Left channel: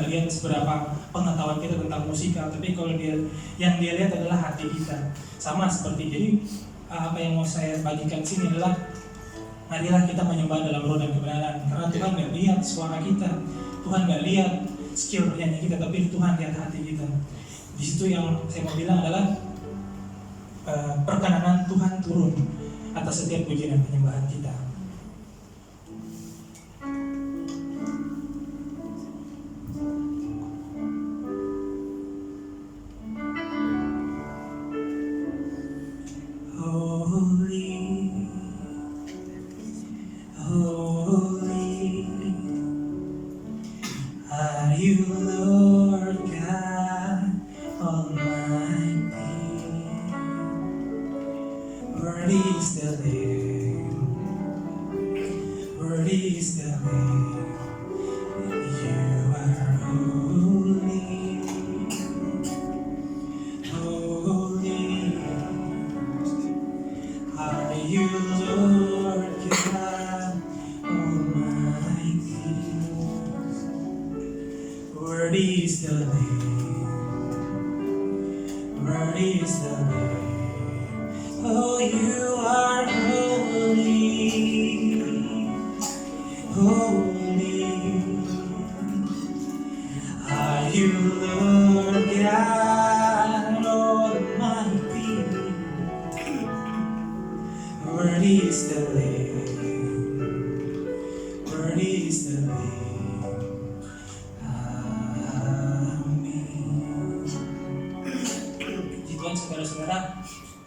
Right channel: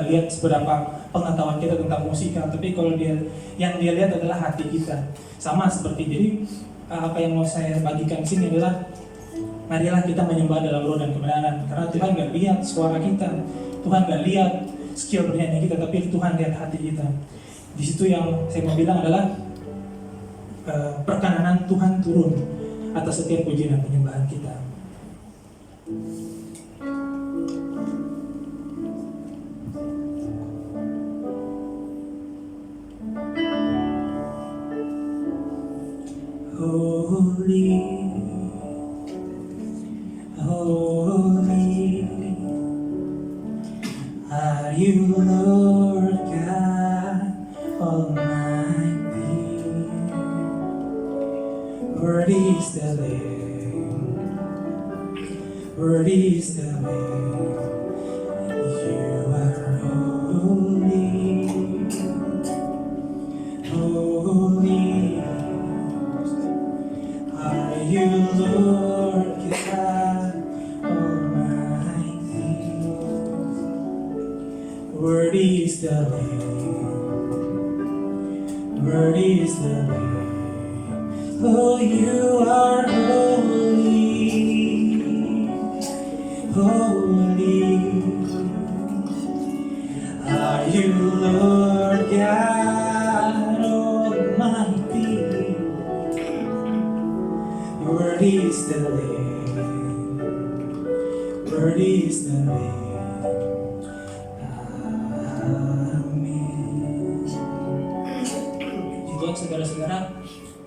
nggak lihat seberapa pengetahuan kita tentang musika, tapi kalau yang dia lihat adalah hati kita. Sama seperti jadi apa yang mau saya bagikan sini adalah marilah kita menyembah dalam roh dan kebenaran, karena Tuhan nggak lihat suara kita, Tuhan nggak lihat skill bernyanyi kita, tapi Tuhan lihat hati kita. Di situ yang saya mau bilang adalah perkenanan Tuhan turun atas setiap pujian dan penyembahan kita.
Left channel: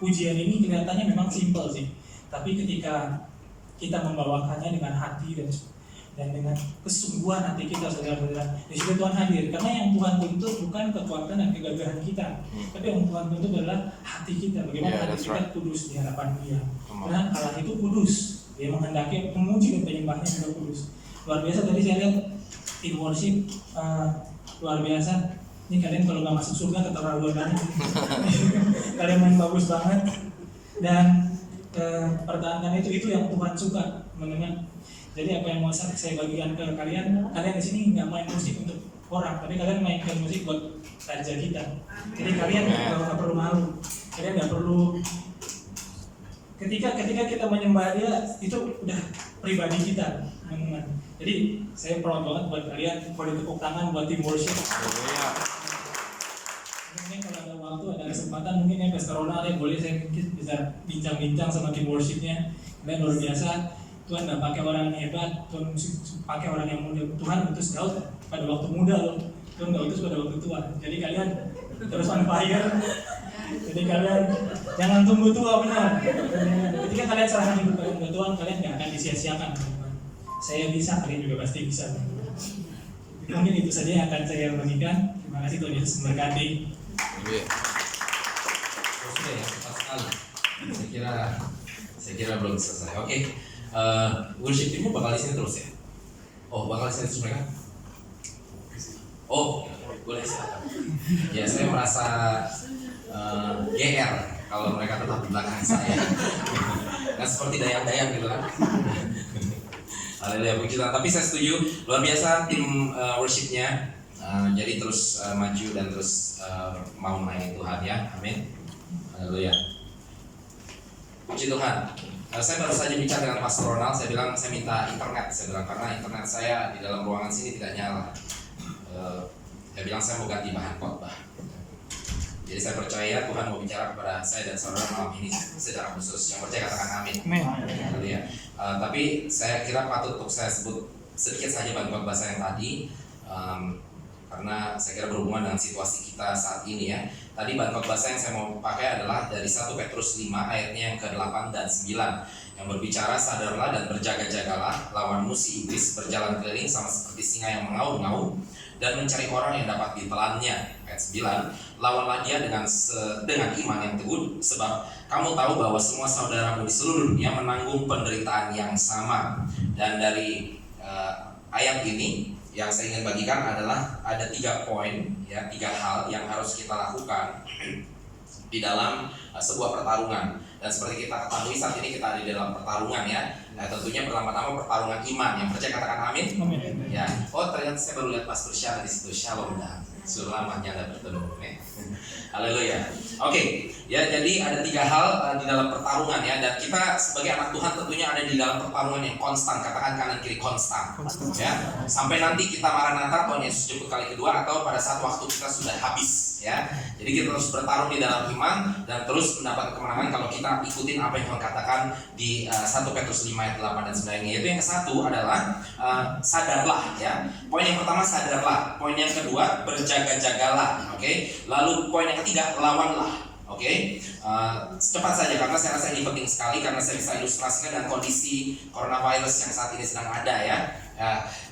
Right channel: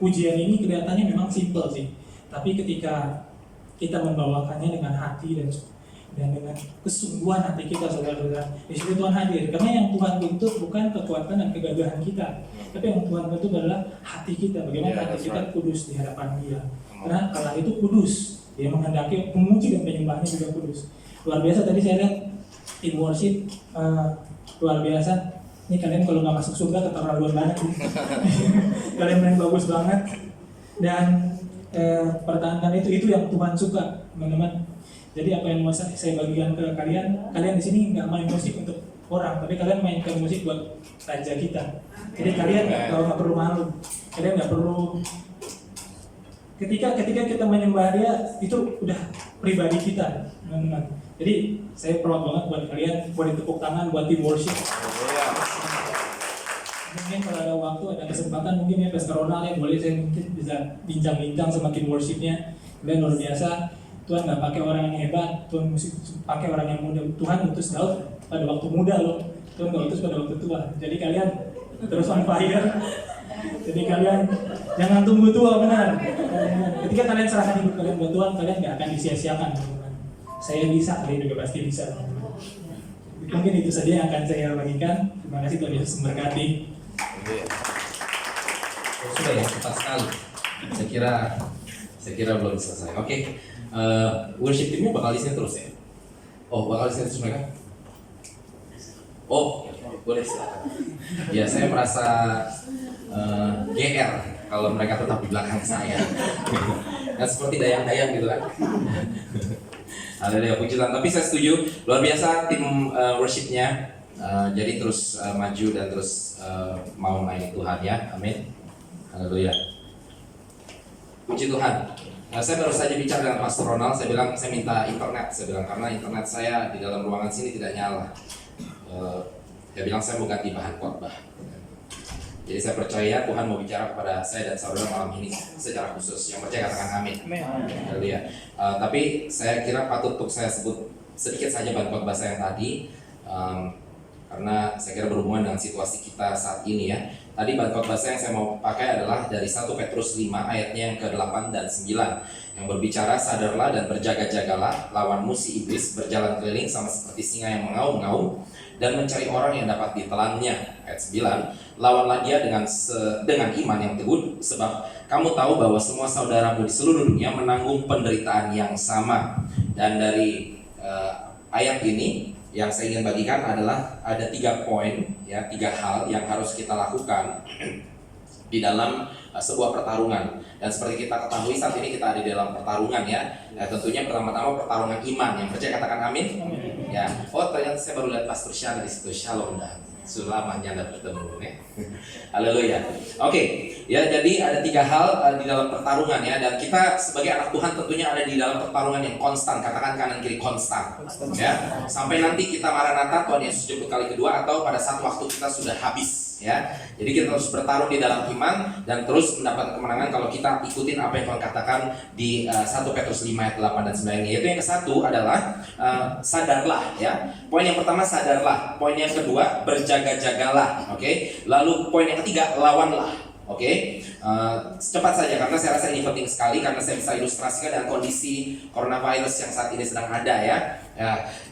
Pujian ini kelihatannya memang simpel sih, tapi ketika kita membawakannya dengan hati dan dengan kesungguhan hati kita, saudara-saudara, di situ Tuhan hadir. Karena yang Tuhan tuntut bukan kekuatan dan kegagahan kita, tapi yang Tuhan tuntut adalah hati kita. Bagaimana hati kita kudus di hadapan Dia. Karena Allah itu kudus, Dia menghendaki pemuji dan penyembahnya juga kudus. Luar biasa tadi saya lihat in worship, luar biasa. Ini kalian kalau nggak masuk surga keterlaluan banget. Kalian main bagus banget. Dan pertahankan itu yang Tuhan suka, teman-teman. Jadi apa yang mau saya bagikan ke kalian di sini nggak main musik untuk orang, tapi kalian mainkan musik buat raja kita. Jadi kalian nggak perlu malu, kalian nggak perlu. Ketika kita menyembah Dia, itu udah pribadi kita, teman-teman. Jadi saya proud banget buat kalian, boleh tepuk tangan buat tim worship. Mungkin kalau ada waktu, ada kesempatan, mungkin ya Pastor Ronald ya boleh saya mungkin bisa bincang-bincang sama tim worshipnya. Kalian luar biasa. Tuhan nggak pakai orang yang hebat, Tuhan pakai orang yang muda. Tuhan utus Daud pada waktu muda loh, Tuhan nggak utus pada waktu tua. Jadi kalian terus on fire. Jadi kalian jangan tunggu tua, benar. Ketika kalian serahkan hidup kalian buat Tuhan, kalian nggak akan disia-siakan. Saya bisa, kalian juga pasti bisa. Mungkin itu saja yang akan saya bagikan. Terima kasih, Tuhan Yesus memberkati. Sudah ya, cepat sekali. Saya kira belum selesai. Oke. Worship timnya bakal di sini terus ya? Oh, bakal di sini terus mereka? Oh, boleh silakan. Ya, saya merasa GR kalau mereka tetap di belakang saya. Nah, seperti dayang-dayang gitu kan. Haleluya, puji Tuhan. Tapi saya setuju, luar biasa tim worshipnya. Jadi terus maju dan terus mau melayani Tuhan ya. Amin. Haleluya. Puji Tuhan. Saya baru saja bicara dengan Pastor Ronald. Saya bilang saya minta internet. Saya bilang karena internet saya di dalam ruangan sini tidak nyala. Saya bilang saya mau ganti bahan khotbah. Jadi saya percaya Tuhan mau bicara kepada saya dan saudara malam ini secara khusus. Yang percaya katakan amin. Haleluya. Tapi saya kira patut untuk saya sebut sedikit saja bahan khotbah saya yang tadi. Karena saya kira berhubungan dengan situasi kita saat ini ya. Tadi bahan khotbah yang saya mau pakai adalah dari 1 Petrus 5 ayatnya yang ke-8 dan 9 yang berbicara, sadarlah dan berjaga-jagalah, lawanmu si iblis berjalan keliling sama seperti singa yang mengaum-ngaum dan mencari orang yang dapat ditelannya. Ayat 9, lawanlah dia dengan iman yang teguh, sebab kamu tahu bahwa semua saudaramu di seluruh dunia menanggung penderitaan yang sama. Dan dari ayat ini yang saya ingin bagikan adalah ada 3 poin ya, 3 hal yang harus kita lakukan di dalam sebuah pertarungan. Dan seperti kita ketahui saat ini kita ada di dalam pertarungan ya. Ya tentunya pertama-tama pertarungan iman. Yang percaya katakan amin. Ya. Oh ternyata saya baru lihat Pastor Syah di situ. Shalom dah. Sudah lamanya Anda bertemu nih. Haleluya. Oke, ya jadi ada 3 hal di dalam pertarungan ya, dan kita sebagai anak Tuhan tentunya ada di dalam pertarungan yang konstan. Katakan kanan kiri konstan. Ya. Sampai nanti kita Maranatha Tuhan Yesus jemput kali kedua atau pada saat waktu kita sudah habis ya. Jadi kita terus bertarung di dalam iman dan terus mendapat kemenangan kalau kita ikutin apa yang Tuhan katakan di 1 Petrus 5 ayat 8 dan 9-nya. Yaitu yang ke-1 adalah sadarlah ya. Poin yang pertama sadarlah. Poin yang kedua berjaga-jagalah. Oke. Lalu poin yang ketiga lawanlah. Oke, cepat saja karena saya rasa ini penting sekali karena saya bisa ilustrasikan dengan kondisi coronavirus yang saat ini sedang ada ya,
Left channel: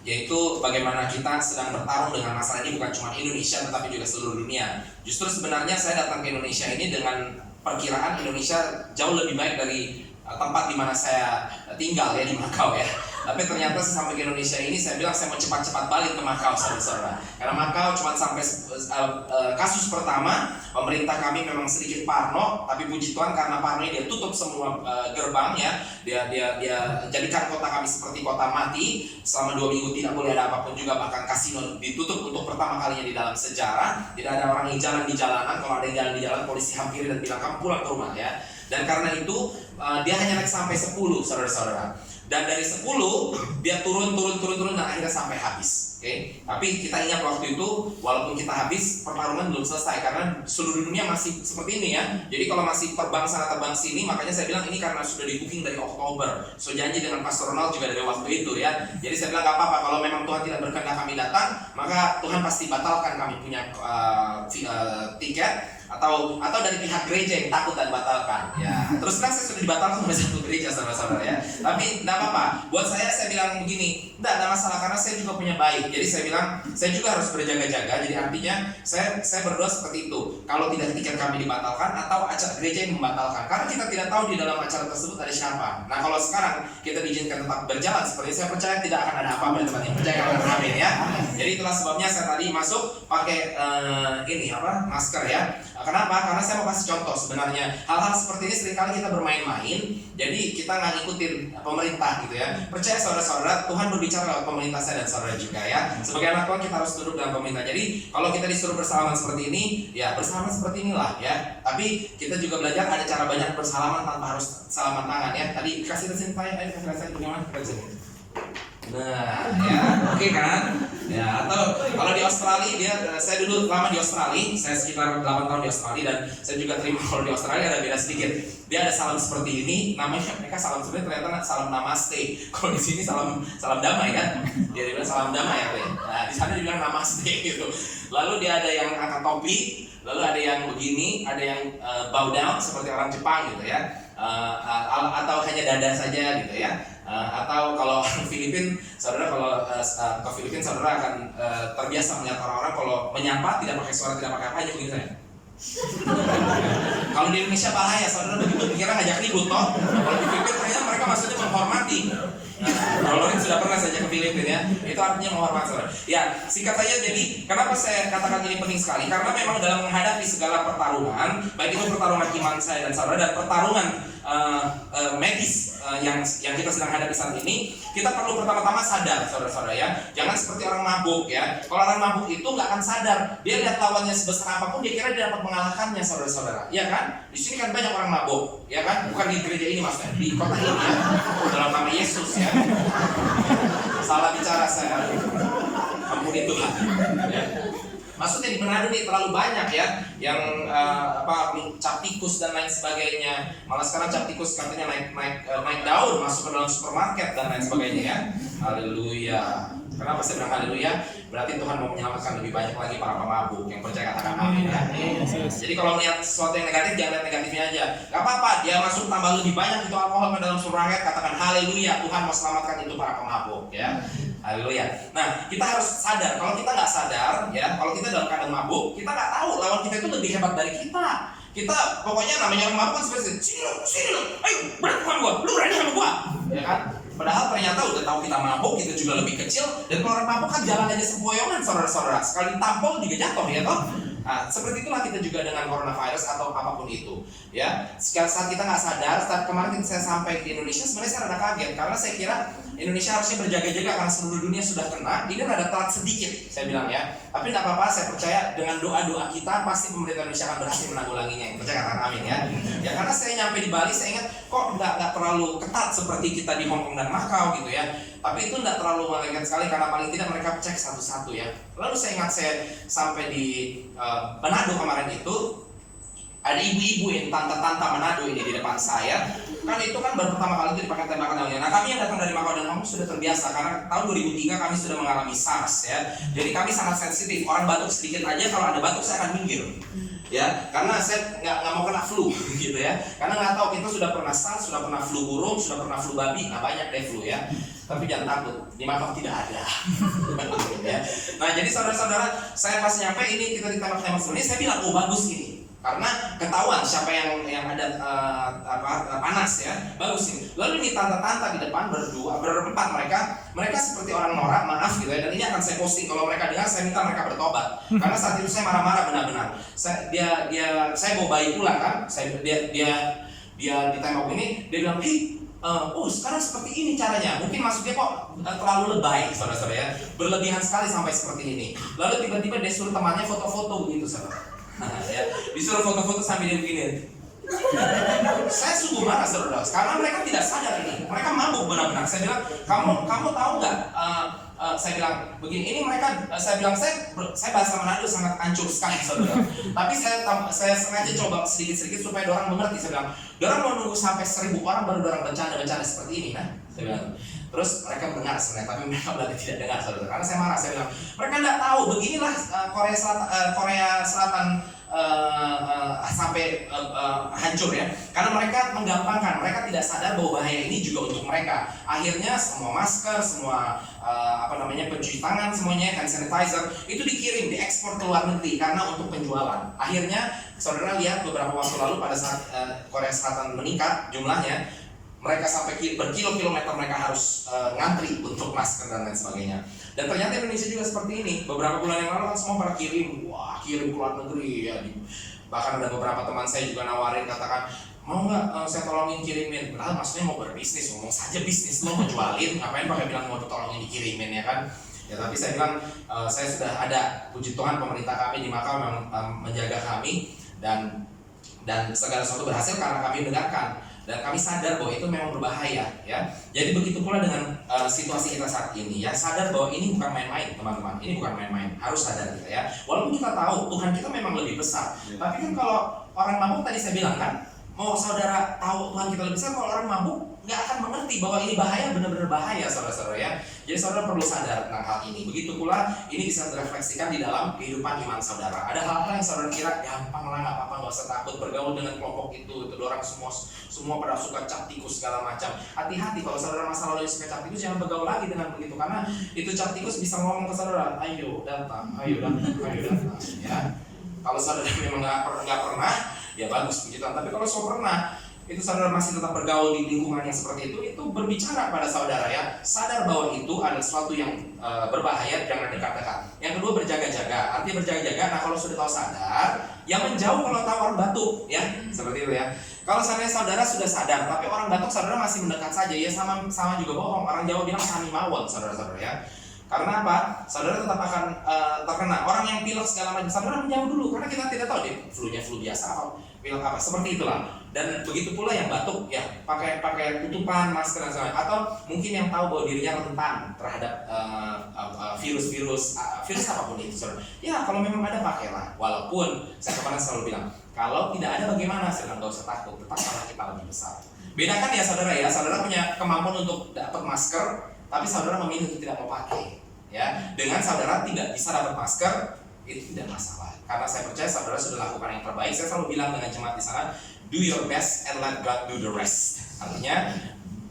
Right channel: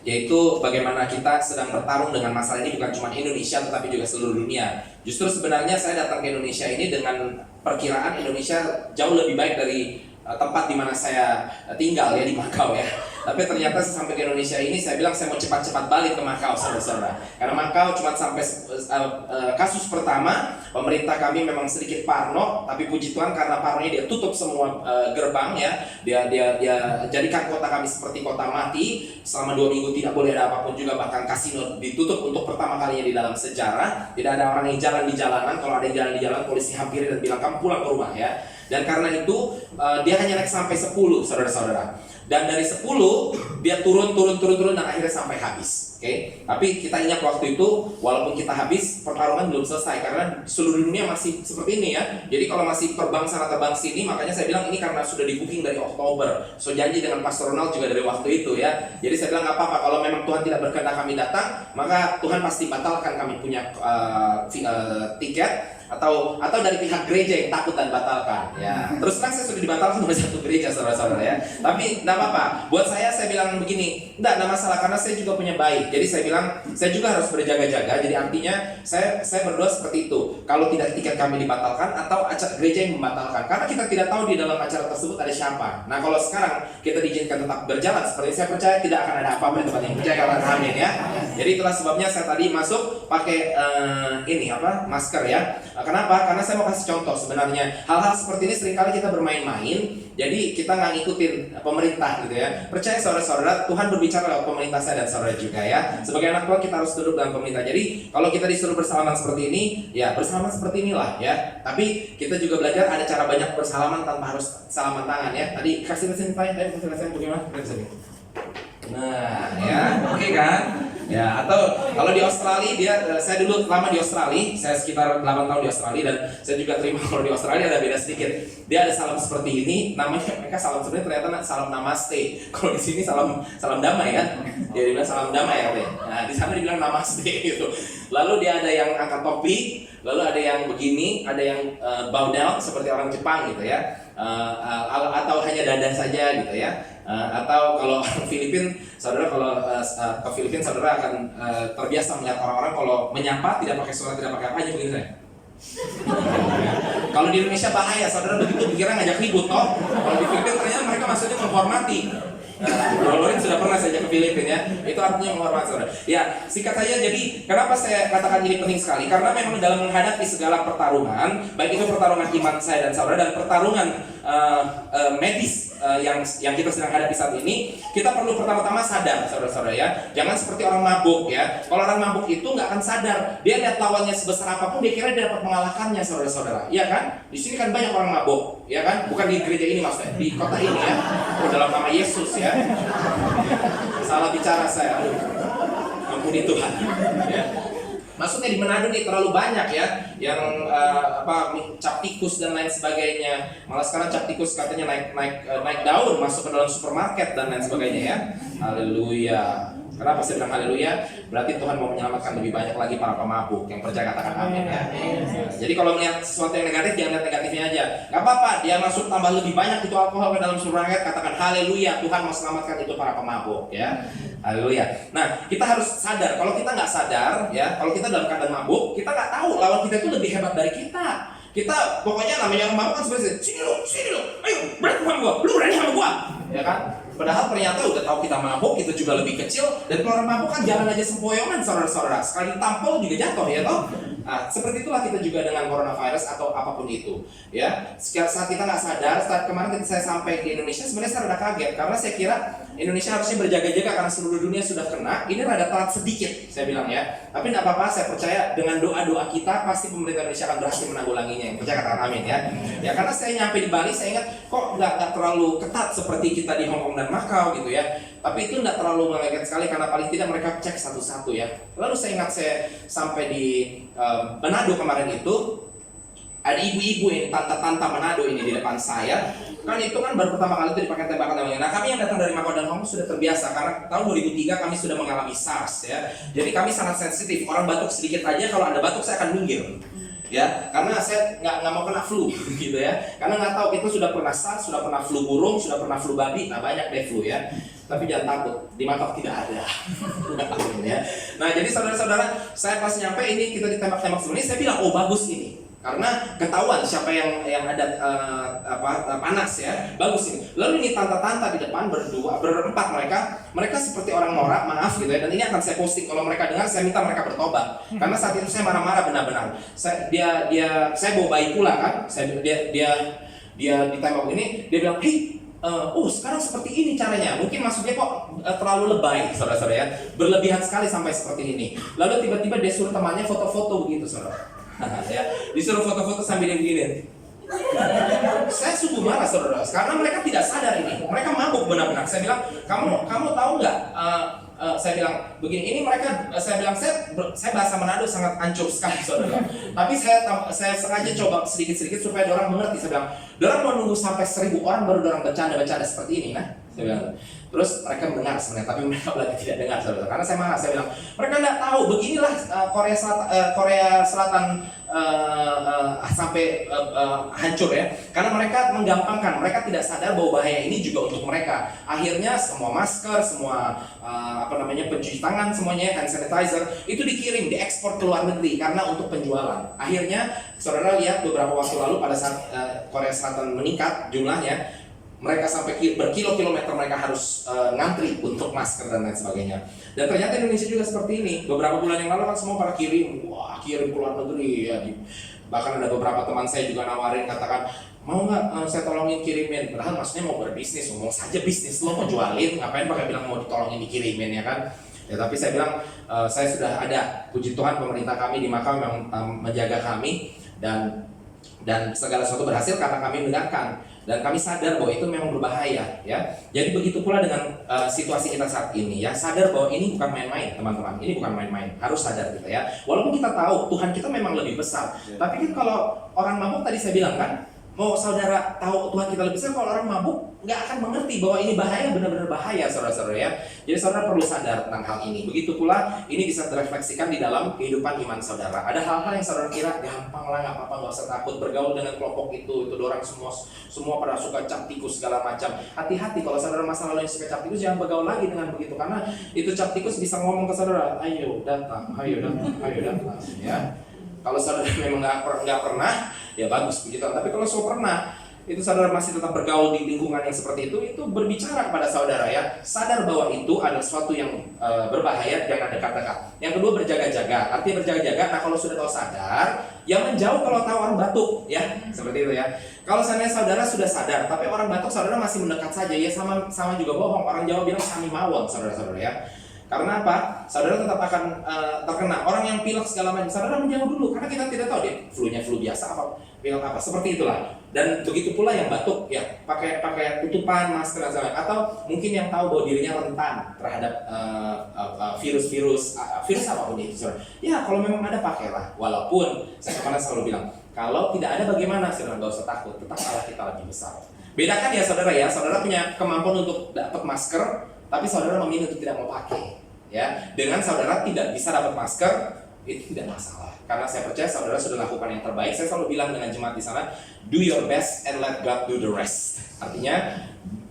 yaitu bagaimana kita sedang bertarung dengan masalah ini bukan cuma Indonesia tetapi juga seluruh dunia. Justru sebenarnya saya datang ke Indonesia ini dengan perkiraan Indonesia jauh lebih baik dari tempat di mana saya tinggal ya, di Makau ya. Tapi ternyata sampai ke Indonesia ini saya bilang saya mau cepat-cepat balik ke Makau saudara-saudara. Karena Makau cuma sampai kasus pertama pemerintah kami memang sedikit parno, tapi puji Tuhan karena parnonya dia tutup semua gerbang ya. Dia jadikan kota kami seperti kota mati. Selama 2 minggu tidak boleh ada apapun juga, bahkan kasino ditutup untuk pertama kalinya di dalam sejarah. Tidak ada orang yang jalan di jalanan. Kalau ada yang jalan di jalan polisi hampiri dan bilang kamu pulang ke rumah ya. Dan karena itu dia hanya naik sampai 10 saudara-saudara. Dan dari 10 dia turun dan akhirnya sampai habis. Oke. Tapi kita ingat waktu itu walaupun kita habis pertarungan belum selesai karena seluruh dunia masih seperti ini ya. Jadi kalau masih terbang sana terbang sini, makanya saya bilang ini karena sudah di booking dari Oktober. So janji dengan Pastor Ronald juga dari waktu itu ya. Jadi saya bilang gak apa-apa kalau memang Tuhan tidak berkehendak kami datang, maka Tuhan pasti batalkan kami punya tiket. Atau dari pihak gereja yang takut dan batalkan ya. Terus terang saya sudah dibatalkan oleh 1 gereja saudara-saudara ya. Tapi tidak apa-apa. Buat saya bilang begini, tidak ada masalah karena saya juga punya baik. Jadi saya bilang saya juga harus berjaga-jaga. Jadi artinya saya berdoa seperti itu. Kalau tidak tiket kami dibatalkan atau acara gereja yang membatalkan, karena kita tidak tahu di dalam acara tersebut ada siapa. Nah kalau sekarang kita diizinkan tetap berjalan, seperti saya percaya tidak akan ada apa-apa di tempat ini. Percaya katakan amin ya. Jadi itulah sebabnya saya tadi masuk pakai masker ya. Kenapa? Karena saya mau kasih contoh sebenarnya hal-hal seperti ini seringkali kita bermain-main. Jadi kita nggak ngikutin pemerintah gitu ya. Percaya saudara-saudara, Tuhan berbicara lewat pemerintah saya dan saudara juga ya. Sebagai anak Tuhan kita harus duduk dalam pemerintah. Jadi kalau kita disuruh bersalaman seperti ini, ya bersalaman seperti inilah ya. Tapi kita juga belajar ada cara banyak bersalaman tanpa harus salaman tangan ya. Tadi kasih saya bagaimana? Nah, ya, oke kan? Ya, atau kalau di Australia saya dulu lama di Australia, saya sekitar 8 tahun di Australia dan saya juga terima kalau di Australia ada beda sedikit. Dia ada salam seperti ini, namanya mereka salam sebenarnya ternyata salam namaste. Kalau di sini salam damai kan? Dia dibilang salam damai ya, Be. Nah, di sana dibilang namaste gitu. Lalu dia ada yang angkat topi, lalu ada yang begini, ada yang bow down seperti orang Jepang gitu ya. Atau hanya dada saja gitu ya. Atau kalau orang Filipin, saudara kalau ke Filipin saudara akan terbiasa melihat orang-orang kalau menyapa tidak pakai suara, tidak pakai apa, hanya begini saya. Kalau di Indonesia bahaya, saudara begitu pikiran ngajak ribut toh. Kalau di Filipin ternyata mereka maksudnya menghormati. Lorin sudah pernah saja ke Filipina ya, itu artinya menghormati saudara. Ya, singkat saja jadi kenapa saya katakan ini penting sekali? Karena memang dalam menghadapi segala pertarungan, baik itu pertarungan iman saya dan saudara dan pertarungan medis yang kita sedang hadapi saat ini, kita perlu pertama-tama sadar saudara-saudara ya. Jangan seperti orang mabuk ya. Kalau orang mabuk itu nggak akan sadar, dia lihat lawannya sebesar apapun dia kira dia dapat mengalahkannya saudara-saudara. Iya kan? Di sini kan banyak orang mabuk, ya kan? Bukan di gereja ini maksudnya, di kota ini ya. Dalam nama Yesus ya. Salah bicara saya. Ampuni Tuhan. Ya. Maksudnya di Manado nih terlalu banyak ya yang cap tikus dan lain sebagainya. Malah sekarang cap tikus katanya naik daun masuk ke dalam supermarket dan lain sebagainya ya. Haleluya. Kenapa saya bilang haleluya? Berarti Tuhan mau menyelamatkan lebih banyak lagi para pemabuk. Yang percaya katakan amin ya. Jadi kalau melihat sesuatu yang negatif jangan lihat negatifnya aja. Gak apa-apa, dia masuk tambah lebih banyak itu alkohol ke dalam supermarket, katakan haleluya, Tuhan mau selamatkan itu para pemabuk ya. Haleluya. Nah, kita harus sadar. Kalau kita nggak sadar, ya, kalau kita dalam keadaan mabuk, kita nggak tahu lawan kita itu lebih hebat dari kita. Kita pokoknya namanya orang mabuk kan seperti sini lo, ayo berani sama gua, lu berani sama gua, ya kan? Padahal ternyata udah tahu kita mabuk, itu juga lebih kecil. Dan kalau orang mabuk kan jalan aja sempoyongan, saudara-saudara. Sekali tampol juga jatuh, ya toh. Nah, seperti itulah kita juga dengan coronavirus atau apapun itu, ya. Saat kita nggak sadar, saat kemarin saya sampai di Indonesia, sebenarnya saya rada kaget karena saya kira Indonesia harusnya berjaga-jaga karena seluruh dunia sudah kena. Ini rada telat sedikit, saya bilang ya. Tapi tidak apa-apa, saya percaya dengan doa-doa kita pasti pemerintah Indonesia akan berhasil menanggulanginya. Percaya, katakan amin ya. Ya, karena saya nyampe di Bali, saya ingat kok nggak terlalu ketat seperti kita di Hong Kong dan Macau gitu ya. Tapi itu tidak terlalu melekat sekali karena paling tidak mereka cek satu-satu ya. Lalu saya ingat saya sampai di Manado kemarin itu, ada ibu-ibu yang tante-tante Manado ini di depan saya. Kan itu kan baru pertama kali itu dipakai tembakan namanya. Nah, kami yang datang dari Macau dan Hong Kong sudah terbiasa karena tahun 2003 kami sudah mengalami SARS ya. Jadi kami sangat sensitif. Orang batuk sedikit aja, kalau ada batuk saya akan minggir. Ya, karena saya nggak mau kena flu gitu ya. Karena nggak tahu, kita sudah pernah SARS, sudah pernah flu burung, sudah pernah flu babi, nah banyak deh flu ya. Tapi jangan takut, di Macau tidak ada. Ya. Nah, jadi saudara-saudara, saya pas nyampe ini kita ditembak-tembak sebenarnya, saya bilang oh bagus ini. Karena ketahuan siapa yang ada panas ya, bagus ini. Lalu ini tante-tante di depan berempat mereka seperti orang norak, maaf gitu ya. Dan ini akan saya posting, kalau mereka dengar saya minta mereka bertobat. Karena saat itu saya marah-marah benar-benar. Saya bawa bayi pula kan, dia ditembak ini, dia bilang, sekarang seperti ini caranya. Mungkin maksudnya kok terlalu lebay, saudara-saudara ya, berlebihan sekali sampai seperti ini. Lalu tiba-tiba dia suruh temannya foto-foto begitu, saudara. Ya, disuruh foto-foto sambil dia begini. Saya sungguh marah, saudara, karena mereka tidak sadar ini. Mereka mabuk benar-benar. Saya bilang, kamu tahu nggak? Saya bilang begini, ini mereka, saya bilang saya bahasa Manado sangat hancur sekali, saudara. Tapi saya sengaja coba sedikit-sedikit supaya orang mengerti. Saya bilang, orang mau nunggu sampai 1000 orang baru orang bercanda-bercanda seperti ini, nah. Saya bilang. Terus mereka mendengar sebenarnya, tapi mereka berarti tidak dengar, saudara. Karena saya marah, saya bilang, mereka tidak tahu beginilah Korea Selatan sampai hancur ya. Karena mereka menggampangkan, mereka tidak sadar bahwa bahaya ini juga untuk mereka. Akhirnya semua masker, semua pencuci tangan, semuanya hand sanitizer itu dikirim, diekspor ke luar negeri karena untuk penjualan. Akhirnya saudara lihat beberapa waktu lalu pada saat Korea Selatan meningkat jumlahnya, mereka sampai berkilo-kilometer mereka harus ngantri untuk masker dan lain sebagainya. Dan ternyata Indonesia juga seperti ini. Beberapa bulan yang lalu kan semua pada kirim ke luar negeri ya. Bahkan ada beberapa teman saya juga nawarin, katakan, mau nggak saya tolongin kirimin. Padahal maksudnya mau berbisnis, ngomong saja bisnis, lo mau jualin, ngapain pakai bilang mau ditolongin dikirimin ya kan? Ya, tapi saya bilang saya sudah ada, puji Tuhan pemerintah kami di Macau yang menjaga kami dan segala sesuatu berhasil karena kami mendengarkan. Dan kami sadar bahwa itu memang berbahaya ya. Jadi begitu pula dengan situasi kita saat ini ya, sadar bahwa ini bukan main-main, teman-teman. Ini bukan main-main, harus sadar kita ya. Walaupun kita tahu Tuhan kita memang lebih besar, tapi kan kalau orang mabuk tadi saya bilang kan, mau saudara tahu Tuhan kita lebih besar, kalau orang mabuk nggak akan mengerti bahwa ini bahaya, benar-benar bahaya, saudara-saudara ya. Jadi saudara perlu sadar tentang hal ini. Begitu pula ini bisa direfleksikan di dalam kehidupan iman saudara. Ada hal-hal yang saudara kira gampang lah, nggak apa-apa, nggak usah takut bergaul dengan kelompok itu orang semua pada suka cap tikus segala macam. Hati-hati kalau saudara masa lalu yang suka cap tikus, jangan bergaul lagi dengan begitu, karena itu cap tikus bisa ngomong ke saudara, ayo datang ya. Kalau saudara memang nggak pernah, ya bagus begitu. Tapi kalau saudara pernah, itu saudara masih tetap bergaul di lingkungan yang seperti itu berbicara pada saudara ya. Sadar bahwa itu adalah sesuatu yang berbahaya, jangan dekat-dekat. Yang kedua, berjaga-jaga. Artinya berjaga-jaga, nah kalau sudah tahu sadar, yang menjauh kalau tahu orang batuk ya. Seperti itu ya. Kalau seandainya saudara sudah sadar, tapi orang batuk saudara masih mendekat saja, ya sama juga bohong. Orang Jawa bilang sami mawon, saudara-saudara ya. Karena apa? Saudara tetap akan terkena. Orang yang pilek segala macam, saudara menjauh dulu, karena kita tidak tahu deh flu biasa apa, pilek apa, seperti itulah. Dan begitu pula yang batuk ya, pakai tutupan, masker dan sebagainya. Atau mungkin yang tahu bahwa dirinya rentan terhadap virus apapun itu, saudara. Ya kalau memang ada, pakailah. Walaupun saya kemarin selalu bilang, kalau tidak ada bagaimana, saudara nggak usah takut, tetap Allah kita lebih besar. Bedakan ya saudara ya, saudara punya kemampuan untuk dapat masker, tapi saudara memilih untuk tidak mau pakai. Ya, dengan saudara tidak bisa dapat masker, itu tidak masalah. Karena saya percaya saudara sudah lakukan yang terbaik. Saya selalu bilang dengan jemaat di sana, do your best and let God do the rest. Artinya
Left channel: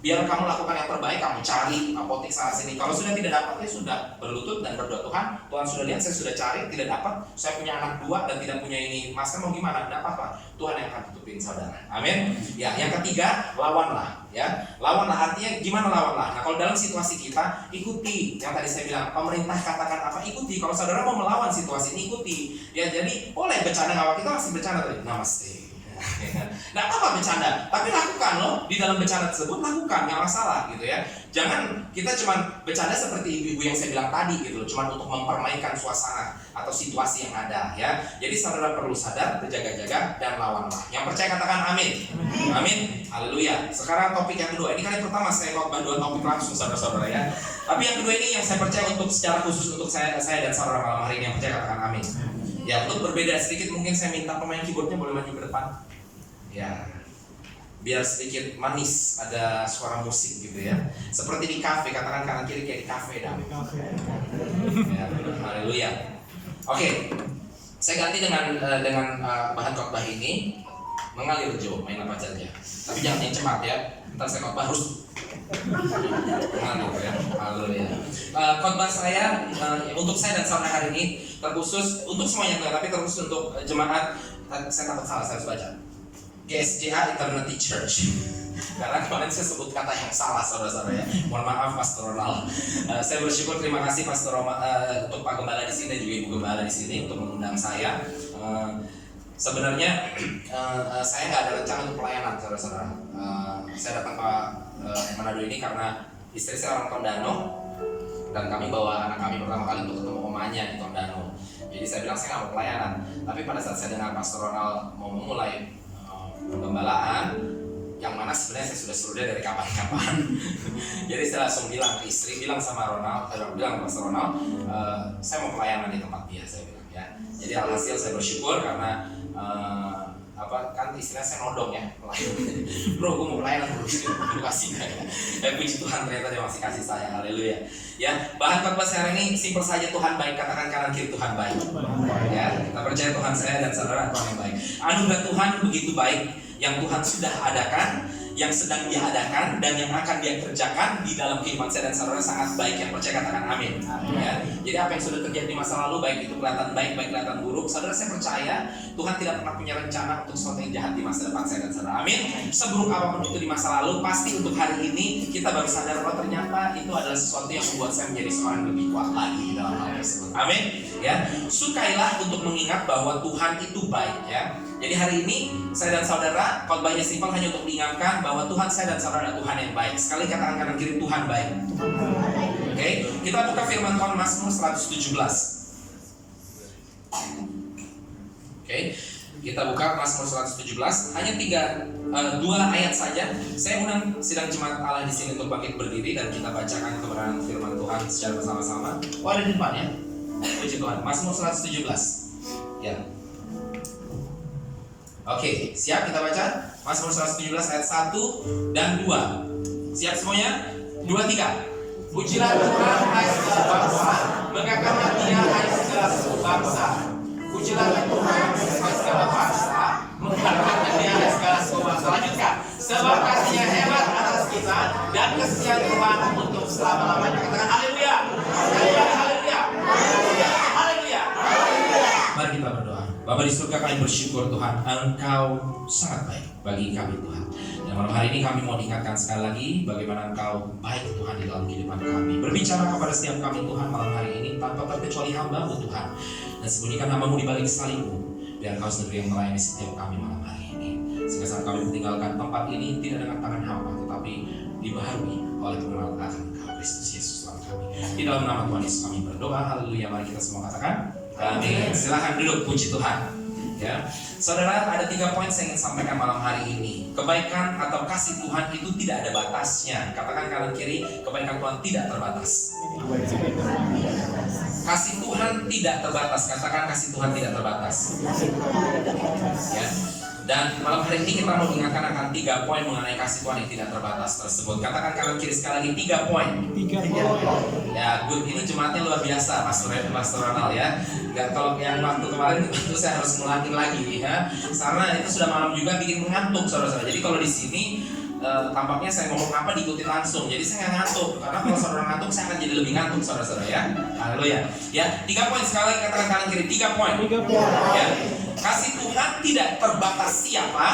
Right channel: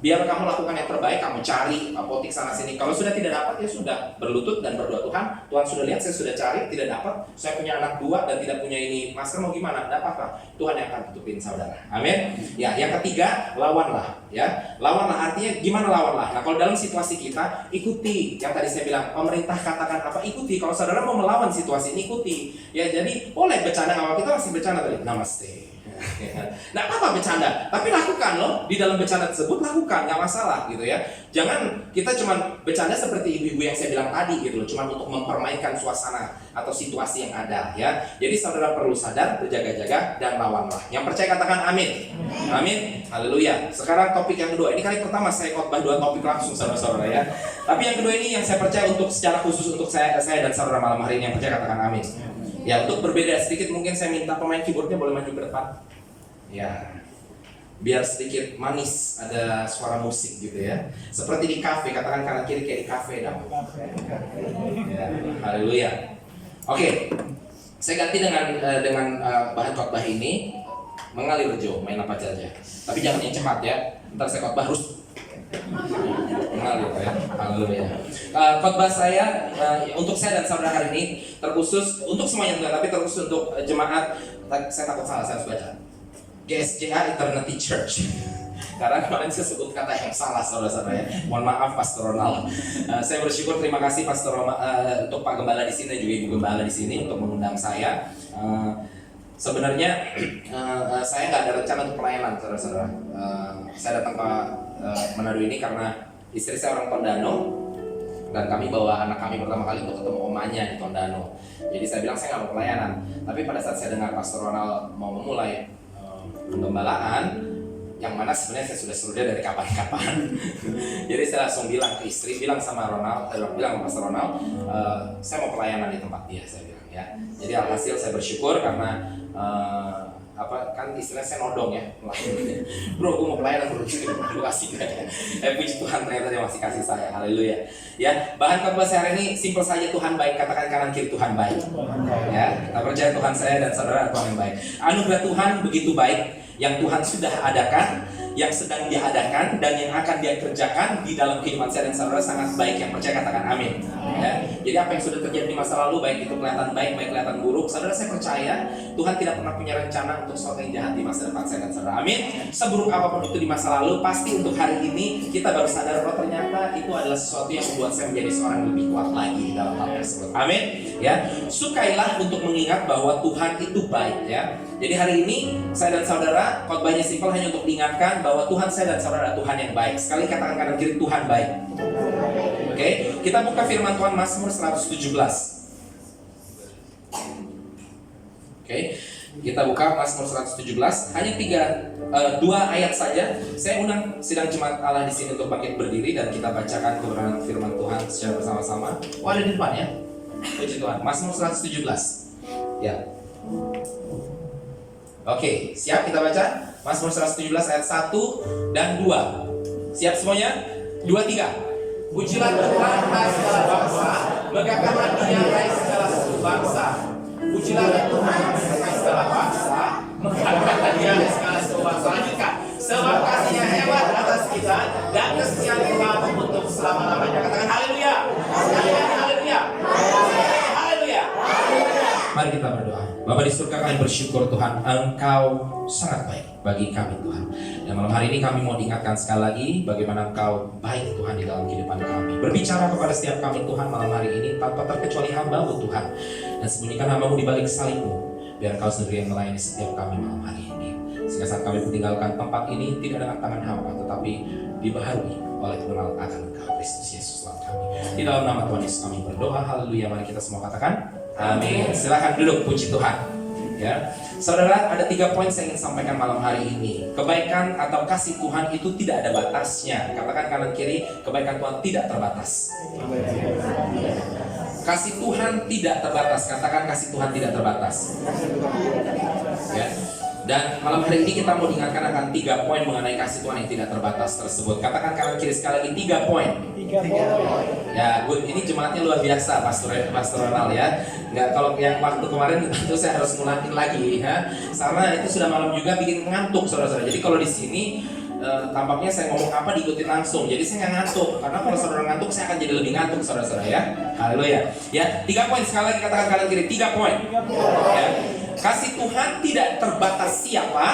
Biar kamu lakukan yang terbaik, kamu cari apotik sana sini. Kalau sudah tidak dapat, ya sudah, berlutut dan berdoa, Tuhan sudah lihat saya sudah cari, tidak dapat. Saya punya anak 2 dan tidak punya ini masker, mau gimana? Tidak apa-apa. Tuhan yang akan tutupin saudara. Amin. Ya, yang ketiga, lawanlah. Ya, lawanlah artinya gimana lawanlah? Nah, kalau dalam situasi kita, ikuti. Yang tadi saya bilang, pemerintah katakan apa, ikuti. Kalau saudara mau melawan situasi ini, ikuti. Ya, jadi boleh bercanda, nggak apa, kita masih bercanda tadi. Namaste. Nggak apa-apa bercanda, tapi lakukan loh. Di dalam bercanda tersebut lakukan, nggak masalah gitu ya. Jangan kita cuma bercanda seperti ibu-ibu yang saya bilang tadi gitu loh, cuma untuk mempermainkan suasana atau situasi yang ada ya. Jadi saudara perlu sadar, berjaga-jaga dan lawanlah. Yang percaya katakan amin. Amin. Haleluya. Sekarang topik yang kedua. Ini kali pertama saya khotbah 2 topik langsung saudara-saudara ya. Tapi yang kedua ini yang saya percaya untuk secara khusus untuk saya dan saudara malam hari ini yang percaya katakan amin. Ya, untuk berbeda sedikit mungkin saya minta pemain keyboardnya boleh maju ke depan. Ya, biar sedikit manis, ada suara musik gitu ya. Seperti di kafe, katakan kanan kiri kayak di kafe dong. Ya, haleluya. Oke, saya ganti dengan bahan khotbah ini mengalir Jo, main apa aja. Tapi jangan yang cepat ya. Ntar saya khotbah harus mengalir ya. Haleluya. Khotbah saya untuk saya dan saudara hari ini terkhusus untuk semuanya enggak, tapi terkhusus untuk jemaat. Saya takut salah, saya harus baca. GSJA Eternity Church. Karena kemarin saya sebut kata yang salah saudara-saudara ya. Mohon maaf Pastor Ronald. Saya bersyukur, terima kasih Pastor untuk Pak Gembala di sini juga Ibu Gembala di sini untuk mengundang saya. Sebenarnya saya nggak ada rencana untuk pelayanan saudara-saudara. Saya datang ke Manado ini karena istri saya orang Tondano dan kami bawa anak kami pertama kali untuk ketemu omanya di Tondano. Jadi saya bilang saya nggak mau pelayanan. Tapi pada saat saya dengar Pastor Ronald mau memulai penggembalaan yang mana sebenarnya saya sudah suruh dia dari kapan-kapan. Jadi saya langsung bilang ke istri, bilang sama Ronald, bilang sama Pastor Ronald, saya mau pelayanan di tempat dia, saya bilang ya. Jadi alhasil saya bersyukur karena kan istilah saya nodong ya, bro gue mau pelayanan bro, lu kasih gak? Puji Tuhan ternyata dia masih kasih saya, haleluya. Ya, bahan khotbah saya hari ini simpel saja, Tuhan baik, katakan kanan kiri Tuhan baik. Ya, kita percaya Tuhan saya dan saudara Tuhan yang baik. Anugerah Tuhan begitu baik yang Tuhan sudah adakan, yang sedang Dia adakan dan yang akan Dia kerjakan di dalam kehidupan saya dan saudara sangat baik. Yang percaya katakan amin. Ya. Jadi apa yang sudah terjadi di masa lalu, baik itu kelihatan baik, baik kelihatan buruk, saudara saya percaya Tuhan tidak pernah punya rencana untuk sesuatu yang jahat di masa depan saya dan saudara. Amin. Seburuk apapun itu di masa lalu, pasti untuk hari ini kita baru sadar bahwa ternyata itu adalah sesuatu yang membuat saya menjadi seorang lebih kuat lagi di dalam hal tersebut. Amin. Ya, sukailah untuk mengingat bahwa Tuhan itu baik ya. Jadi hari ini saya dan saudara khotbahnya simpel, hanya untuk diingatkan bahwa Tuhan saya dan saudara Tuhan yang baik. Sekali katakan kanan kiri Tuhan baik. Oke, kita buka firman Tuhan Mazmur 117. Oke, kita buka Mazmur 117. Hanya 2 ayat saja. Saya undang sidang jemaat Allah di sini untuk bangkit berdiri dan kita bacakan kebenaran firman Tuhan secara bersama-sama. Oh, ada di depan ya. Puji Tuhan. Mazmur 117. Ya. Oke, siap kita baca Mazmur 117 ayat 1 dan 2. Siap semuanya? 2, 3. Pujilah Tuhan hai segala bangsa, megahkanlah Dia hai segala suku bangsa. Pujilah Tuhan hai segala bangsa, megahkanlah Dia hai segala suku bangsa. Lanjutkan. Sebab kasih-Nya hebat atas kita dan kesekian Tuhan untuk selama-lamanya. Katakan haleluya. Haleluya. Haleluya. Mari kita berdoa. Bapa di surga, kami bersyukur Tuhan, Engkau sangat baik bagi kami Tuhan. Dan malam hari ini kami mau diingatkan sekali lagi bagaimana Engkau baik Tuhan di dalam kehidupan kami. Berbicara kepada setiap kami Tuhan malam hari ini tanpa terkecuali hamba-Mu Tuhan. Dan sembunyikan hamba-Mu di balik salib-Mu, biar Engkau sendiri yang melayani setiap kami malam hari ini. Sehingga saat kami meninggalkan tempat ini tidak dengan tangan hamba, tetapi dibaharui oleh pengenalan akan Engkau Kristus Yesus Tuhan kami. Di dalam nama Tuhan Yesus kami berdoa, haleluya. Mari kita semua katakan amin. Silakan duduk, puji Tuhan. Ya, saudara, ada 3 poin saya ingin sampaikan malam hari ini. Kebaikan atau kasih Tuhan itu tidak ada batasnya. Katakan kanan kiri, kebaikan Tuhan tidak terbatas. Kasih Tuhan tidak terbatas. Katakan kasih Tuhan tidak terbatas. Ya. Dan malam hari ini kita mau diingatkan akan 3 poin mengenai kasih Tuhan yang tidak terbatas tersebut. Katakan kanan kiri sekali lagi, 3 poin. 3 poin. Ya, good. Ini jemaatnya luar biasa, Pastor Ronald ya. Enggak, kalau yang waktu kemarin itu saya harus ngulangi lagi ya. Karena itu sudah malam juga bikin ngantuk saudara-saudara. Jadi kalau di sini tampaknya saya ngomong apa diikutin langsung, jadi saya nggak ngantuk. Karena kalau saudara ngantuk, saya akan jadi lebih ngantuk, saudara-saudara ya. Haleluya. Ya, 3 poin sekali lagi katakan kanan kiri. 3 poin. Ya. Kasih Tuhan tidak terbatas siapa,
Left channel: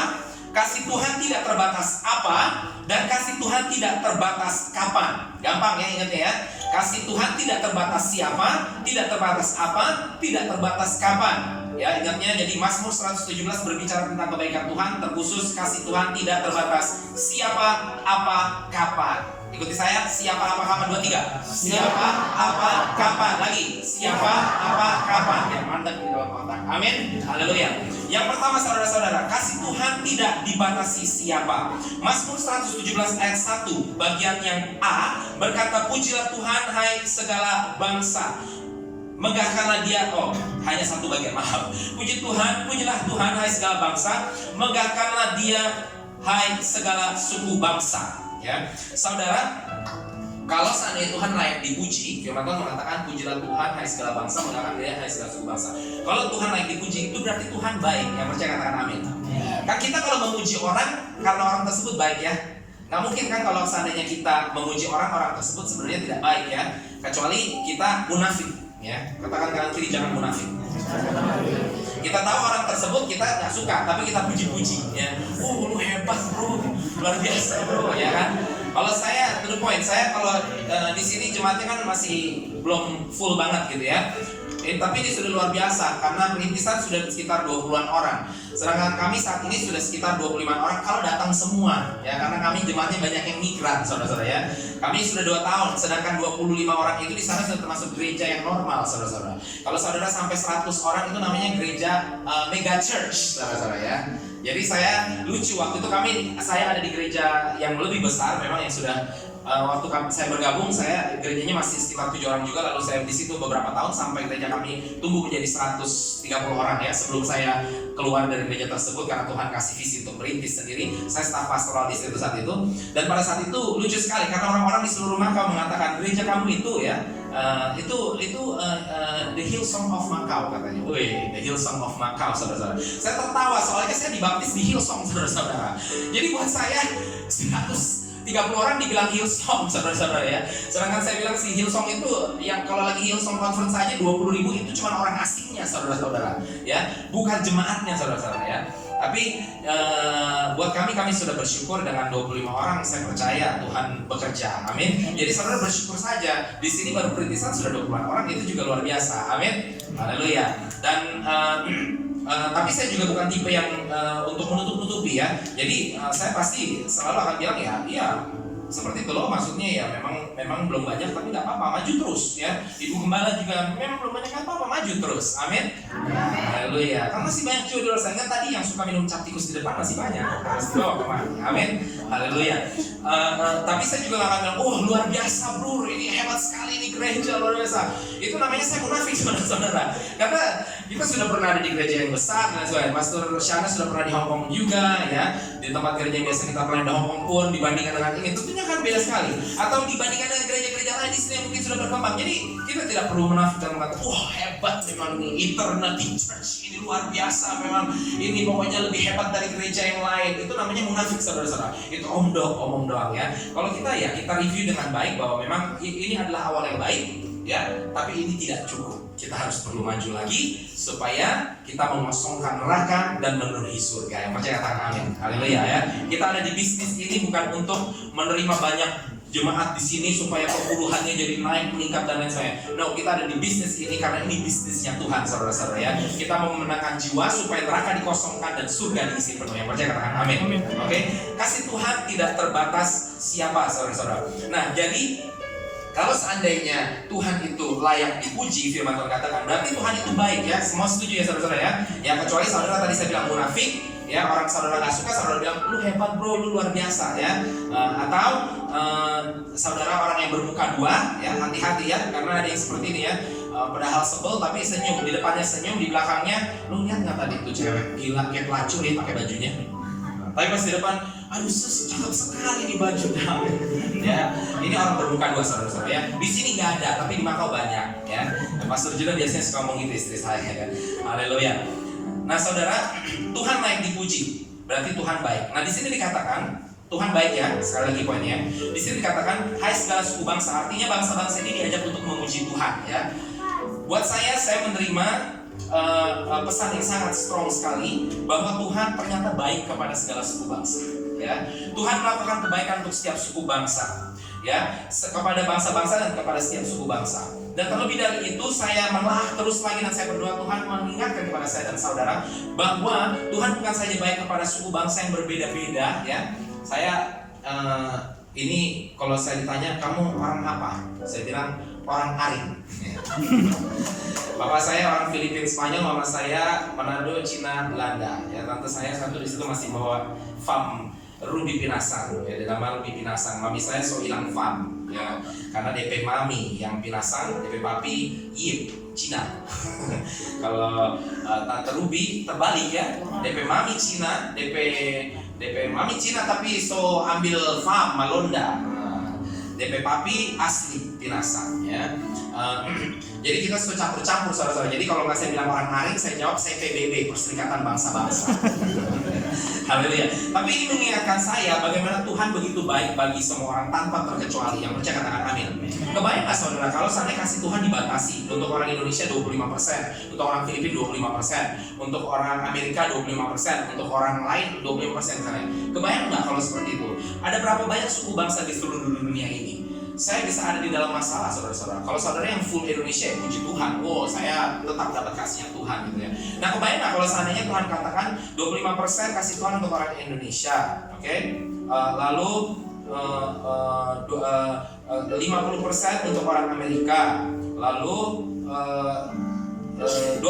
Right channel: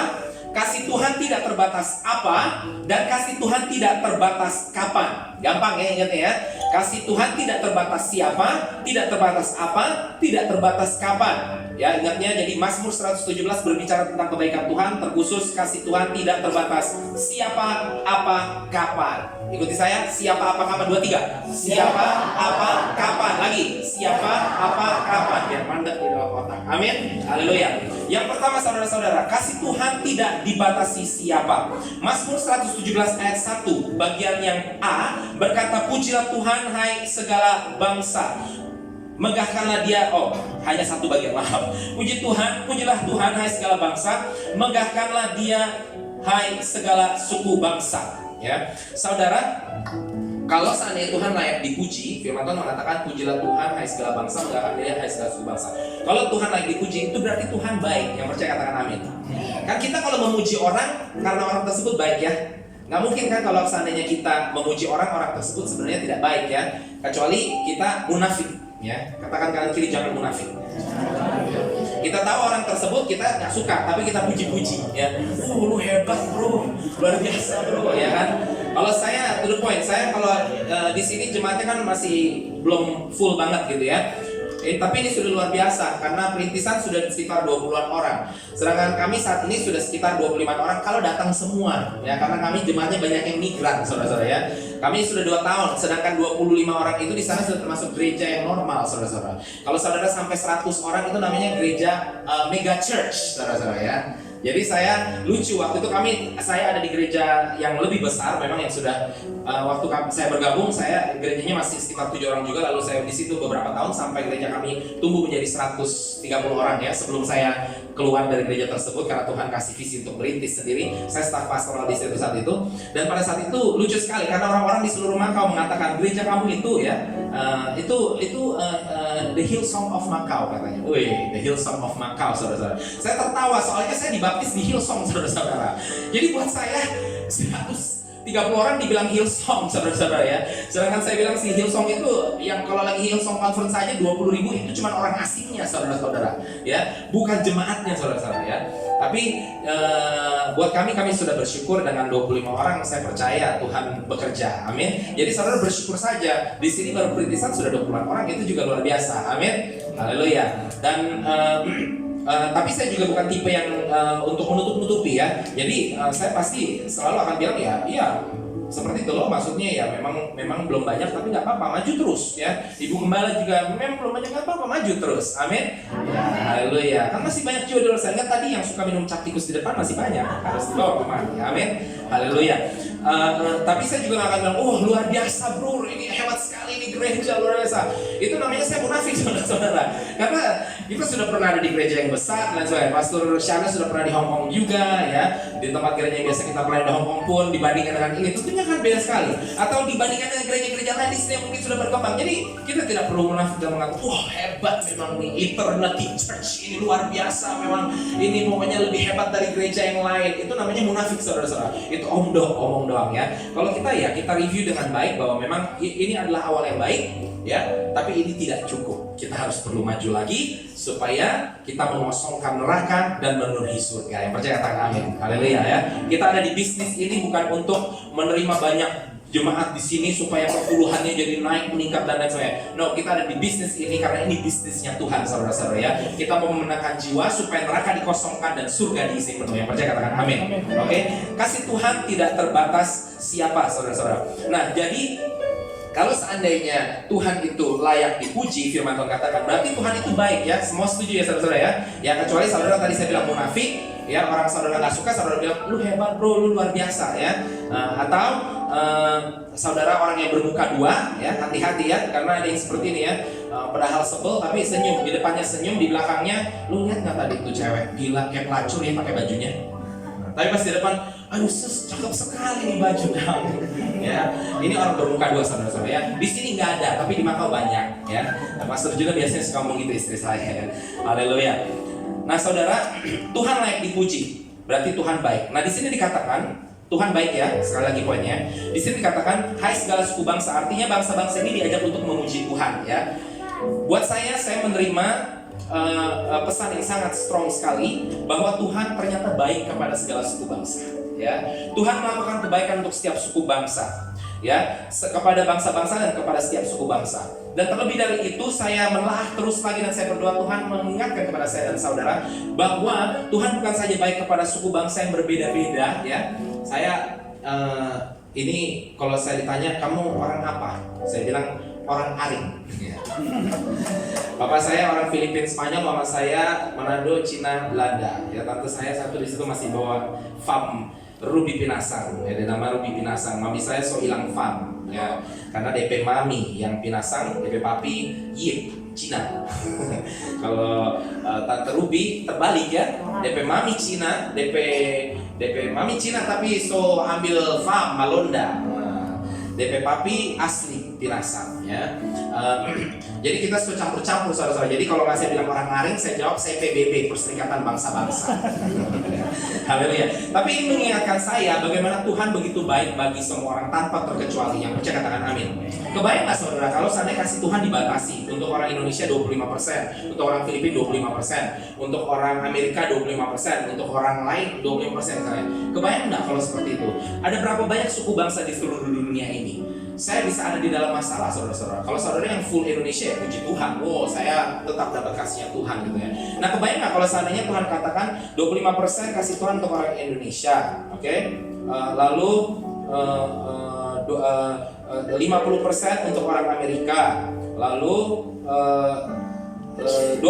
kasih Tuhan tidak terbatas apa, dan kasih Tuhan tidak terbatas kapan. Gampang ya ingatnya ya. Kasih Tuhan tidak terbatas siapa, tidak terbatas apa, tidak terbatas kapan. Ya, ingatnya jadi Mazmur 117 berbicara tentang kebaikan Tuhan, terkhusus kasih Tuhan tidak terbatas siapa, apa, kapan. Ikuti saya, siapa, apa, kapan. 2, 3. Siapa, apa, kapan. Lagi, siapa, apa, kapan. Biar mandek di dalam otak. Amin. Haleluya. Yang pertama saudara-saudara, kasih Tuhan tidak dibatasi siapa. Mazmur 117 ayat 1 bagian yang A berkata, pujilah Tuhan hai segala bangsa, megahkanlah dia, hanya satu bagian, maaf. Puji Tuhan, pujilah Tuhan hai segala bangsa, megahkanlah dia hai segala suku bangsa. Ya, saudara, kalau seandainya Tuhan layak dipuji, firman Tuhan mengatakan pujilah Tuhan hai segala bangsa, megahkan dia hai segala suku bangsa. Kalau Tuhan layak dipuji, itu berarti Tuhan baik. Yang percaya katakan amin. Kan kita kalau memuji orang karena orang tersebut baik ya. Nggak mungkin kan kalau seandainya kita memuji orang tersebut sebenarnya tidak baik ya. Kecuali kita munafik. Ya, katakan kanan kiri jangan munafik. Kita tahu orang tersebut kita nggak suka, tapi kita puji-puji, ya. Lu hebat bro, luar biasa bro, ya kan. Kalau saya, to the point, saya kalau di sini jemaatnya kan masih belum full banget gitu ya. Tapi ini sudah luar biasa karena perintisan sudah sekitar 20-an orang. Sedangkan kami saat ini sudah sekitar 25 orang kalau datang semua ya, karena kami jemaatnya banyak yang migran saudara-saudara ya. Kami sudah 2 tahun, sedangkan 25 orang itu di sana sudah termasuk gereja yang normal saudara-saudara. Kalau saudara sampai 100 orang itu namanya gereja mega church saudara-saudara ya. Jadi saya lucu waktu itu saya ada di gereja yang lebih besar memang yang sudah waktu saya bergabung saya gerejanya masih sekitar 7 orang juga, lalu saya di situ beberapa tahun sampai gereja kami tumbuh menjadi 130 orang ya sebelum saya keluar dari gereja tersebut karena Tuhan kasih visi untuk merintis sendiri. Saya staf pastoral di situ saat itu, dan pada saat itu lucu sekali karena orang-orang di seluruh Makau mengatakan gereja kamu itu ya the Hillsong of Macau katanya. Wih, the Hillsong of Macau saudara-saudara. Saya tertawa soalnya saya dibaptis di Hillsong saudara-saudara. Jadi buat saya 130 orang dibilang Hillsong saudara-saudara ya. Sedangkan saya bilang si Hillsong itu yang kalau lagi Hillsong conference saja 20.000 itu cuma orang asingnya saudara-saudara ya, bukan jemaatnya saudara-saudara ya. Tapi buat kami sudah bersyukur dengan 25 orang. Saya percaya Tuhan bekerja, amin. Jadi saudara bersyukur saja. Di sini baru perintisan sudah 20 orang, itu juga luar biasa, amin. Haleluya. Dan tapi saya juga bukan tipe yang untuk menutup-nutupi ya. Jadi saya pasti selalu akan bilang ya seperti itu loh, maksudnya ya memang belum banyak tapi nggak apa-apa, maju terus ya. Ibu gembala juga memang belum banyak, nggak apa-apa, maju terus, amin. Haleluya. Kan masih banyak jodoh. Saya ingat tadi yang suka minum cap tikus di depan masih banyak, harus dibawa kemana, amin. Haleluya. Tapi saya juga nggak akan bilang, luar biasa bro, ini hebat sekali ini gereja luar biasa. Itu namanya saya munafik saudara-saudara. Karena kita sudah pernah ada di gereja yang besar dan sebagainya. Pastor Shana sudah pernah di Hong Kong juga ya. Di tempat gereja yang biasa kita pernah di Hong Kong pun dibandingkan dengan ini tentunya kan beda sekali. Atau dibandingkan dengan gereja-gereja lain di sini yang mungkin sudah berkembang. Jadi kita tidak perlu munafik dan mengatakan, hebat memang nih Eternity Church ini luar biasa, memang ini pokoknya lebih hebat dari gereja yang lain. Itu namanya munafik saudara-saudara. Itu omong doang ya. Kalau kita review dengan baik bahwa memang ini adalah awal yang baik ya, tapi ini tidak cukup. Kita harus perlu maju lagi supaya kita mengosongkan neraka dan memenuhi surga. Yang percaya katakan amin. Haleluya ya. Kita ada di bisnis ini bukan untuk menerima banyak jemaat di sini supaya perpuluhannya jadi naik, meningkat dan lain sebagainya. No, kita ada di bisnis ini karena ini bisnisnya Tuhan saudara-saudara ya. Kita mau memenangkan jiwa supaya neraka dikosongkan dan surga diisi penuh. Yang percaya katakan amin. Oke. Kasih Tuhan tidak terbatas siapa saudara-saudara. Nah, jadi kalau seandainya Tuhan itu layak dipuji, firman Tuhan katakan, berarti Tuhan itu baik ya. Semua setuju ya saudara-saudara ya. Yang kecuali saudara tadi saya bilang munafik ya, orang saudara gak suka, saudara bilang lu hebat bro, lu luar biasa ya. Atau saudara orang yang bermuka dua ya, hati-hati ya, karena ada yang seperti ini ya. Padahal sebel tapi senyum, di depannya senyum, di belakangnya lu lihat nggak tadi tuh cewek gila kayak pelacur ya pakai bajunya. Tapi pas di depan, aduh cakep sekali nih baju dong. Ya, ini orang bermuka dua saudara-saudara ya. Di sini nggak ada, tapi di Makau banyak ya. Pastor juga biasanya suka ngomong gitu istri saya ya. Haleluya. Nah saudara, Tuhan layak dipuji, berarti Tuhan baik. Nah di sini dikatakan Tuhan baik ya, sekali lagi poinnya. Di sini dikatakan, hai segala suku bangsa, artinya bangsa-bangsa ini diajak untuk memuji Tuhan ya. Buat saya menerima pesan yang sangat strong sekali bahwa Tuhan ternyata baik kepada segala suku bangsa. Ya, Tuhan melakukan kebaikan untuk setiap suku bangsa, ya, kepada bangsa-bangsa dan kepada setiap suku bangsa. Dan terlebih dari itu saya menelaah terus lagi dan saya berdoa Tuhan mengingatkan kepada saya dan saudara bahwa Tuhan bukan saja baik kepada suku bangsa yang berbeda-beda ya. Saya ini kalau saya ditanya kamu orang apa? Saya bilang orang Aring. Ya. Bapak saya orang Filipina, Spanyol, mama saya Manado, Cina, Belanda. Ya, tante saya satu di situ masih bawa farm Ruby Pinasang. Ya, dia nama Ruby Pinasang. Mami saya so hilang farm. Ya, karena DP mami yang Pinasang, DP papi Yip Cina. Kalau tante Ruby terbalik ya, DP mami Cina, DP mami Cina tapi so ambil farm Malonda. DP papi asli Pinasang ya. Jadi kita sudah campur-campur saudara-saudara. Jadi kalau saya bilang orang Aring, saya jawab saya PBB, Perserikatan Bangsa-Bangsa. Haleluya. Tapi ini mengingatkan saya bagaimana Tuhan begitu baik bagi semua orang tanpa terkecuali. Yang percaya katakan amin. Kebayang nggak saudara kalau seandainya kasih Tuhan dibatasi untuk orang Indonesia 25%, untuk orang Filipina 25%, untuk orang Amerika 25%, untuk orang lain 25% misalnya. Kebayang nggak kalau seperti itu? Ada berapa banyak suku bangsa di seluruh dunia ini? Saya bisa ada di dalam masalah saudara-saudara. Kalau saudara yang full Indonesia, puji Tuhan, wow saya tetap dapat kasihnya Tuhan gitu ya. Nah kebayang nggak kalau seandainya Tuhan katakan 25% kasih Tuhan untuk orang Indonesia, oke? Lalu 50% untuk orang Amerika, lalu 25%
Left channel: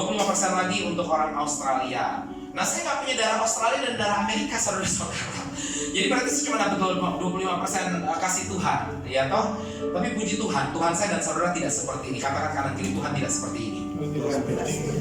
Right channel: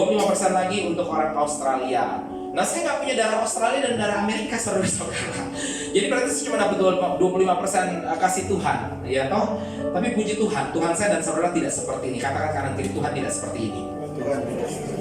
lagi untuk orang Australia. Nah saya nggak punya darah Australia dan darah Amerika saudara-saudara. Jadi berarti saya cuma dapat 25% kasih Tuhan, ya toh. Tapi puji Tuhan, Tuhan saya dan saudara tidak seperti ini. Katakan kanan kiri, Tuhan tidak seperti ini.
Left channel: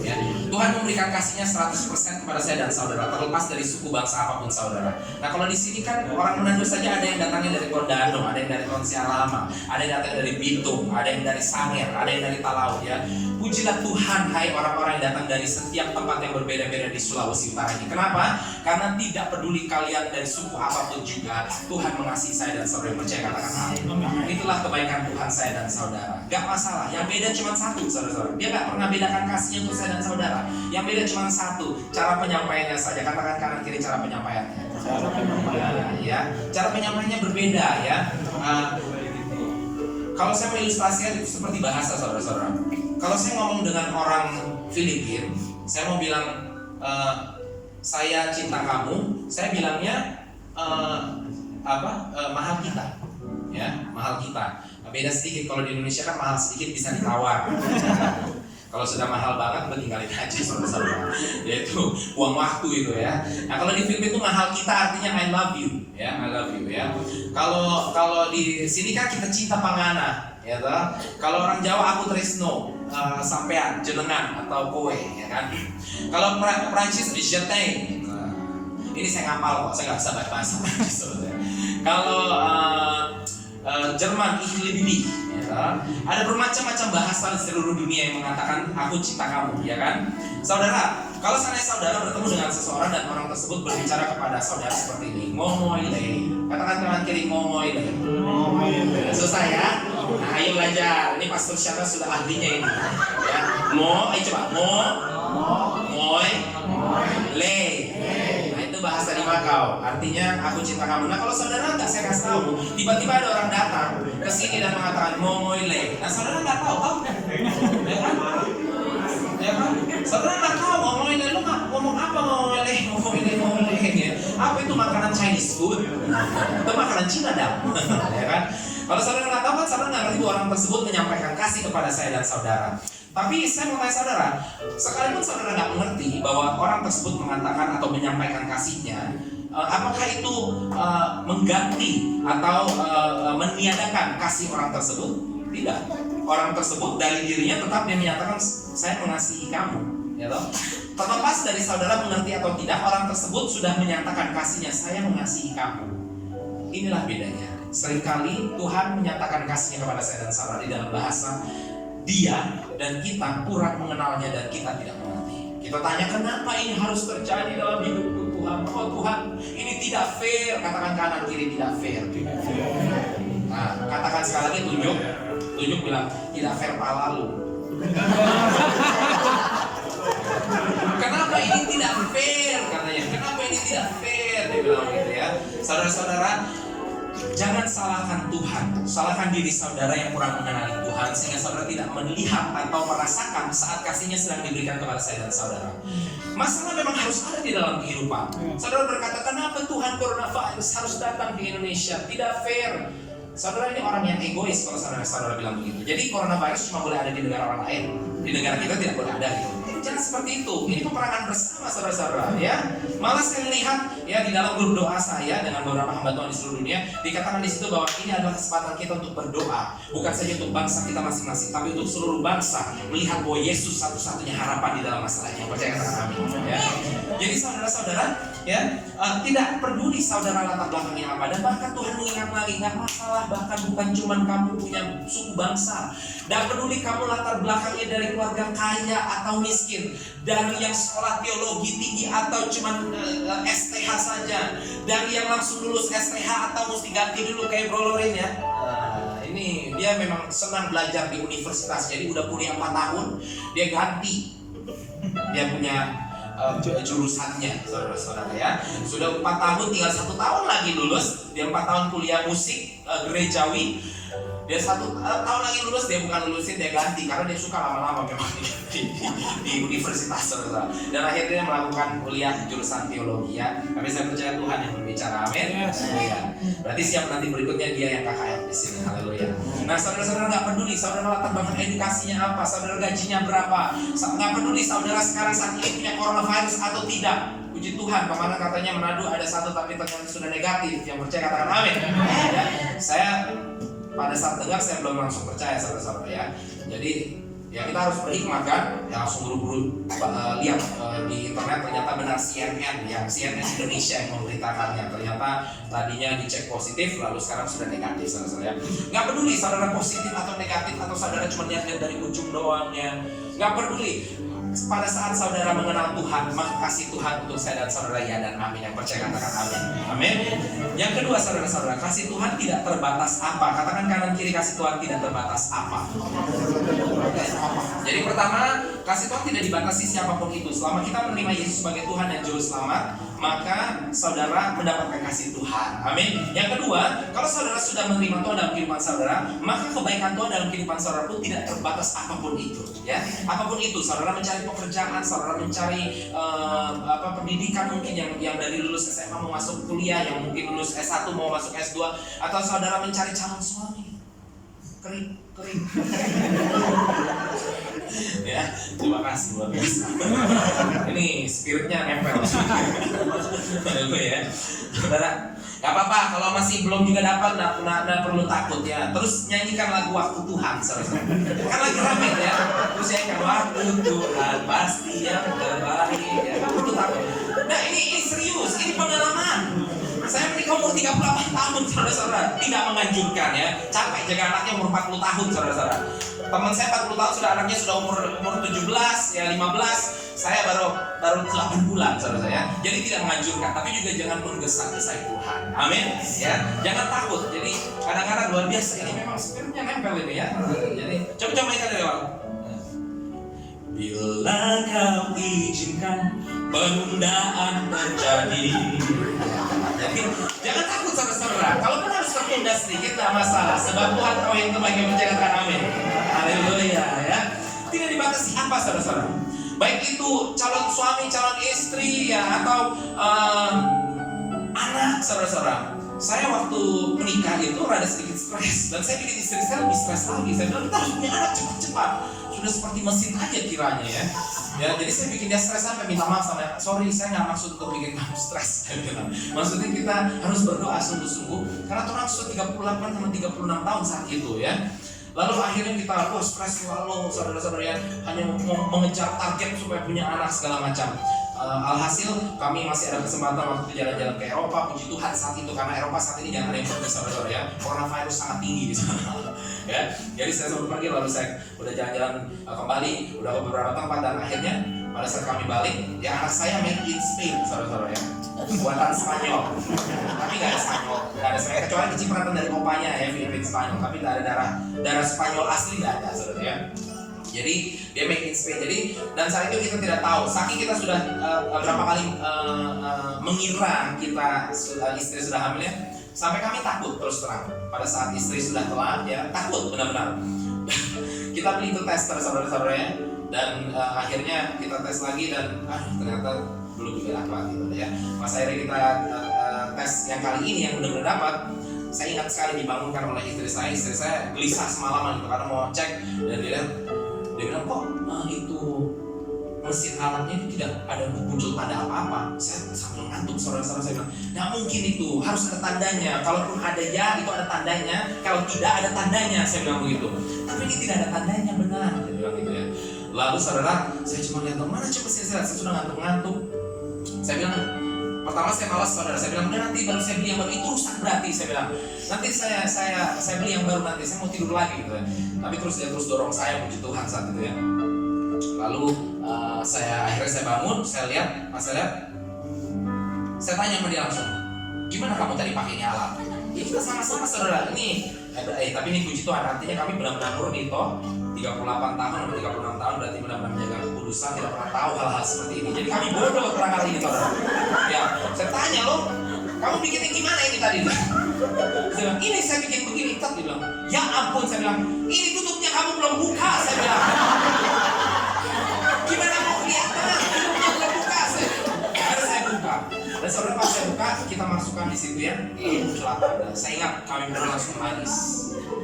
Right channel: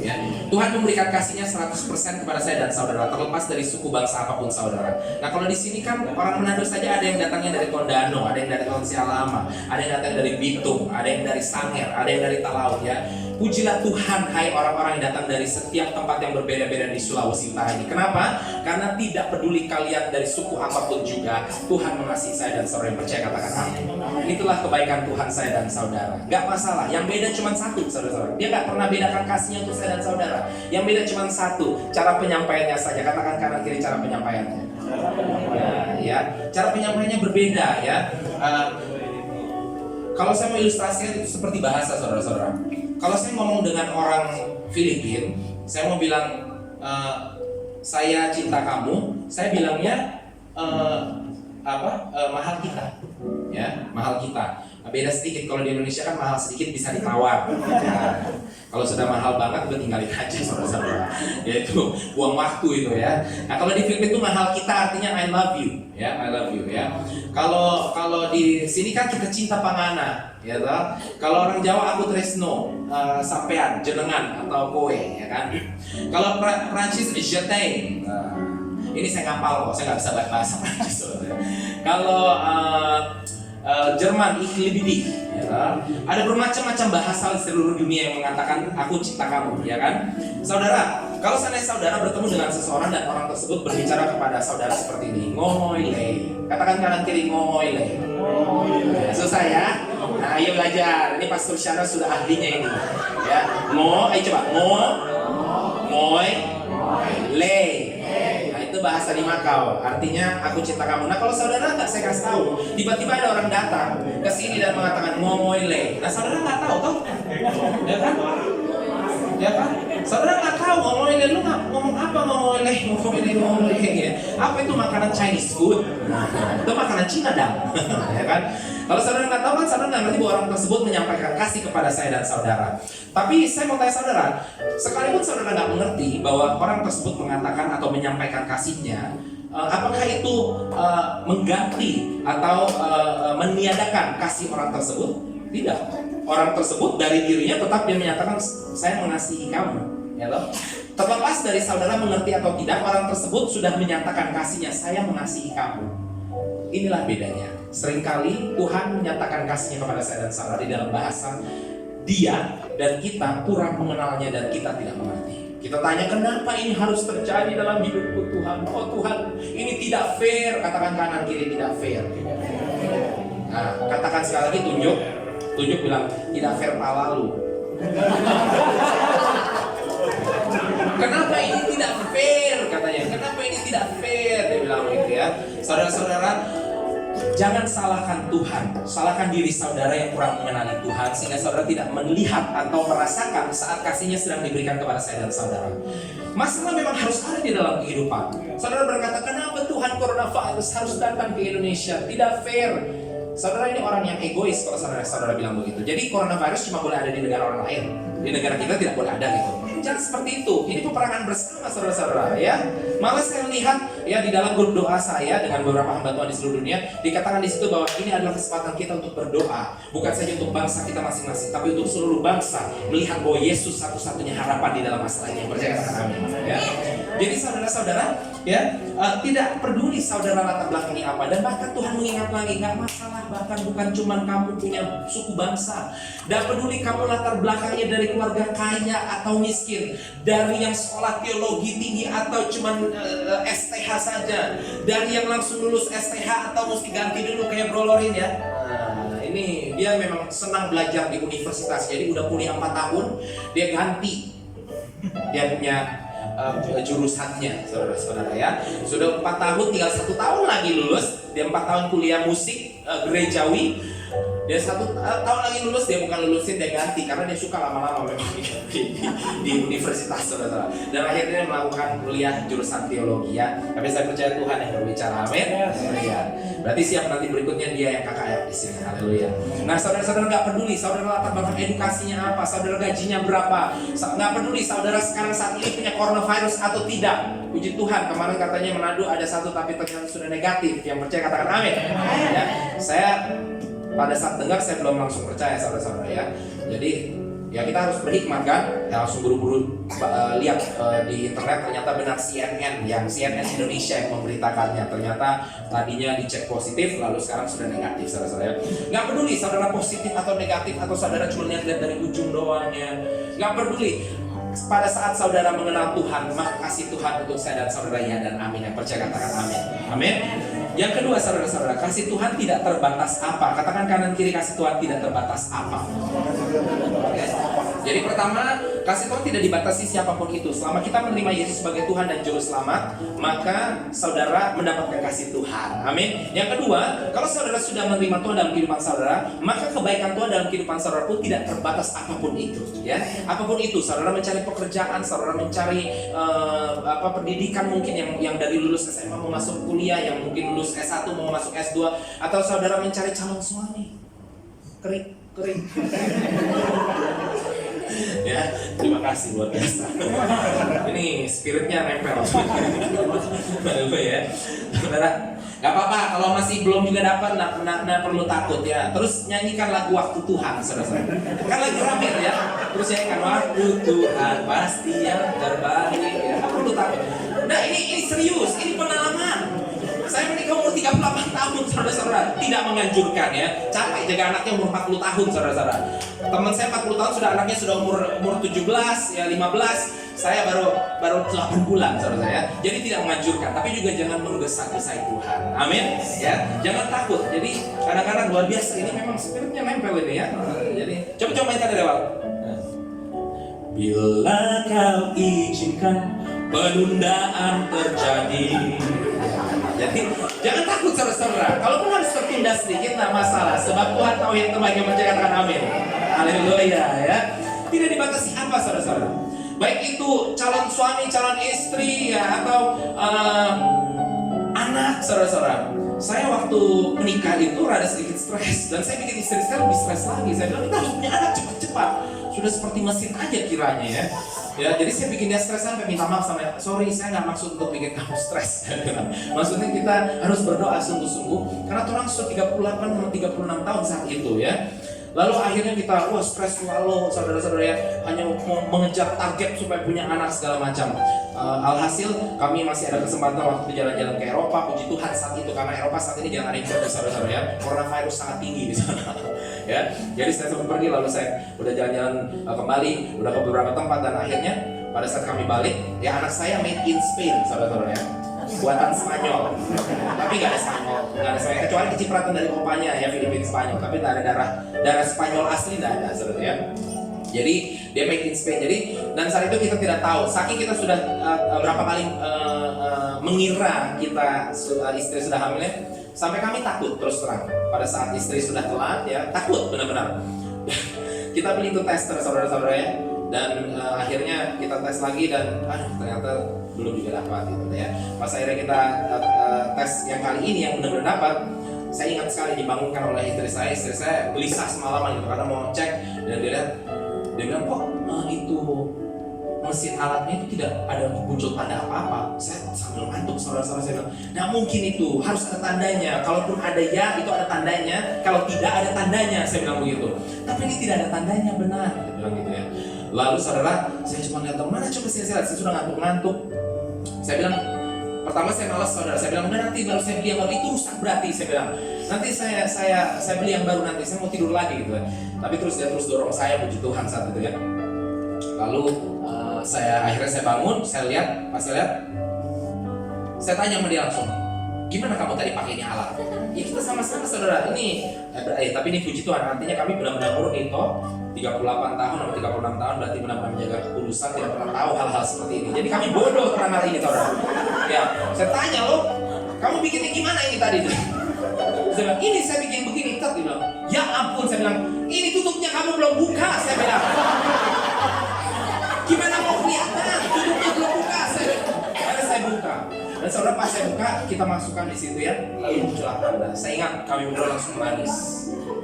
Ya. Tuhan memberikan kasihnya 100% kepada saya dan saudara, terlepas dari suku bangsa apapun saudara. Nah kalau di sini kan orang Manado saja ada yang datangnya dari Tondano, ada yang dari Tonsialama, ada yang datang dari Bitung, ada yang dari Sanger, ada yang dari Talaut ya. Pujilah Tuhan hai orang-orang yang datang dari setiap tempat yang berbeda-beda di Sulawesi Utara ini. Kenapa? Karena tidak peduli kalian dari suku apapun juga, Tuhan mengasihi saya dan saudara yang percaya katakan amin. Itulah kebaikan Tuhan saya dan saudara. Gak masalah, yang beda cuma satu saudara-saudara. Dia gak pernah bedakan kasihnya untuk saya dan saudara. Yang beda cuma satu, cara penyampaiannya saja. Katakan kanan kiri cara penyampaiannya. Ya, cara penyampaiannya berbeda ya. Kalau saya mengilustrasikan itu seperti bahasa saudara-saudara. Kalau saya ngomong dengan orang Filipina, saya mau bilang saya cinta kamu, saya bilangnya mahal kita, ya mahal kita. Beda sedikit kalau di Indonesia kan mahal sedikit bisa ditawar. Ya. Kalau sudah mahal banget, gue tinggalin aja saudara-saudara. Yaitu buang waktu itu ya. Nah kalau di Filipina itu mahal kita artinya I love you, ya I love you ya. Kalau di sini kan kita cinta pangana. Ya toh? Kalau orang Jawa aku tresno, sampean, jenengan atau kowe, ya kan? Kalau Prancis jetain. Ini saya ngapal kok, saya nggak bisa bahasa Prancis. Kalau Jerman ich liebe dich, ya. Ada bermacam-macam bahasa di seluruh dunia yang mengatakan aku cinta kamu, ya kan? Saudara, kalau seandainya saudara bertemu dengan seseorang dan orang tersebut berbicara kepada saudara seperti ini, ngomoile, katakan kanan kiri ngomoile. Susah ya? Nah, ayo belajar. Ini Pastor Syara sudah ahlinya ini. Ya, coba moy, le. Nah, itu bahasa di Makau. Artinya aku cinta kamu. Nah, kalau saudara nggak saya kasih tahu, tiba-tiba ada orang datang ke sini dan mengatakan moy le. Nah, saudara nggak tahu toh? Ya kan? Ya kan? Saudara nggak tahu moy le, lu ngomong apa moy le ya. Apa itu makanan Chinese food? Itu makanan Cina dah. Ya kan? Kalau saudara nggak tahu kan saudara nggak ngerti bahwa orang tersebut menyampaikan kasih kepada saya dan saudara. Tapi saya mau tanya saudara, sekalipun saudara nggak mengerti bahwa orang tersebut mengatakan atau menyampaikan kasihnya, apakah itu mengganti atau meniadakan kasih orang tersebut? Tidak. Orang tersebut dari dirinya tetap dia menyatakan saya mengasihi kamu, ya toh? Terlepas dari saudara mengerti atau tidak, orang tersebut sudah menyatakan kasihnya, saya mengasihi kamu. Inilah bedanya. Seringkali Tuhan menyatakan kasihnya kepada saya dan saudara di dalam bahasa dia dan kita kurang mengenalnya dan kita tidak mengerti. Kita tanya, kenapa ini harus terjadi dalam hidupku Tuhan? Oh Tuhan, ini tidak fair. Katakan kanan kiri, tidak fair. Nah, katakan sekali lagi, tunjuk bilang, tidak fair pala lu. Kenapa ini tidak fair? Katanya, kenapa ini tidak fair? Dia bilang begitu ya. Saudara-saudara, jangan salahkan Tuhan, salahkan diri saudara yang kurang mengenali Tuhan, sehingga saudara tidak melihat atau merasakan saat kasihnya sedang diberikan kepada saya dan saudara. Masalah memang harus ada di dalam kehidupan. Saudara berkata, kenapa Tuhan coronavirus harus datang ke Indonesia? Tidak fair. Saudara ini orang yang egois kalau saudara bilang begitu. Jadi coronavirus cuma boleh ada di negara orang lain, di negara kita tidak boleh ada gitu. Jangan seperti itu. Ini peperangan bersama saudara-saudara ya. Malah saya lihat ya di dalam grup doa saya dengan beberapa hamba Tuhan di seluruh dunia, dikatakan di situ bahwa ini adalah kesempatan kita untuk berdoa, bukan saja untuk bangsa kita masing-masing, tapi untuk seluruh bangsa melihat bahwa Yesus satu-satunya harapan di dalam masalah ini. Yang percaya kata kami ya. Jadi saudara-saudara ya, tidak peduli saudara latar belakangnya apa, dan bahkan Tuhan mengingat lagi, nggak masalah bahkan bukan cuma kamu punya suku bangsa, dan peduli kamu latar belakangnya dari keluarga kaya atau miskin, dari yang sekolah teologi tinggi atau cuma STH saja, dari yang langsung lulus STH atau mesti ganti dulu kayak Bro Lorin ya. Nah, ini dia memang senang belajar di universitas, jadi udah kuliah 4 tahun dia ganti, dia punya jurusannya, saudara-saudara ya. Sudah 4 tahun, tinggal 1 tahun lagi lulus. Dia 4 tahun kuliah musik gerejawi. Dia 1 tahun lagi lulus, dia bukan lulusin, dia ganti karena dia suka lama-lama memang di universitas, saudara. Dan akhirnya dia melakukan kuliah jurusan teologi ya. Tapi saya percaya Tuhan yang berbicara, amin. Haleluya. Berarti siap nanti berikutnya dia yang KKR di sini, haleluya. Nah saudara-saudara nggak peduli saudara latar belakang edukasinya apa, saudara gajinya berapa, nggak peduli saudara sekarang saat ini punya coronavirus atau tidak. Puji Tuhan, kemarin katanya Manado ada 1 tapi ternyata sudah negatif. Yang percaya katakan amin. Ya, saya pada saat dengar saya belum langsung percaya saudara-saudara ya. Jadi ya kita harus berhikmat kan, ya langsung buru-buru lihat di internet ternyata benar CNN Indonesia yang memberitakannya. Ternyata tadinya dicek positif lalu sekarang sudah negatif saudara-saudara. Nggak peduli saudara positif atau negatif atau saudara cuma lihat-lihat dari ujung doang ya. Nggak peduli. Pada saat saudara mengenal Tuhan, maka kasih Tuhan untuk saya dan saudara ya dan amin. Yang percaya katakan amin. Amin. Yang kedua saudara-saudara, kasih Tuhan tidak terbatas apa. Katakan kanan kiri, kasih Tuhan tidak terbatas apa. Jadi pertama, kasih Tuhan tidak dibatasi siapapun itu. Selama kita menerima Yesus sebagai Tuhan dan Juru Selamat, maka saudara mendapatkan kasih Tuhan. Amin. Yang kedua, kalau saudara sudah menerima Tuhan dalam kehidupan saudara, maka kebaikan Tuhan dalam kehidupan saudara pun tidak terbatas apapun itu. Ya, apapun itu, saudara mencari pekerjaan, saudara mencari pendidikan mungkin yang dari lulus SMA mau masuk kuliah, yang mungkin lulus S1 mau masuk S2, atau saudara mencari calon suami. Kering. Ya, terima kasih luar biasa. Ini spiritnya nempel. Ya, saudara, gak apa-apa kalau masih belum juga dapat, nggak perlu takut ya. Terus nyanyikan lagu Waktu Tuhan, saudara. Kan lagi rame ya. Terus nyanyikan Waktu Tuhan pasti yang terbaik ya. Itu takut. Nah ini serius, ini pengalaman. Saya menikah umur 38 tahun, saudara-saudara. Tidak menganjurkan ya. Capek jaga anaknya umur 40 tahun, saudara-saudara. Teman saya 40 tahun sudah anaknya sudah umur 17 ya 15. Saya baru 8 bulan, saudara saya. Jadi tidak menganjurkan, tapi juga jangan menggesa-gesai Tuhan. Amin. Ya, jangan takut. Jadi kadang-kadang luar biasa ini memang spiritnya nempel ini ya. Jadi coba mainkan dari awal. Bila kau izinkan penundaan terjadi. Jadi jangan takut saudara-saudara. Kalaupun harus tertunda sedikit tidak masalah, sebab Tuhan tahu yang terbaik. Yang percaya katakan amin. Haleluya ya. Tidak dibatasi apa saudara-saudara. Baik itu calon suami, calon istri ya, atau anak saudara-saudara. Saya waktu menikah itu rada sedikit stres, dan saya bikin istri saya lebih stres lagi. Saya bilang kita harus punya anak cepat-cepat. Sudah seperti mesin aja kiranya ya. Ya, jadi saya bikin dia stres sampai minta maaf sama, sorry saya nggak maksud untuk bikin kamu stres. Maksudnya kita harus berdoa sungguh-sungguh karena orang sudah 38 sama 36 tahun saat itu ya. Lalu akhirnya kita stres selalu saudara-saudara ya, hanya mau mengejar target supaya punya anak segala macam. Alhasil kami masih ada kesempatan waktu itu jalan-jalan ke Eropa. Puji Tuhan saat itu, karena Eropa saat ini jangan ada yang pergi saudara-saudara ya, coronavirus sangat tinggi di sana. Ya, jadi saya sempat pergi, lalu saya udah jalan-jalan kembali, udah ke beberapa tempat, dan akhirnya pada saat kami balik, ya anak saya made in Spain, saudara-saudara ya, buatan Spanyol. Tapi nggak ada Spanyol, kecuali kecipratan dari kopanya ya, Filipina Spanyol. Tapi nggak ada darah Spanyol asli, nggak ada, saudara ya. Jadi dia make in Spain. Jadi dan saat itu kita tidak tahu, saking kita sudah berapa kali mengira kita istri sudah hamil ya, sampai kami takut terus terang. Pada saat istri sudah telat ya, takut benar-benar. Kita beli itu tester, saudara-saudara ya. Dan akhirnya kita tes lagi dan ternyata belum juga dapat gitu ya. Pas akhirnya kita tes yang kali ini yang benar-benar dapat, saya ingat sekali dibangunkan oleh istri saya gelisah semalaman gitu, karena mau cek dan dia bilang kok itu mesin alatnya itu tidak ada muncul tanda apa-apa. Saya sambil ngantuk, saudara-saudara, saya bilang, nah mungkin itu harus ada tandanya. Kalaupun ada ya, itu ada tandanya. Kalau tidak ada tandanya, saya bilang begitu. Tapi ini tidak ada tandanya, benar, saya bilang gitu ya. Lalu saudara, saya cuma lihat mana coba saya sudah ngantuk. Saya bilang, pertama saya malas, saudara. Saya bilang, nanti baru saya beli yang baru, itu rusak berarti. Saya bilang, nanti saya beli yang baru, nanti saya mau tidur lagi gitu ya. Tapi dia terus dorong saya, puji Tuhan saat itu ya. Lalu akhirnya saya bangun, saya lihat, saya tanya sama dia langsung, gimana kamu tadi pakainya alat? Ya kita sama-sama, saudara. Tapi ini puji Tuhan, artinya kami benar-benar murni toh. 38 tahun atau 36 tahun berarti benar-benar menjaga kekudusan, tidak pernah tahu hal-hal seperti ini. Jadi kami bodoh tentang hal ini, saudara. Ya, saya tanya loh, kamu bikinnya gimana ini tadi? Saya bilang, ini saya bikin begini, dia bilang, ya ampun, saya bilang, ini tutupnya kamu belum buka, saya bilang. Gimana mau kelihatan? Tutupnya belum buka, saya buka. Dan saudara, pas saya buka, kita masukkan di situ ya, lalu muncul tanda. Saya ingat kami berdua langsung menangis.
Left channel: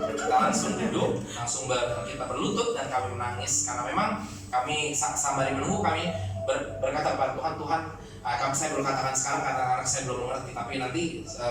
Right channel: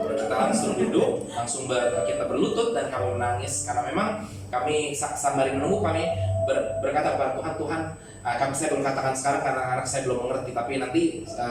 Kita langsung duduk, kita berlutut dan kami menangis karena memang kami sembari menunggu kami berkata kepada Tuhan, saya belum katakan sekarang karena anak saya belum mengerti, tapi nanti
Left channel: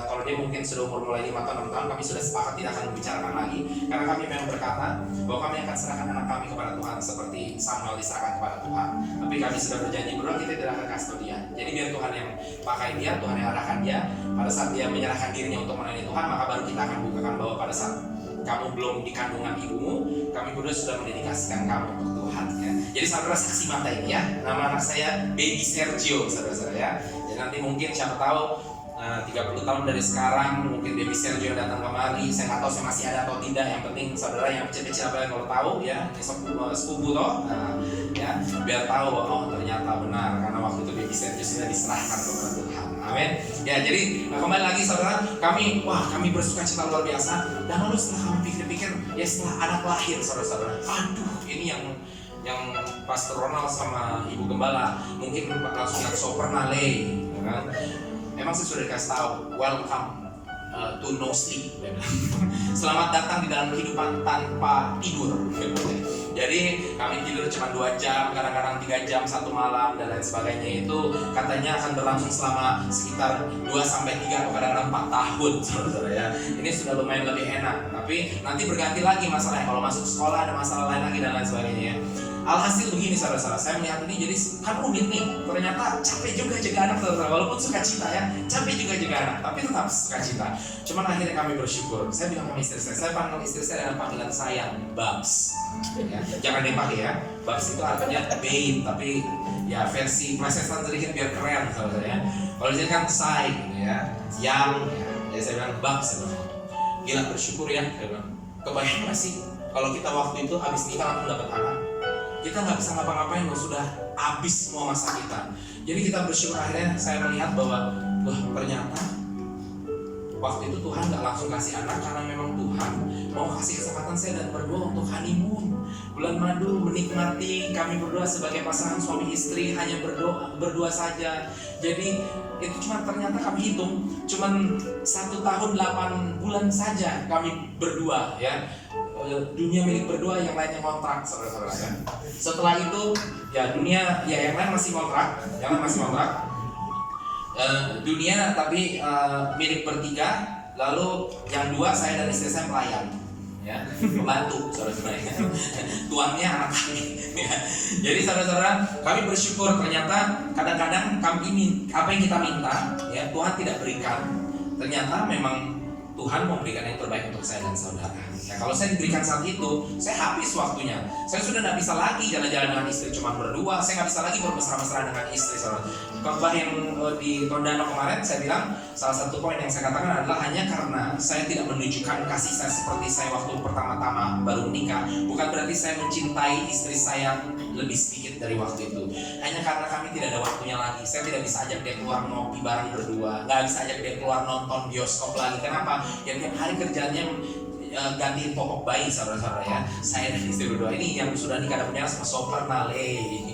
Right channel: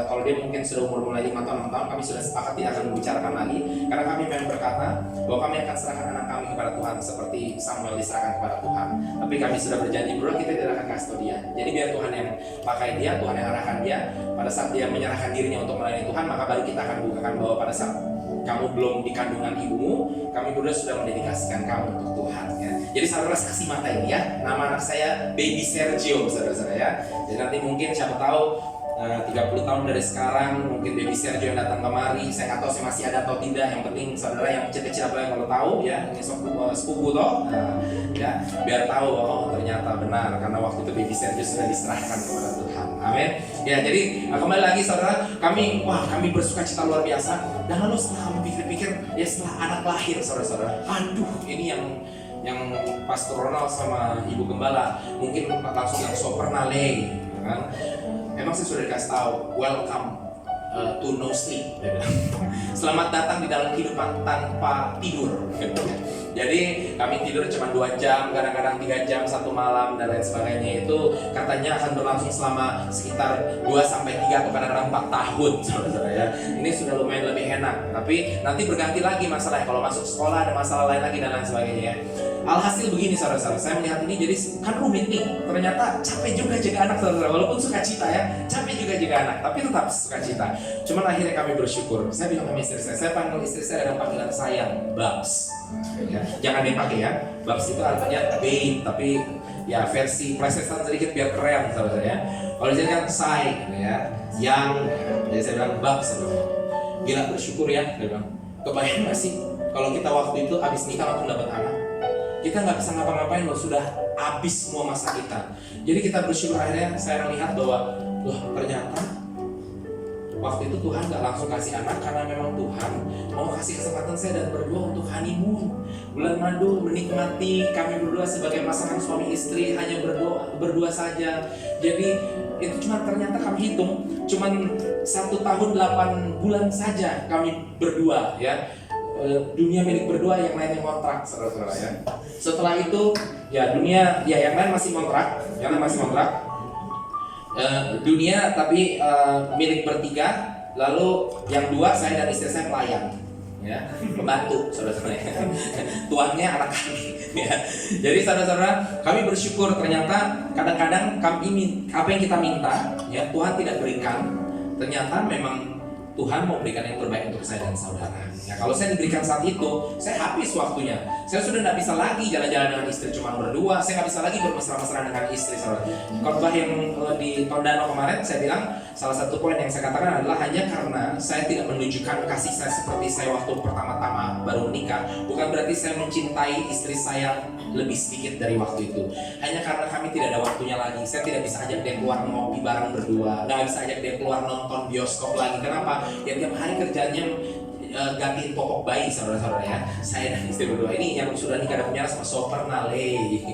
kalau dia mungkin sudah umur mulai 5 tahun 6 tahun, kami sudah sepakat tidak akan membicarakan lagi, karena kami memang berkata bahwa kami akan serahkan anak kami kepada Tuhan seperti Samuel diserahkan kepada Tuhan. Tapi kami sudah berjanji berdua kita tidak akan kasih tahu dia. Jadi biar Tuhan yang pakai dia, Tuhan yang arahkan dia. Pada saat dia menyerahkan dirinya untuk melayani Tuhan, maka baru kita akan bukakan bahwa pada saat kamu belum di kandungan ibumu, kami berdua sudah mendedikasikan kamu untuk Tuhan ya. Jadi saudara saksi mata ini ya, nama anak saya Baby Sergio, saudara-saudara ya. Jadi nanti mungkin siapa tahu 30 tahun dari sekarang mungkin Baby Sergio datang kemari. Saya nggak tahu saya masih ada atau tidak. Yang penting saudara yang kecil-kecil apa yang kalau tahu ya, ini sepupu toh, ya biar tahu bahwa ternyata benar karena waktu itu Baby Sergio sudah diserahkan kepada Tuhan. Amin. Ya, jadi kembali lagi saudara, kami bersuka cita luar biasa. Dan lalu setelah kami pikir-pikir, ya setelah anak lahir, saudara-saudara, aduh, ini yang Pastor Ronald sama Ibu Gembala mungkin langsung so pernah kan? Emang saya sudah dikasih tahu, welcome to no sleep. Selamat datang di dalam kehidupan tanpa tidur. Jadi kami tidur cuma 2 jam, kadang-kadang 3 jam satu malam dan lain sebagainya. Itu katanya akan berlangsung selama sekitar 2-3 atau kadang-kadang 4 tahun, saudara ya. Ini sudah lumayan lebih enak. Tapi nanti berganti lagi masalahnya. Kalau masuk sekolah ada masalah lain lagi dan lain sebagainya. Alhasil begini saudara-saudara, saya melihat ini jadi kan rumit nih. Ternyata capek juga jaga anak, saudara. Walaupun sukacita ya, capek juga jaga anak, tapi tetap sukacita. Cuman akhirnya kami bersyukur. Saya bilang sama istri saya panggil istri saya dengan panggilan saya Babs. Ya, jangan dipakai ya. Babs itu artinya babe, tapi ya versi plesetan sedikit biar keren, saudara ya. Kalau jadi kan say gitu ya, yang ya. Jadi saya bilang Babs, gila bersyukur ya. Saya bilang, kebayang nggak sih kalau kita waktu itu habis nikah langsung dapat anak? Kita nggak bisa ngapa-ngapain loh, sudah habis semua masa kita. Jadi kita bersyukur akhirnya saya melihat bahwa wah ternyata waktu itu Tuhan nggak langsung kasih anak karena memang Tuhan mau kasih kesempatan saya dan berdua untuk honeymoon, bulan madu, menikmati kami berdua sebagai pasangan suami istri hanya berdua saja. Jadi itu cuma ternyata kami hitung cuma 1 tahun 8 bulan saja kami berdua ya. Dunia milik berdua, yang lainnya kontrak, saudara-saudara ya. Setelah itu ya dunia ya yang lain masih kontrak, dunia tapi milik bertiga. Lalu yang 2 saya dan istri saya pelayan ya, pembantu, saudara-saudara ya. Tuannya anak kami ya. Jadi saudara-saudara, kami bersyukur ternyata kadang-kadang kami apa yang kita minta ya Tuhan tidak berikan. Ternyata memang Tuhan memberikan yang terbaik untuk saya dan saudara. Ya, kalau saya diberikan saat itu, saya habis waktunya. Saya sudah tidak bisa lagi jalan-jalan dengan istri cuma berdua. Saya nggak bisa lagi bermesra-mesra dengan istri. Saudara. Khotbah yang di Tondano kemarin, saya bilang salah satu poin yang saya katakan adalah hanya karena saya tidak menunjukkan kasih saya seperti saya waktu pertama-tama baru menikah, bukan berarti saya mencintai istri saya lebih sedikit dari waktu itu. Hanya karena kami tidak ada waktunya lagi. Saya tidak bisa ajak dia keluar ngopi bareng berdua, nggak bisa ajak dia keluar nonton bioskop lagi. Kenapa? Ya tiap hari kerjanya gantiin popok bayi, saudara-saudara ya. Saya dan istri berdua ini yang sudah nikah dan punya sama soper nale,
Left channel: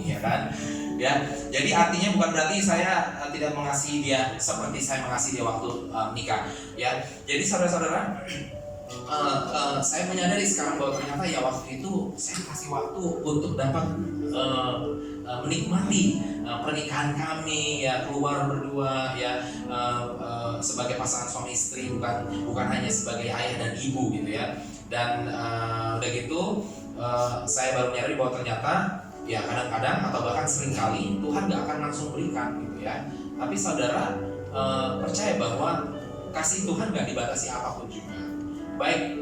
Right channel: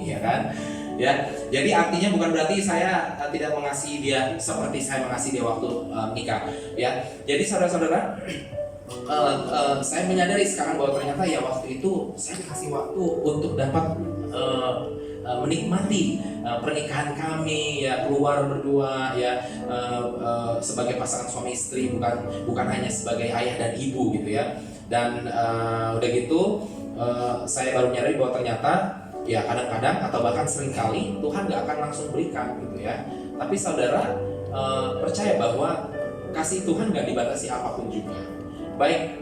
ya kan? Ya, jadi artinya bukan berarti saya tidak mengasihi dia seperti saya mengasihi dia waktu nikah. Ya, jadi saudara-saudara, saya menyadari sekarang bahwa ternyata ya waktu itu saya dikasih waktu untuk dapat menikmati pernikahan kami, ya keluar berdua, ya sebagai pasangan suami istri, bukan hanya sebagai ayah dan ibu gitu ya. Dan udah gitu saya baru menyadari bahwa ternyata ya kadang-kadang atau bahkan seringkali Tuhan gak akan langsung berikan gitu ya. Tapi saudara percaya bahwa kasih Tuhan gak dibatasi apapun juga. Baik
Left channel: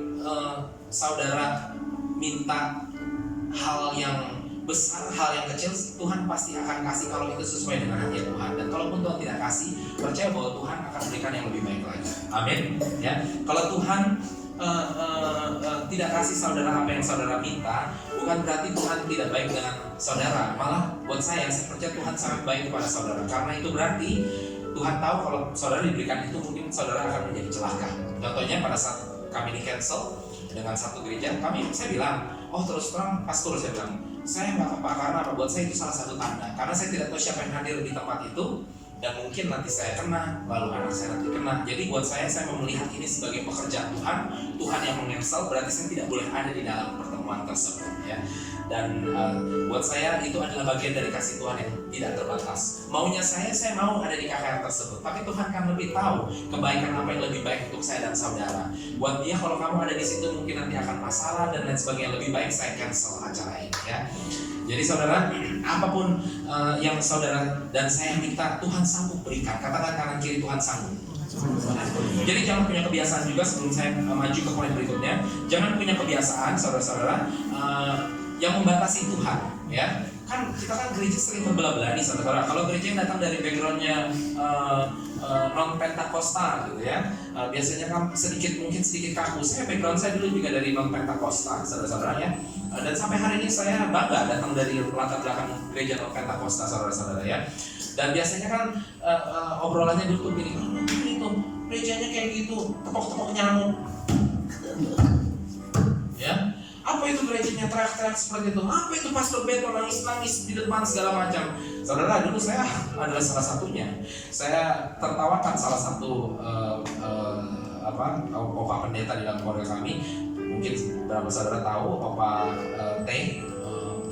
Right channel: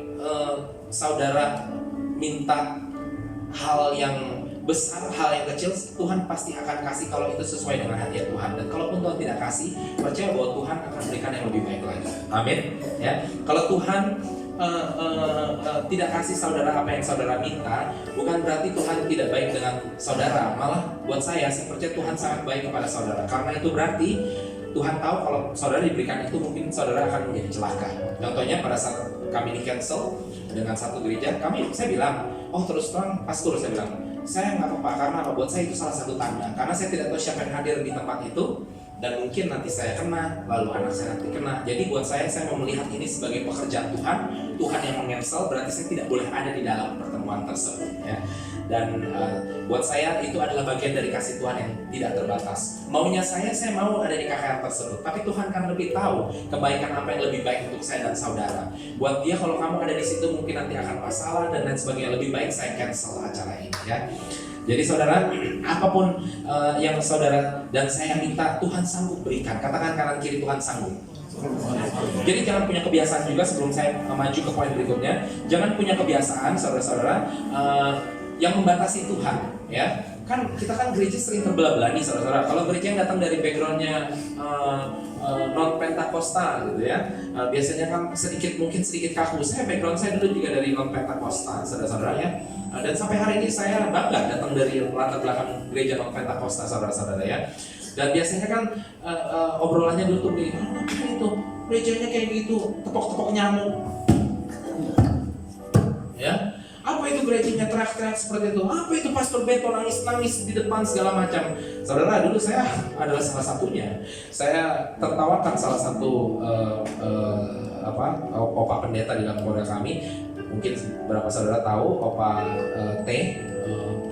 saudara minta hal yang besar, hal yang kecil, Tuhan pasti akan kasih kalau itu sesuai dengan hati Tuhan. Dan kalaupun Tuhan tidak kasih, percaya bahwa Tuhan akan berikan yang lebih baik lagi. Amin. Ya, kalau Tuhan tidak kasih saudara apa yang saudara minta, bukan berarti Tuhan tidak baik dengan saudara. Malah buat saya percaya Tuhan sangat baik kepada saudara. Karena itu berarti Tuhan tahu kalau saudara diberikan itu mungkin saudara akan menjadi celaka. Contohnya pada saat kami di cancel dengan satu gereja, saya bilang, oh terus terang pastor, saya bilang, saya nggak apa-apa karena apa? Buat saya itu salah satu tanda. Karena saya tidak tahu siapa yang hadir di tempat itu, dan mungkin nanti saya kena, lalu anak saya nanti kena. Jadi buat saya mau melihat ini sebagai pekerjaan Tuhan. Tuhan yang mengensel, berarti saya tidak boleh ada di dalam pertemuan tersebut. Ya. Dan buat saya itu adalah bagian dari kasih Tuhan yang tidak terbatas. Maunya saya mau ada di KKR tersebut, tapi Tuhan kan lebih tahu kebaikan apa yang lebih baik untuk saya dan saudara. Buat dia kalau kamu ada di situ mungkin nanti akan masalah dan lain sebagainya, lebih baik saya cancel acara ini ya. Jadi saudara, apapun yang saudara dan saya minta, Tuhan sanggup berikan. Katakan kanan kiri, Tuhan sanggup. Jadi jangan punya kebiasaan juga, sebelum saya maju ke poin berikutnya, jangan punya kebiasaan saudara-saudara yang membatasi Tuhan, ya. Kan kita kan gereja sering terbelah-belah nih saudara-saudara. Kalau gereja yang datang dari backgroundnya non Pentakosta gitu ya, biasanya kan mungkin sedikit kaku. Background saya dulu juga dari non Pentakosta, saudara-saudara ya. Dan sampai hari ini saya bangga datang dari latar belakang gereja non Pentakosta, saudara-saudara ya. Dan biasanya kan obrolannya dulu tuh begini, kan itu gerejanya kayak gitu, tepok-tepok nyamuk, ya. Apa itu gerejanya teriak-teriak seperti itu? Apa itu pastor Beto nangis-nangis di depan segala macam? Saudara, dulu saya adalah salah satunya. Saya tertawakan salah satu opa pendeta di dalam keluarga kami. Mungkin beberapa saudara tahu opa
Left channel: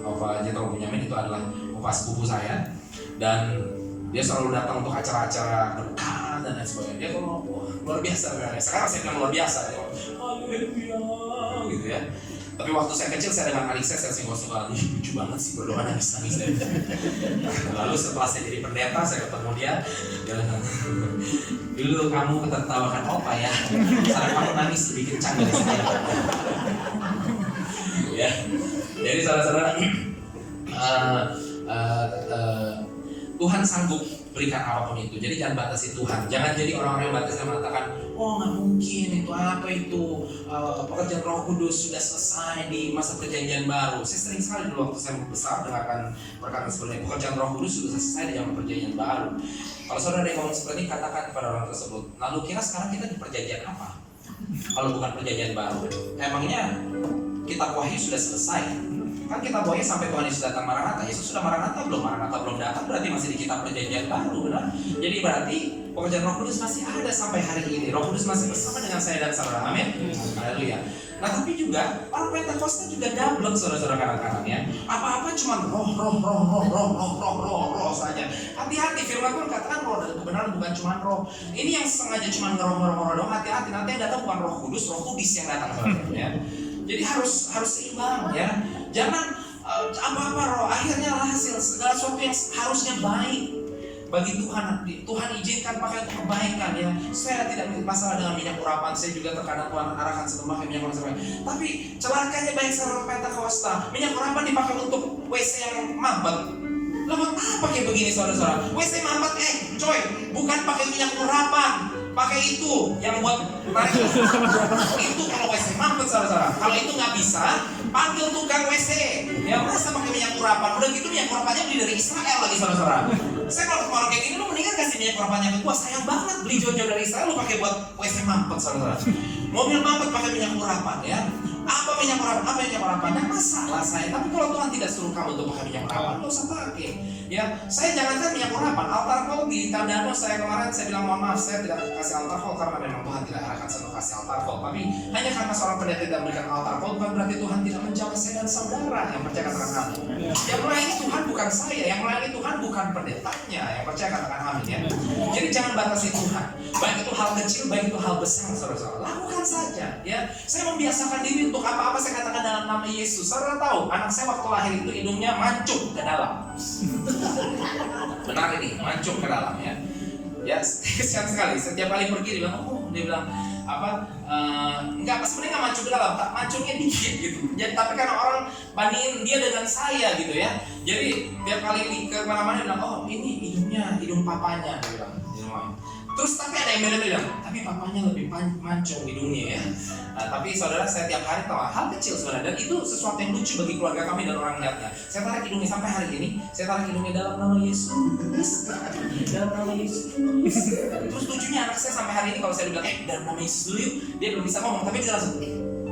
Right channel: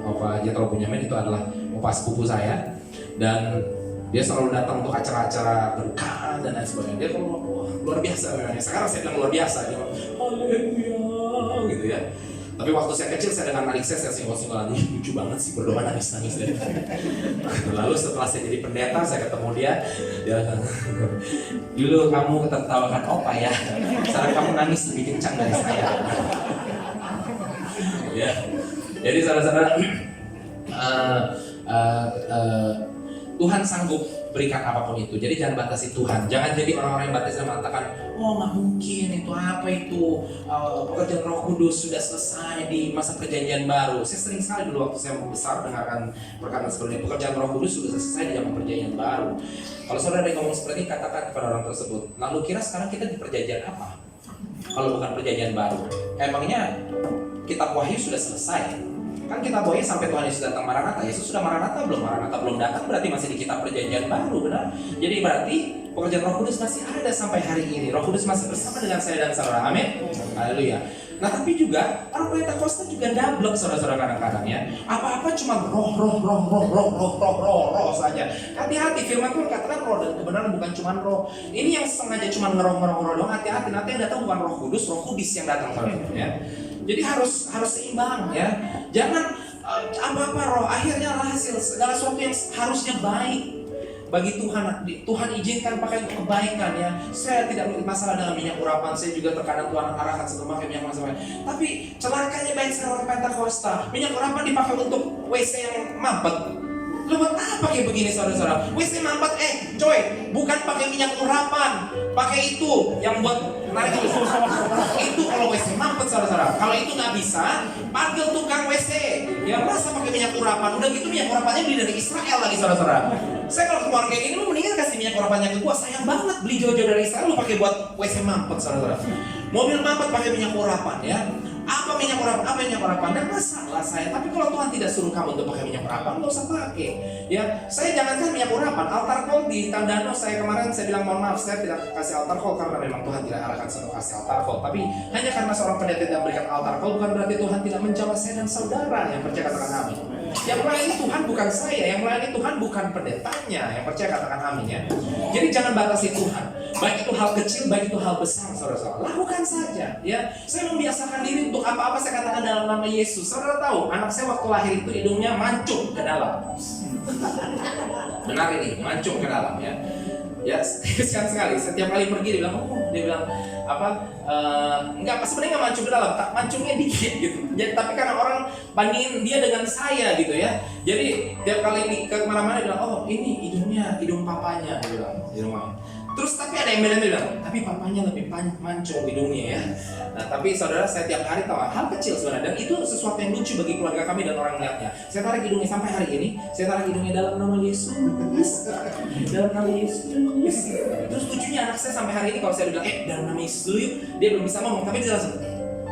opa Jethro Bunyamin itu adalah opa sepupu saya. Dan dia selalu datang untuk acara-acara berkah dan lain sebagainya. Dia kalau luar biasa kan. Sekarang saya bilang luar biasa. Dia haleluya gitu ya. Tapi waktu saya kecil saya dengan adik saya singgol-singgol lagi, lucu banget sih berdoa nangis-nangis deh. Lalu setelah saya jadi pendeta, saya ketemu dia bilang, dulu kamu ketertawakan opa ya, sekarang kamu nangis lebih kencang dari saya. Ya, jadi saudara-saudara, Tuhan sanggup berikan apapun itu. Jadi jangan batasi Tuhan. Jangan jadi orang-orang yang batasi dan mengatakan, oh nggak mungkin itu apa itu pekerjaan Roh Kudus sudah selesai di masa perjanjian baru. Saya sering sekali dulu waktu saya besar dengarkan perkataan seperti ini, pekerjaan Roh Kudus sudah selesai di zaman perjanjian baru. Kalau saudara yang ngomong seperti ini, katakan kepada orang tersebut, nah lu kira sekarang kita di perjanjian apa? Kalau bukan perjanjian baru, emangnya kitab Wahyu sudah selesai? Kan kita Wahyu sampai Tuhan Yesus datang Maranatha. Yesus sudah Maranatha belum datang, berarti masih di kitab perjanjian baru, benar? Jadi berarti pekerjaan Roh Kudus masih ada sampai hari ini. Roh Kudus masih bersama dengan saya dan saudara. Amin. Haleluya. Nah tapi juga orang Pentakosta juga dablek, saudara-saudara kanan-kanan ya. Apa-apa cuma roh saja. Hati-hati, firman Tuhan katakan roh dan kebenaran bukan cuma roh. Ini yang sengaja cuma ngeroh dong. Hati-hati, nanti yang datang bukan Roh Kudus, Roh Kudus yang datang, saudara ya. Jadi harus seimbang ya. Jangan apa-apa roh, akhirnya hasil segala sesuatu yang harusnya baik bagi Tuhan, Tuhan izinkan pakai untuk kebaikan ya. Saya tidak masalah dengan minyak urapan, saya juga terkadang Tuhan arahkan satu pakai minyak urapan. Tapi celakanya baik sekarang Pentakosta, minyak urapan dipakai untuk WC yang mampet. Lah buat apa kayak begini saudara-saudara? WC mampet, coy, bukan pakai minyak urapan, pakai itu yang buat narik itu kalau WC mampet saudara-saudara. Kalau itu nggak bisa, panggil tukang WC. Ya masa pakai minyak urapan? Udah gitu minyak urapannya beli dari Israel lagi saudara-saudara. Saya kalau ketemu orang kayak gini, lu mendingan kasih minyak urapannya ke gua. Sayang banget beli Jojo dari Israel, lu pakai buat WC mampet saudara-saudara. Mobil mampet pakai minyak urapan ya. Apa minyak urapan? Apa minyak urapan? Dan masalah saya. Tapi kalau Tuhan tidak suruh kamu untuk pakai minyak urapan, nggak usah pakai. Ya, saya jangankan minyak urapan. Altar call di Tandano saya kemarin saya bilang mohon maaf, saya tidak kasih altar call karena memang Tuhan tidak arahkan saya untuk kasih altar call. Tapi hanya karena seorang pendeta tidak memberikan altar call bukan berarti Tuhan tidak menjawab saya dan saudara yang percaya katakan amin. Yang melayani Tuhan bukan saya, yang melayani Tuhan bukan pendetanya. Yang percaya katakan amin ya. Jadi jangan batasi Tuhan. Baik itu hal kecil, baik itu hal besar, saudara-saudara. Lakukan saja ya. Saya membiasakan diri untuk apa-apa saya katakan dalam nama Yesus. Saudara tahu, anak saya waktu lahir itu hidungnya mancung ke dalam. Benar ini, mancung ke dalam ya. Ya, kesian sekali. Setiap kali pergi dia bilang apa? Enggak, sebenarnya nggak mancung ke dalam, tak mancungnya dikit gitu. Jadi tapi karena orang bandingin dia dengan saya gitu ya. Jadi tiap kali ke mana-mana dia bilang, oh ini hidung papanya, dia bilang di rumah. Terus tapi ada yang bilang, tapi papanya lebih mancung hidungnya ya. Nah tapi saudara, saya tiap hari tahu hal kecil sebenarnya, dan itu sesuatu yang lucu bagi keluarga kami dan orang melihatnya. Saya tarik hidungnya sampai hari ini, saya tarik hidungnya dalam nama Yesus, dalam nama Yesus. Terus lucunya anak saya sampai hari ini kalau saya bilang, dalam nama Yesus dulu yuk, dia belum bisa ngomong, tapi dia langsung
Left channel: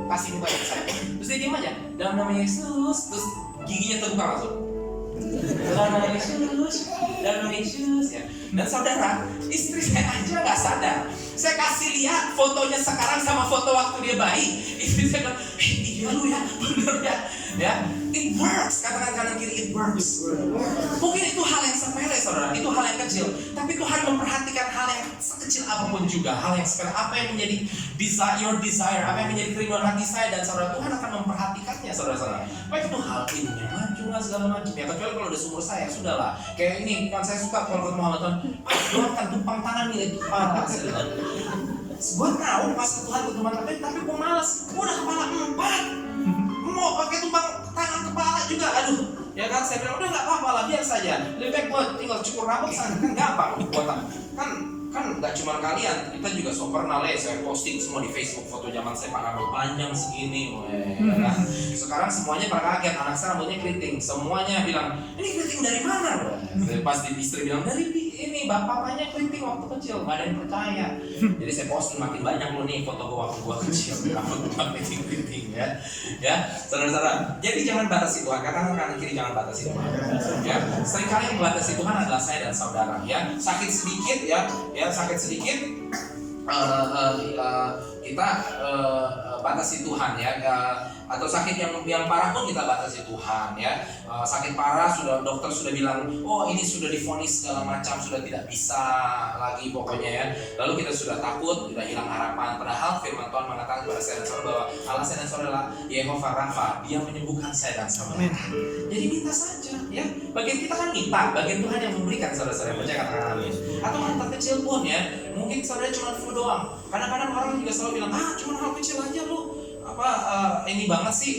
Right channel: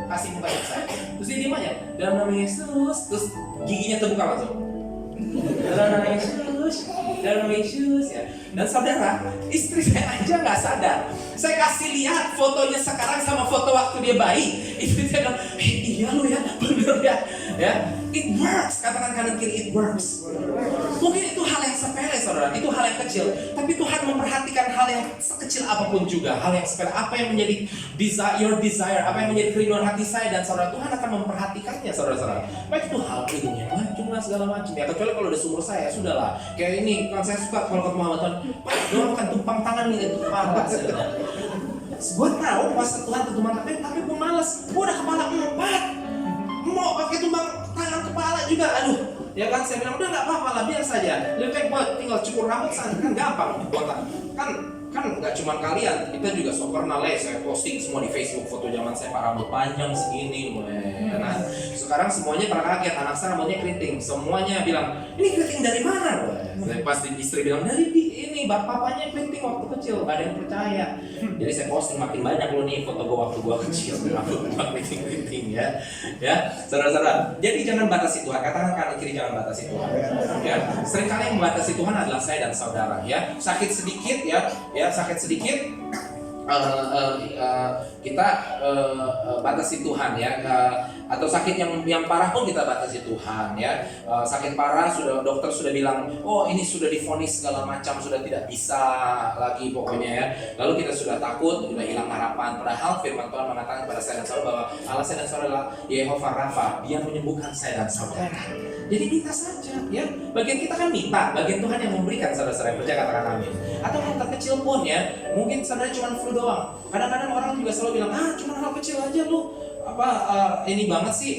kasih muka ke saya. Terus dia diem aja, dalam nama Yesus, terus giginya terbuka langsung. Dalam nama Yesus, dalam nama Yesus ya. Dan saudara, istri saya aja nggak sadar. Saya kasih lihat fotonya sekarang sama foto waktu dia bayi. Istri saya bilang, iya lu ya, bener ya. Ya, it works. Katakan kanan kiri, it works. Mungkin itu hal yang sepele saudara, itu hal yang kecil. Tapi Tuhan memperhatikan hal yang sekecil apapun juga, hal yang sepele. Apa yang menjadi your desire, apa yang menjadi kerinduan hati saya dan saudara, Tuhan akan memperhatikannya saudara-saudara. Baik itu hal hidungnya mancung lah segala macam ya. Kecuali kalau udah seumur saya, sudahlah. Kayak ini, kan saya suka kalau ketemu Muhammad Tuhan, doakan tumpang tangan nih itu kepala. Gue tahu kuasa Tuhan tumpang tangan, tapi gue malas. Gue udah kepala 4. Mau pakai tumpang tangan kepala juga, aduh ya kan. Saya bilang udah nggak apa-apa lah, biar saja. Lebih baik buat tinggal cukur rambut sana, kan gampang buat kan nggak cuma kalian, kita juga so pernah saya posting semua di Facebook foto zaman saya pak rambut panjang segini, kan? Sekarang semuanya pada kaget, anak saya rambutnya keriting, semuanya bilang ini keriting dari mana? Pasti istri bilang dari ini bapaknya keriting waktu kecil, nggak ada yang percaya. Jadi saya posting makin banyak loh nih foto gua waktu gua kecil, rambut gua keriting ya, saudara-saudara. Jadi jangan batasi Tuhan, katakan kanan kiri jangan batasi Tuhan. Ya, seringkali yang membatasi Tuhan adalah saya dan saudara. Ya, sakit sedikit sakit sedikit kita batasi Tuhan ya, atau sakit yang parah pun kita batasi Tuhan ya. Sakit parah dokter sudah bilang, oh ini sudah divonis segala macam, sudah tidak bisa lagi pokoknya ya. Lalu kita sudah takut, sudah hilang harapan. Padahal firman Tuhan mengatakan kepada saya dan saudara bahwa Allah saya dan saudara adalah Yehova Rafa, Dia menyembuhkan saya dan saudara. Jadi minta saja ya. Bagian kita kan minta, bagian Tuhan yang memberikan saudara-saudara yang percaya katakan amin. Atau hal terkecil pun ya, mungkin saudara cuma flu doang. Kadang-kadang orang juga selalu bilang, cuma hal kecil aja lu ini banget sih,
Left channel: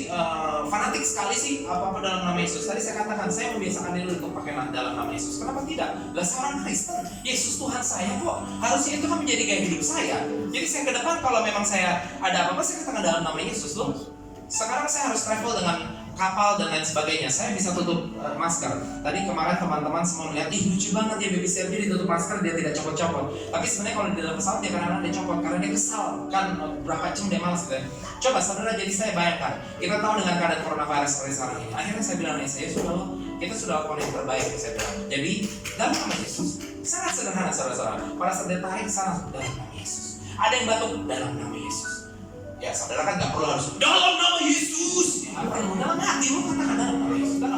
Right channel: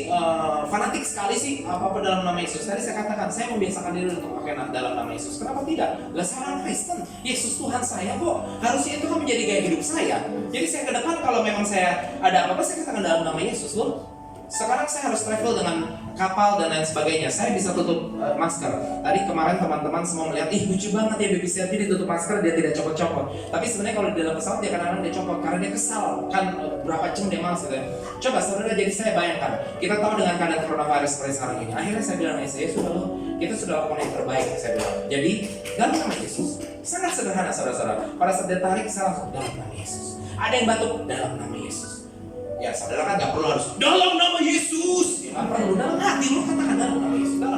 fanatik sekali sih apa dalam nama Yesus. Tadi saya katakan saya membiasakan diri untuk pakai dalam nama Yesus. Kenapa tidak? Lah saya orang Kristen, Yesus Tuhan saya kok. Harusnya itu kan menjadi gaya hidup saya. Jadi saya ke depan kalau memang saya ada apa-apa saya katakan dalam nama Yesus loh. Sekarang saya harus travel dengan kapal dan lain sebagainya, saya bisa tutup masker. Tadi kemarin teman-teman semua melihat, lucu banget ya baby Servi ditutup masker, dia tidak copot-copot. Tapi sebenarnya kalau di dalam pesawat dia kadang-kadang dia copot karena dia kesal kan, berapa jam dia malas gitu ya. Coba saudara, jadi saya bayangkan, kita tahu dengan keadaan coronavirus seperti sekarang ini. Akhirnya saya bilang, saya sudah loh, kita sudah lakukan yang terbaik, saya bilang. Jadi dalam nama Yesus, sangat sederhana saudara-saudara. Pada saat dia tarik, saya langsung dalam nama Yesus. Ada yang batuk, dalam nama Yesus. Ya saudara kan gak perlu harus dalam nama Yesus. Ya, perlu dalam hati lu katakan dalam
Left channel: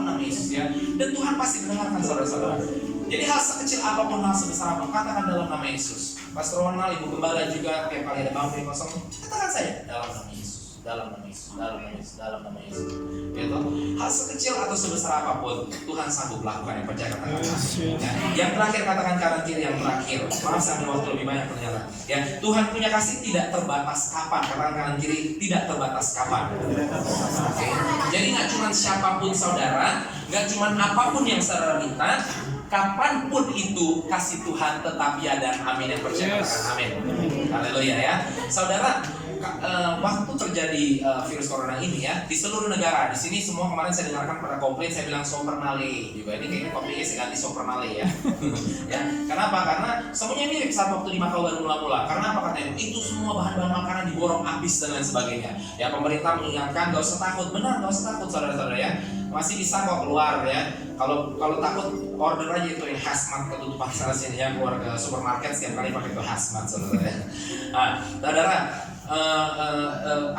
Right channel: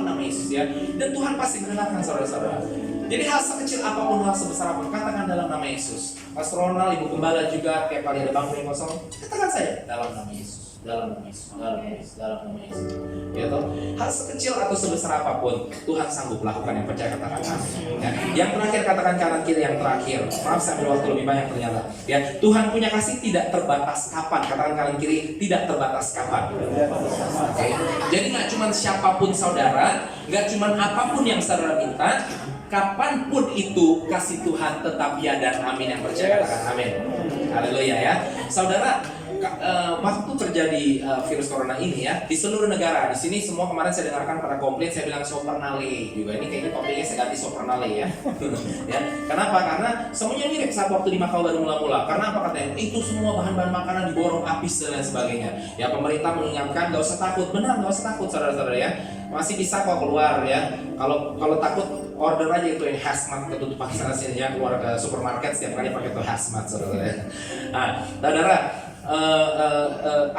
nama Yesus ya. Dan Tuhan pasti mendengarkan saudara-saudara. Jadi hal sekecil apapun, hal sebesar apapun, katakan dalam nama Yesus. Pastor Ronald, Ibu Gembala juga tiap kali ada bangku yang kosong, katakan saja dalam nama Yesus, dalam nama Yesus, dalam nama Yesus, dalam nama Yesus. Ya toh, hal sekecil atau sebesar apapun Tuhan sanggup lakukan yang percaya katakan. Ya. Yang terakhir, katakan kanan kiri yang terakhir. Maaf saya ambil waktu lebih banyak ternyata. Ya, Tuhan punya kasih tidak terbatas kapan. Katakan kanan kiri, tidak terbatas kapan. Oke. Jadi nggak cuma siapapun saudara, nggak cuma apapun yang saudara minta, kapanpun itu kasih Tuhan tetap ya dan amin. Yang percaya katakan amin. Haleluya ya. Saudara, waktu terjadi virus corona ini ya di seluruh negara, di sini semua kemarin saya dengarkan pada komplain, saya bilang Sopernale juga, ini kayaknya komplainnya saya ganti Sopernale ya. Ya, kenapa? Karena semuanya mirip saat waktu di Makau baru mula-mula. Karena apa katanya? Itu semua bahan-bahan makanan diborong habis dan lain sebagainya. Ya, pemerintah mengingatkan gak usah takut, benar gak usah takut saudara-saudara ya. Masih bisa kok keluar ya. Kalau takut order aja itu ini hazmat, ketutupan sana sini ya, keluar ke supermarket setiap kali pakai itu hazmat saudara. Nah, saudara,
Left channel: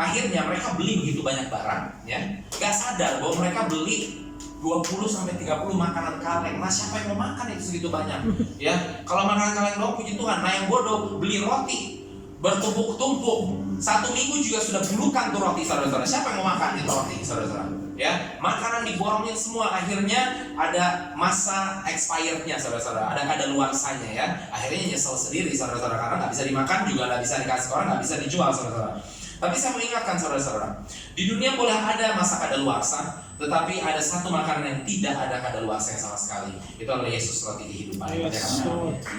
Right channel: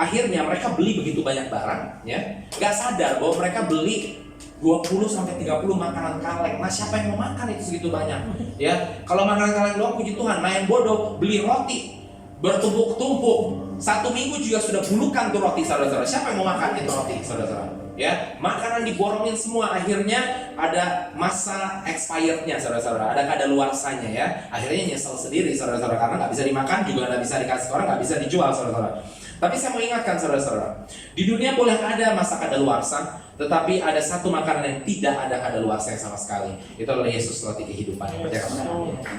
akhirnya mereka beli begitu banyak barang ya, gak sadar bahwa mereka beli 20-30 makanan kaleng. Nah, siapa yang mau makan itu segitu banyak ya? Kalau makanan kaleng doang puji Tuhan. Nah, yang bodoh beli roti bertumpuk-tumpuk, 1 minggu juga sudah bulukan tuh roti saudara-saudara. Siapa yang mau makan itu roti saudara-saudara? Ya, makanan diborongin semua, akhirnya ada masa expirednya saudara-saudara, ada kadaluarsanya ya. Akhirnya nyesel sendiri saudara-saudara, karena nggak bisa dimakan juga, nggak bisa dikasih orang, nggak bisa dijual saudara-saudara. Tapi saya mau ingatkan saudara-saudara, di dunia boleh ada masa kadaluarsa, tetapi ada satu makanan yang tidak ada kadaluarsanya sama sekali. Itu adalah Yesus, roti kehidupan.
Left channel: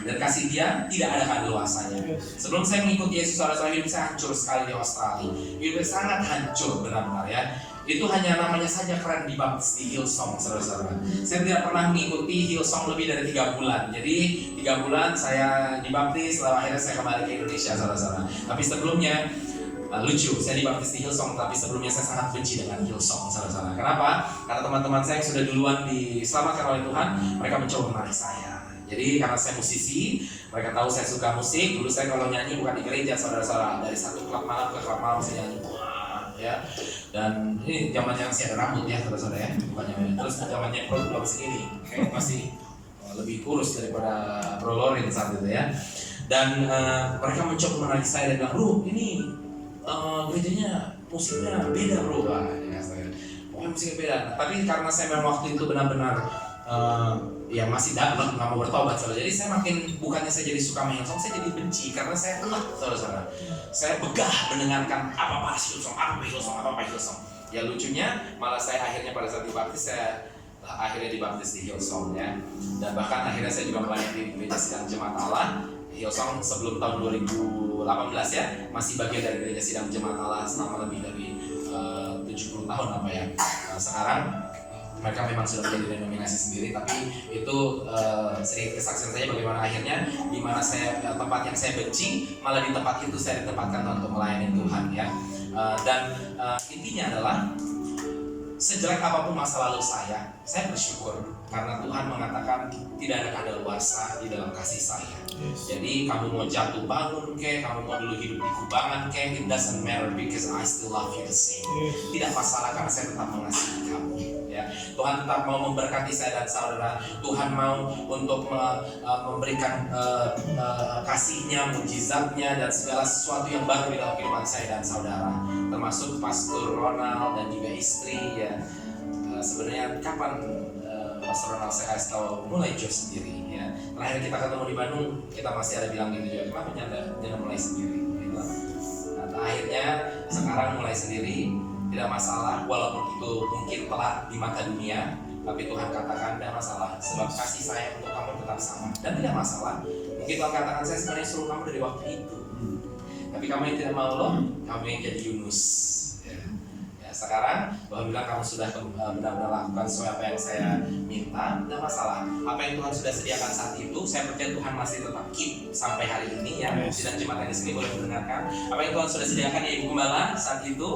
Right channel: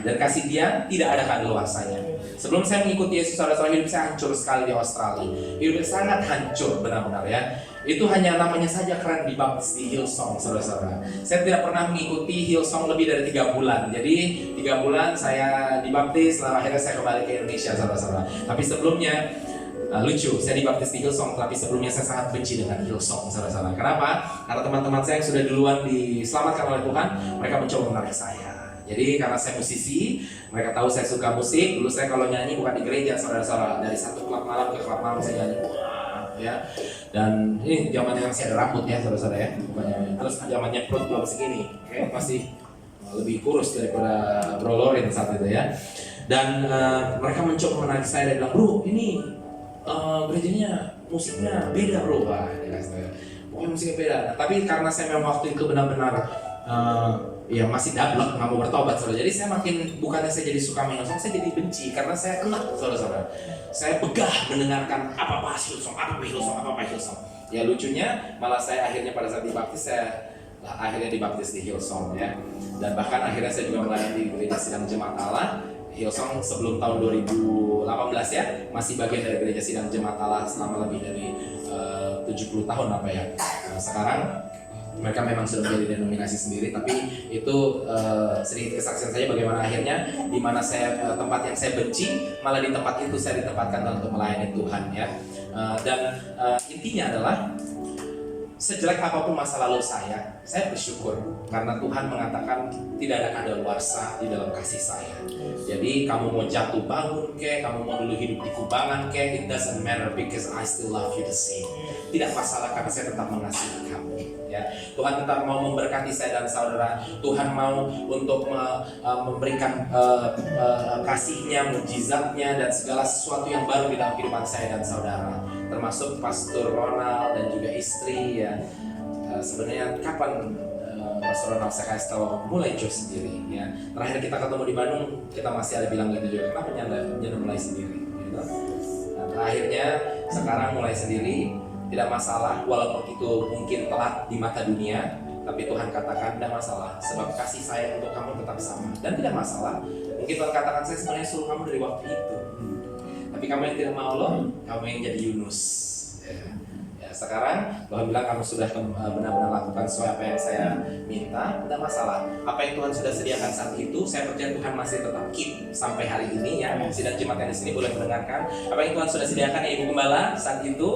Dan kasih Dia tidak ada kadaluarsanya. Sebelum saya mengikuti Yesus saudara-saudara, hidup saya hancur sekali di Australia. Hidup saya sangat hancur benar-benar ya. Itu hanya namanya saja keren dibaptis di Hillsong saudara-saudara. Saya tidak pernah mengikuti Hillsong lebih dari 3 bulan. Jadi 3 bulan saya dibaptis, lalu akhirnya saya kembali ke Indonesia saudara-saudara. Tapi sebelumnya lucu, saya dibaptis di Hillsong, tapi sebelumnya saya sangat benci dengan Hillsong saudara-saudara. Kenapa? Karena teman-teman saya yang sudah duluan diselamatkan oleh Tuhan, mereka mencoba menarik saya. Jadi karena saya musisi, mereka tahu saya suka musik. Dulu saya kalau nyanyi bukan di gereja saudara-saudara, dari satu klub malam ke klub malam saya nyanyi. Ya, dan ini zamannya masih ada rambut ya saudara-saudara ya, bukannya terus zamannya perut belum segini, kayak masih lebih kurus daripada Bro Lorin saat itu ya. Dan mereka mencoba menarik saya dan bilang, "Bro, ini gerejanya musiknya beda bro." Wah, ya saya, pokoknya musiknya beda. Nah, tapi karena saya memang waktu itu benar-benar ya masih dablek, nggak mau bertobat saudara. Jadi saya makin, bukannya saya jadi suka main Hillsong, saya jadi benci karena saya enak saudara-saudara. Saya begah mendengarkan apa Hillsong. Ya lucunya malah saya akhirnya pada saat dibaptis, saya akhirnya dibaptis di Hillsong ya. Dan bahkan akhirnya saya juga melayani di Gereja Sidang Jemaat Allah. Hillsong sebelum tahun 2018 ya, masih bagian dari Gereja Sidang Jemaat Allah selama lebih dari 70 tahun apa ya. Sekarang mereka memang sudah menjadi denominasi sendiri, tapi itu sedikit kesaksian saya bagaimana akhirnya di mana saya tempat yang saya benci, malah di tempat itu saya ditempatkan untuk melayani Tuhan ya. Dan intinya adalah sejelek apapun masa lalu saya bersyukur karena Tuhan mengatakan tidak ada kadaluarsa di dalam kasih saya. Jadi kamu mau jatuh bangun kek, kamu mau dulu hidup di kubangan kek, it doesn't matter because I still love you the same. Tidak masalah karena saya tetap mengasihi kamu. Ya, Tuhan tetap mau memberkati saya dan saudara. Tuhan mau untuk memberikan kasih-Nya, mukjizat-Nya dan segala sesuatu yang baru di dalam kehidupan saya dan saudara. Termasuk Pastor Ronald dan juga istri ya. Sebenarnya kapan Pastor Ronald saya kasih tahu mulai job sendiri ya. Terakhir kita ketemu di Bandung, kita masih ada bilang gitu juga. Kenapa nyanda mulai sendiri gitu. Nah, akhirnya sekarang mulai sendiri. Tidak masalah, walaupun itu mungkin telat di mata dunia, tapi Tuhan katakan tidak masalah, sebab kasih saya untuk kamu tetap sama. Dan tidak masalah, mungkin Tuhan katakan saya sebenarnya suruh kamu dari waktu itu, tapi kamu yang tidak mau loh, kamu yang jadi Yunus. Ya, sekarang Tuhan bilang kamu sudah benar-benar lakukan sesuai apa yang saya minta, tidak masalah. Apa yang Tuhan sudah sediakan saat itu, saya percaya Tuhan masih tetap keep sampai hari ini ya. Sidang jemaat yang di sini boleh mendengarkan apa yang Tuhan sudah sediakan ya Ibu Gembala saat itu,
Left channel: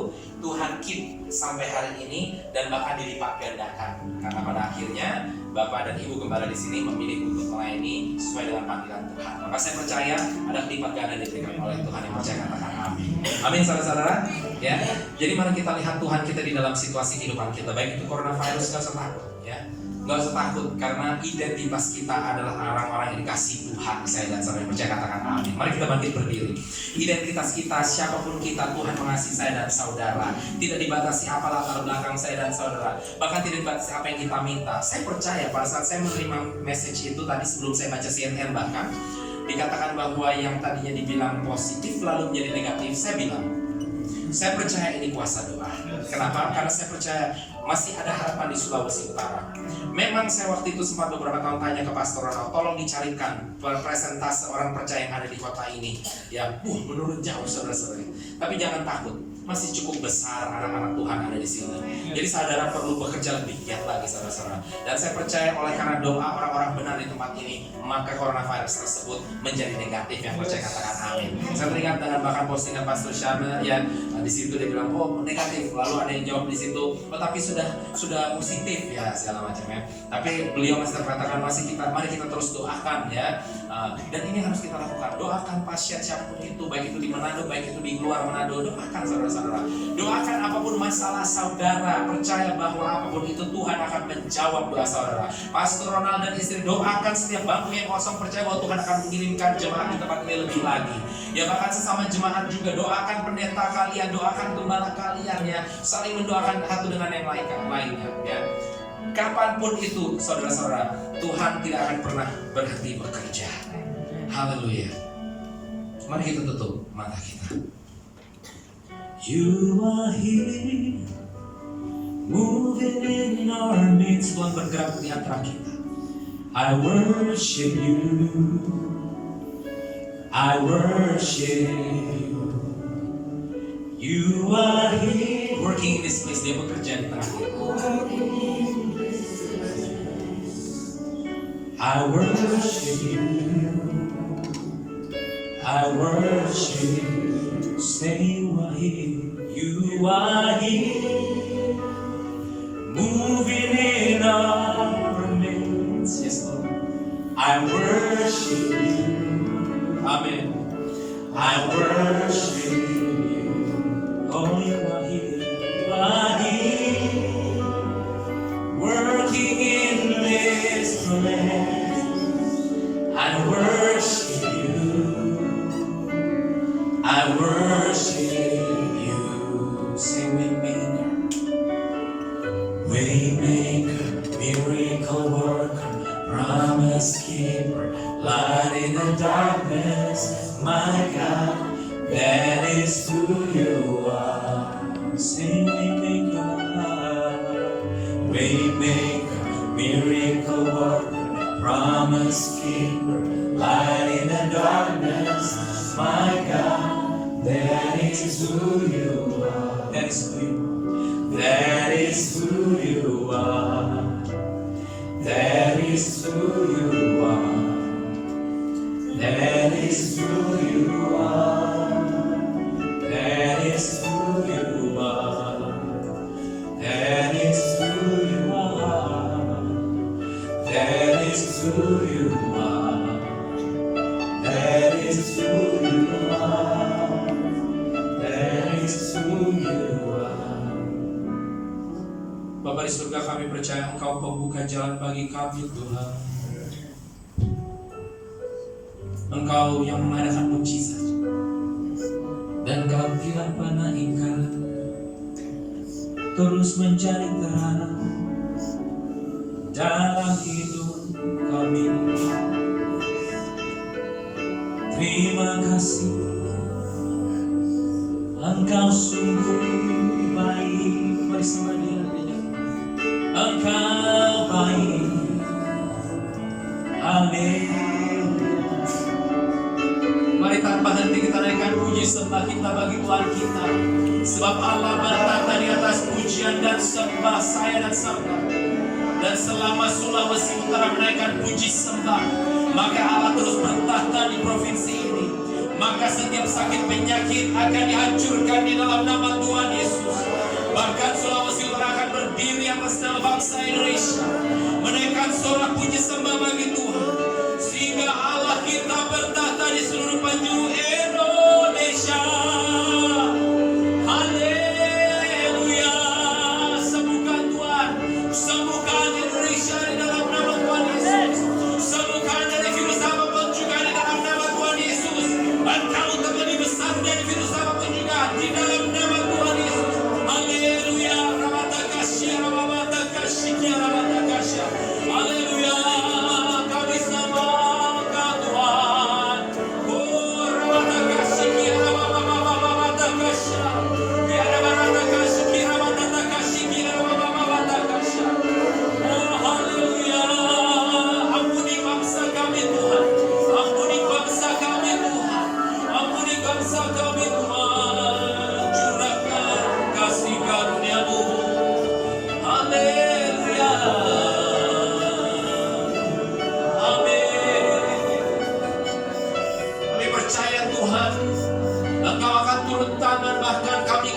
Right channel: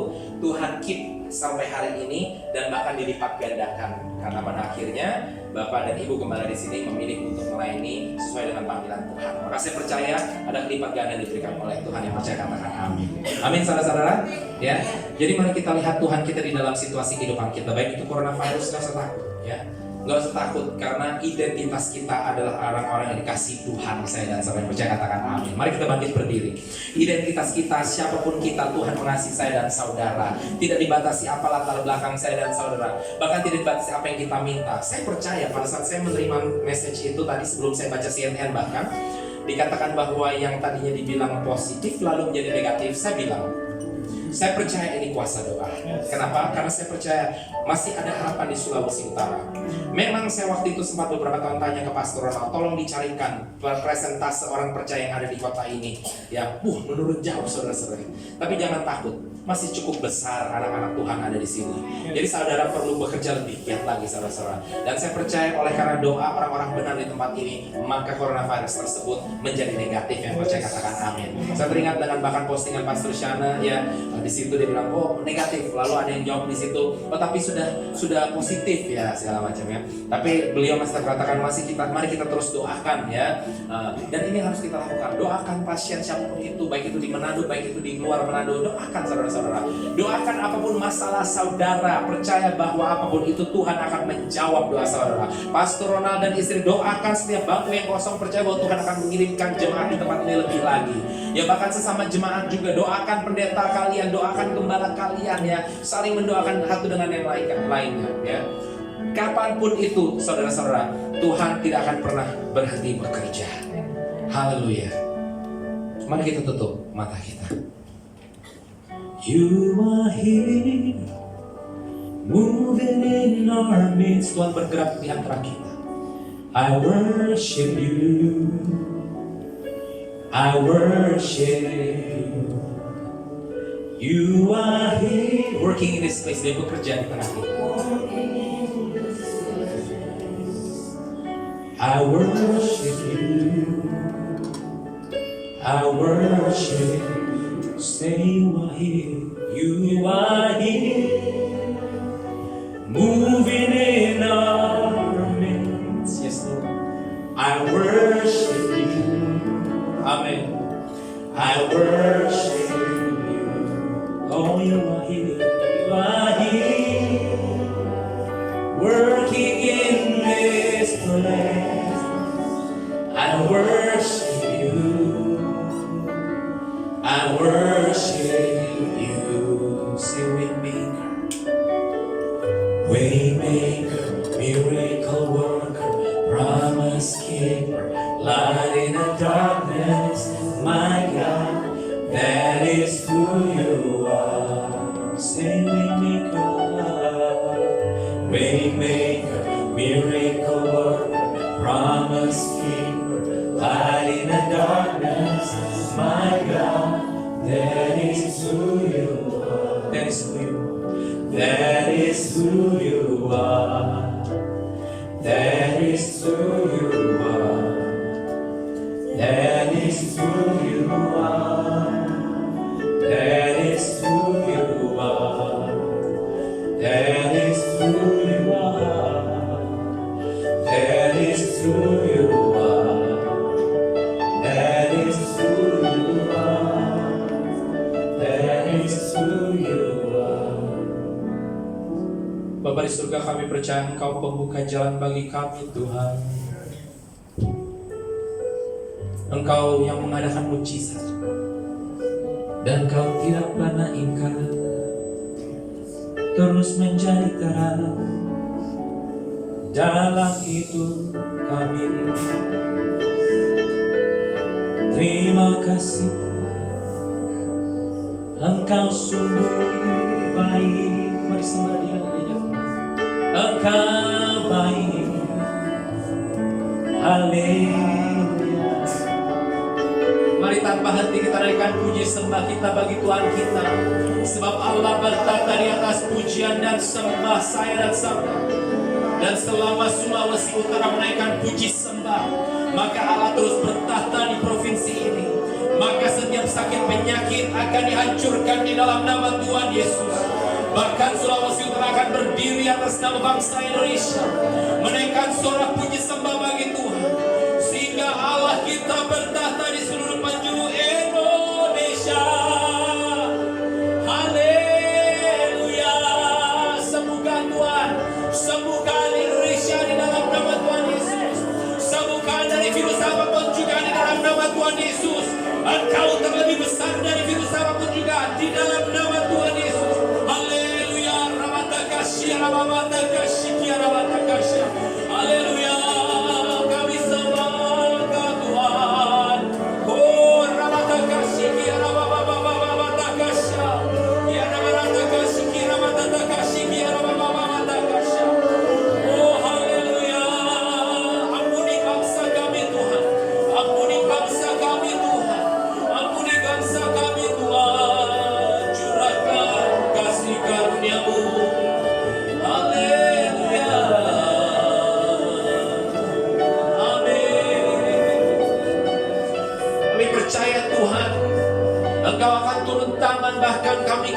Tuhan keep sampai hari ini dan bahkan dilipat gandakan. Karena pada akhirnya Bapak dan Ibu Gembala di sini memilih untuk melayani sesuai dengan panggilan Tuhan. Maka saya percaya ada kelipat ganda diberikan oleh Tuhan. Yang percaya katakan amin. Amin saudara-saudara. Ya. Jadi mari kita lihat Tuhan kita di dalam situasi kehidupan kita, baik itu coronavirus, nggak usah takut ya. Gak usah takut, karena identitas kita adalah orang-orang yang dikasih Tuhan. Saya dan saudara yang percaya katakan amin. Mari kita bangkit berdiri. Identitas kita, siapapun kita, Tuhan mengasihi saya dan saudara. Tidak dibatasi apa latar belakang saya dan saudara, bahkan tidak dibatasi apa yang kita minta. Saya percaya pada saat saya menerima message itu tadi, sebelum saya baca CNN bahkan dikatakan bahwa yang tadinya dibilang positif lalu menjadi negatif, saya bilang saya percaya ini kuasa doa. Kenapa? Karena saya percaya masih ada harapan di Sulawesi Utara. Memang saya waktu itu sempat beberapa tahun tanya ke Pastor Ronald, tolong dicarikan presentase orang percaya yang ada di kota ini. Ya, menurun jauh saudara-saudara. Tapi jangan takut, masih cukup besar anak-anak Tuhan ada di sini. Jadi saudara perlu bekerja lebih giat lagi saudara-saudara. Dan saya percaya oleh karena doa orang-orang benar di tempat ini, maka coronavirus tersebut menjadi negatif. Yang percaya katakan amin. Saya teringat dengan bahkan postingan Pastor Shana, ya di situ dia bilang negatif, lalu ada yang jawab di situ, tapi sudah positif ya segala macamnya. Tapi beliau masih katakan mari kita terus doakan ya. Dan ini harus kita lakukan. Doakan pasien siapapun itu, baik itu di Manado, baik itu di luar Manado. Doakan saudara-saudara. Doakan apapun masalah saudara. Percaya bahwa apapun itu Tuhan akan menjawab doa saudara. Pastor Ronald dan istri doakan setiap bangku yang kosong. Percaya bahwa Tuhan akan mengirimkan jemaat di tempat ini lebih lagi. Ya bahkan sesama jemaat juga doakan pendeta kalian, doakan gembala kalian ya. Saling mendoakan satu dengan yang lainnya ya. Kapanpun itu saudara-saudara, Tuhan tidak akan pernah berhenti bekerja. Haleluya. Mari kita tutup mata kita. You are here, moving in our midst. Tuhan bergerak di antara kita. I worship you, I worship you. You are here, working in this place. Dia bekerja di tengah kita. I worship you, I worship you. Say you are here, moving in our midst. Yes, Lord. I worship you, amen. I worship you. Oh, you are here, working in this place. I worship you, I worship you. Say waymaker, miracle worker, promise keeper, light in the darkness. My God, that is who you are. Say waymaker, miracle worker, promise keeper, light in the darkness. My God, that is who you are. That is who you are. That is who you are. That is who you are. That is who you are. That is who you are. That is who you are. That is who you are. That is who you are. That is who you are. Bapa di surga, kami percaya Engkau pembuka jalan bagi kami Tuhan. Engkau yang mengadakan mujizat, dan Engkau tidak pernah ingkar. Terus menjadi terang dalam hidup kami. Terima kasih, Engkau sungguh baik. Mari sembah Dia. Engkau baik. Haleluya. Mari tanpa henti kita naikkan puji sembah kita bagi Tuhan kita. Sebab Allah bertata di atas pujian dan sembah saya dan saudara. Dan selama Sulawesi Utara menaikkan puji sembah, maka Allah terus bertata di provinsi ini. Maka setiap sakit penyakit akan dihancurkan di dalam nama Tuhan Yesus. Bahkan Sulawesi Utara akan berdiri atas nama bangsa Indonesia, menaikkan sorak puji sembah bagi Tuhan, sehingga Allah kita bertata di seluruh penjuru Indonesia. Haleluya. Sembuhkan Tuhan, sembuhkan Indonesia di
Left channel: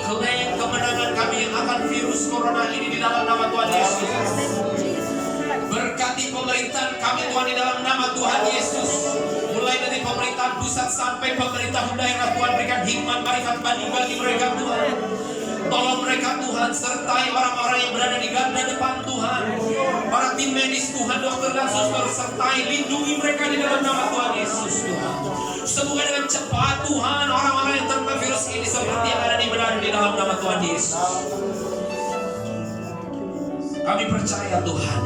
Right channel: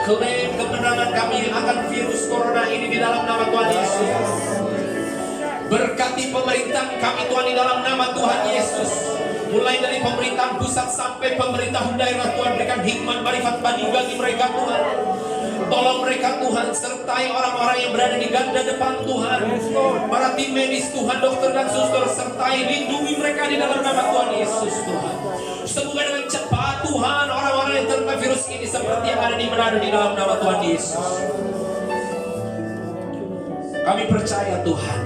klaim kemenangan kami akan virus corona ini di dalam nama Tuhan Yesus. Berkati pemerintahan kami Tuhan di dalam nama Tuhan Yesus. Mulai dari pemerintahan pusat sampai pemerintahan daerah, Tuhan berikan hikmat, marifat, bani bagi mereka Tuhan. Tolong mereka Tuhan, sertai orang-orang yang berada di garda depan Tuhan. Para tim medis Tuhan, dokter dan suster, sertai, lindungi mereka di dalam nama Tuhan Yesus Tuhan. Sembuhkan dengan cepat Tuhan orang-orang yang terkena virus ini seperti yang ada di Manado di dalam nama Tuhan Yesus. Kami percaya Tuhan,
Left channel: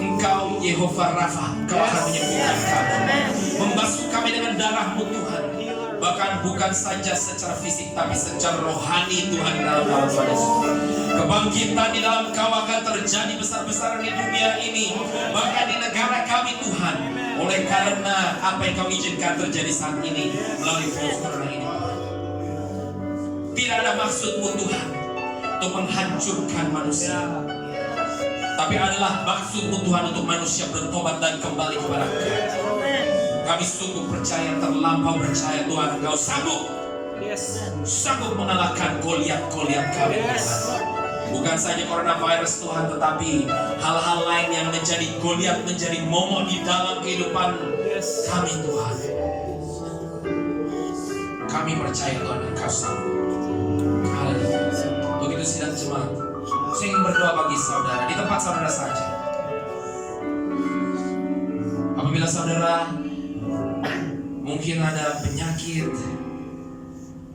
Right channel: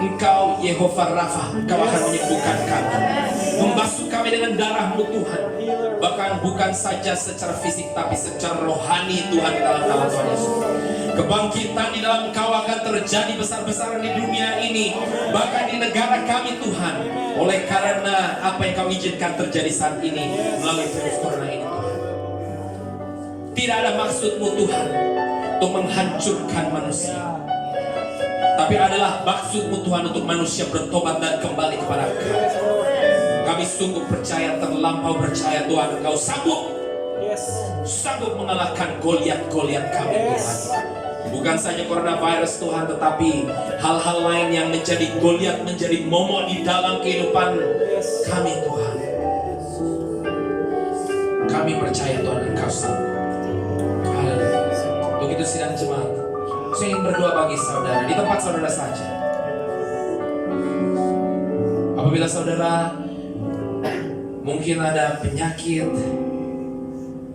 Engkau Yehova Rafa, Engkau akan menyembuhkan kami, membasuh kami dengan darah-Mu Tuhan. Bahkan bukan saja secara fisik tapi secara rohani Tuhan di dalam nama Tuhan Yesus. Kebangkitan di dalam Engkau akan terjadi besar-besaran di dunia ini, bahkan di negara kami Tuhan, oleh karena apa yang Kau izinkan terjadi saat ini melalui virus corona ini Tuhan. Tidak ada maksud-Mu Tuhan untuk menghancurkan manusia, tapi adalah maksud-Mu Tuhan untuk manusia bertobat dan kembali kepada Engkau. Kami sungguh percaya, terlampau percaya Tuhan, Engkau sanggup mengalahkan Goliat-Goliat kami Tuhan. Bukan saja coronavirus Tuhan, tetapi hal-hal lain yang menjadi Goliat, menjadi momok di dalam kehidupan kami Tuhan. Kami percaya Tuhan, Engkau sanggup. Haleluya. Begitu sidang jemaat, saya ingin berdoa bagi saudara di tempat saudara saja. Apabila saudara mungkin ada penyakit,